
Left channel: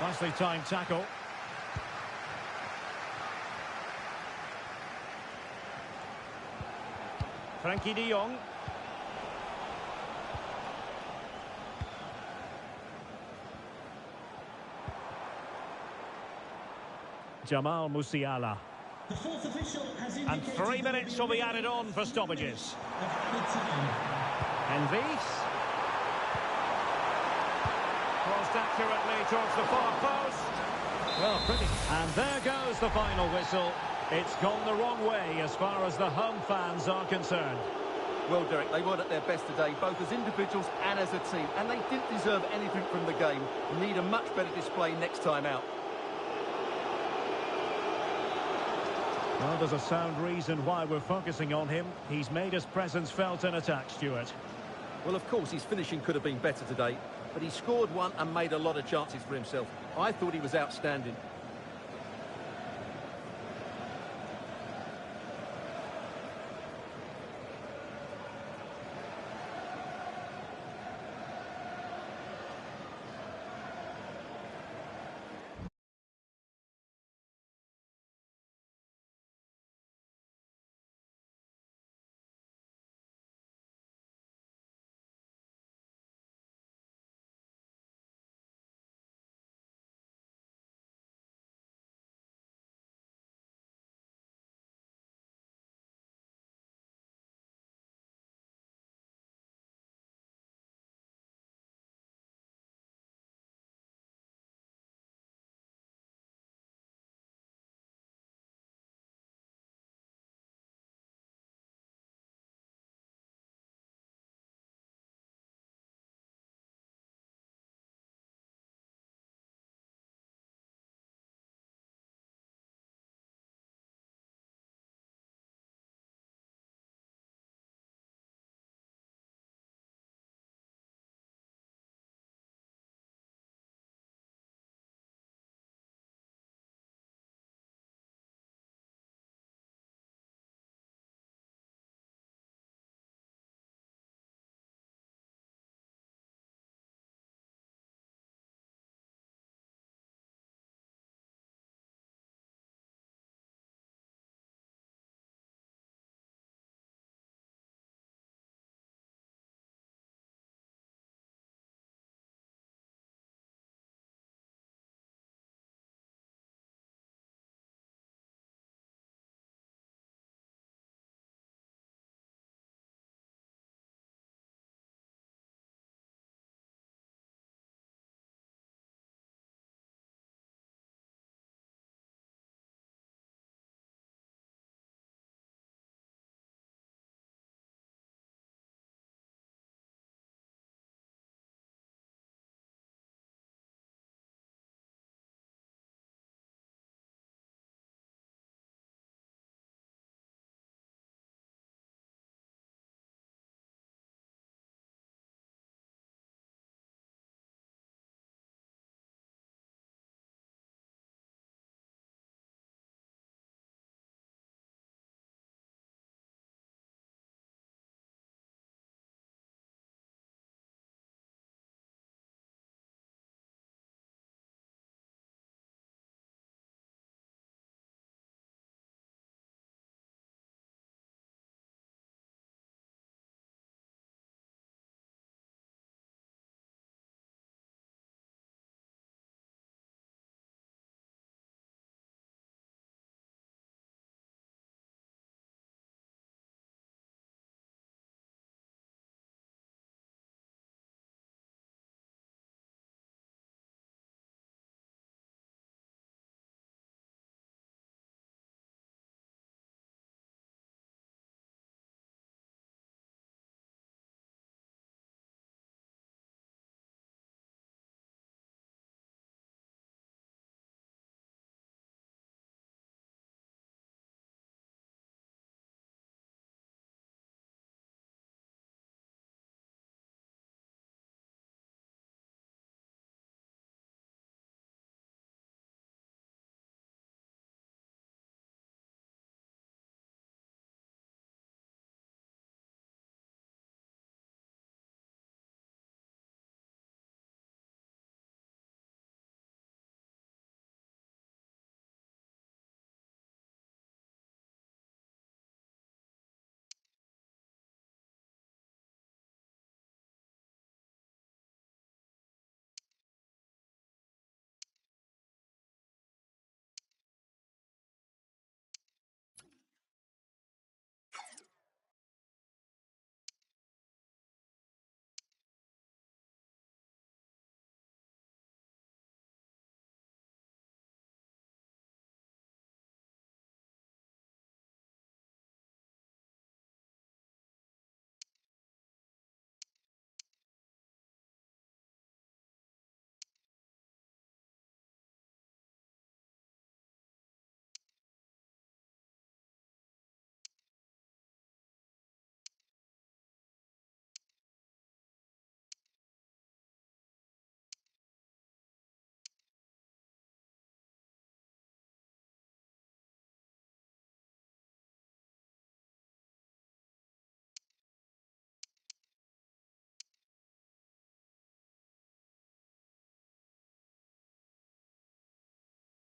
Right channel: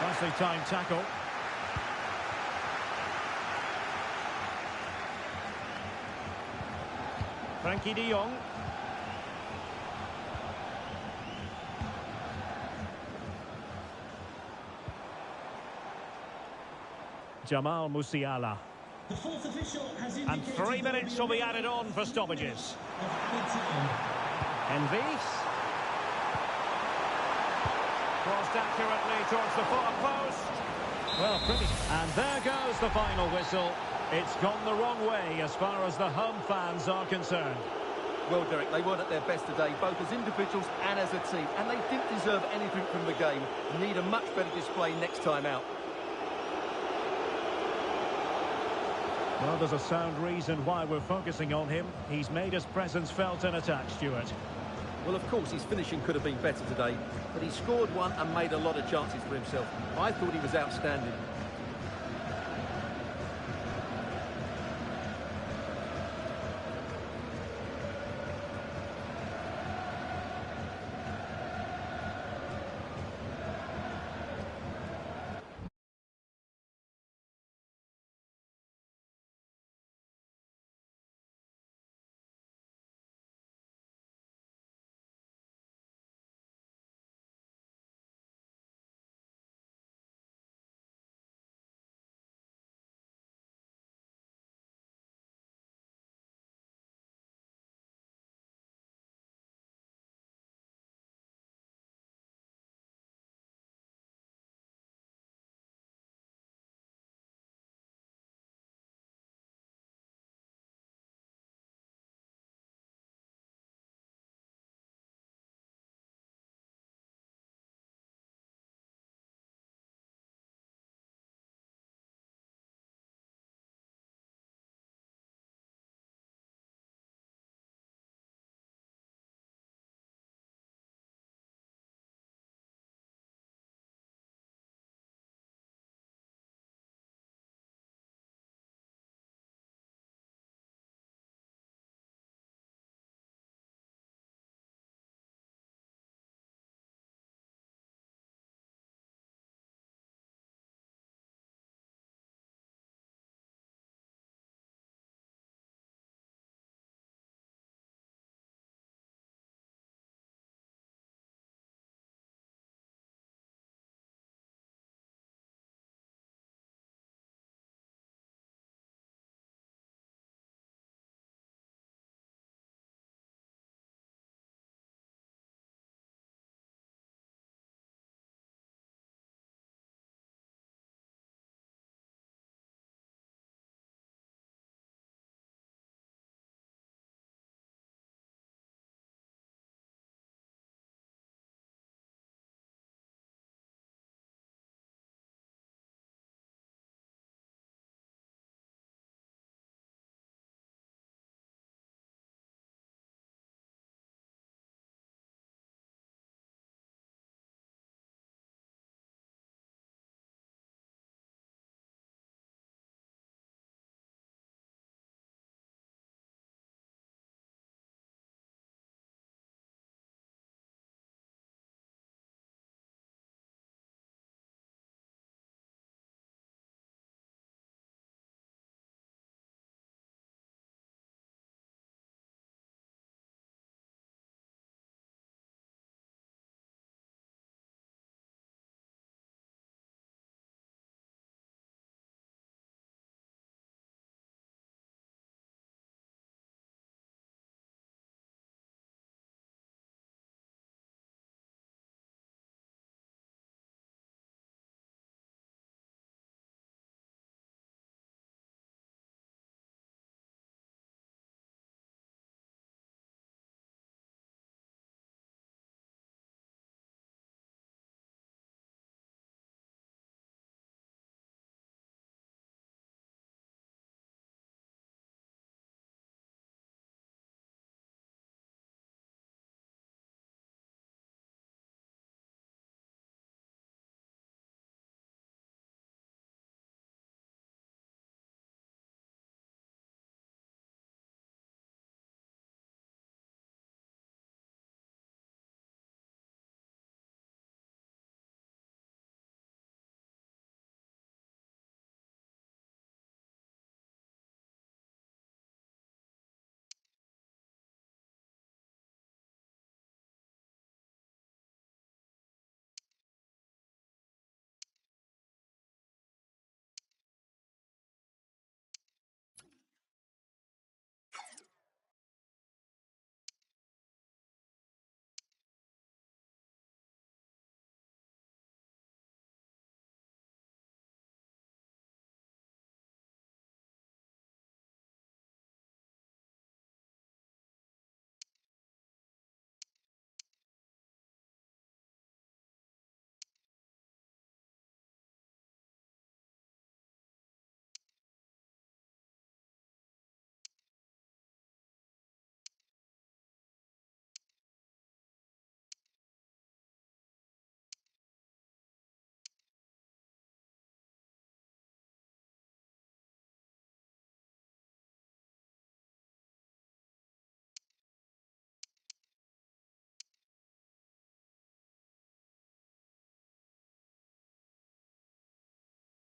Nicely timed tackle. Frankie de Jong. Jamal Musiala. The fourth official has And indicated 3 minutes will be added on for stoppages. of added time. Envis. Crossed accurately towards the far post. Well, pretty. And there goes the final whistle. It's gone the wrong way as far as the home fans are concerned. Well, Derek, they weren't at their best today, both as individuals and as a team. And they didn't deserve anything from the game. Need a much better display next time out. Well, there's a sound reason why we're focusing on him. He's made his presence felt in attack, Stuart. Well, of course, his finishing could have been better today, but he scored one and made a lot of chances for himself. I thought he was outstanding.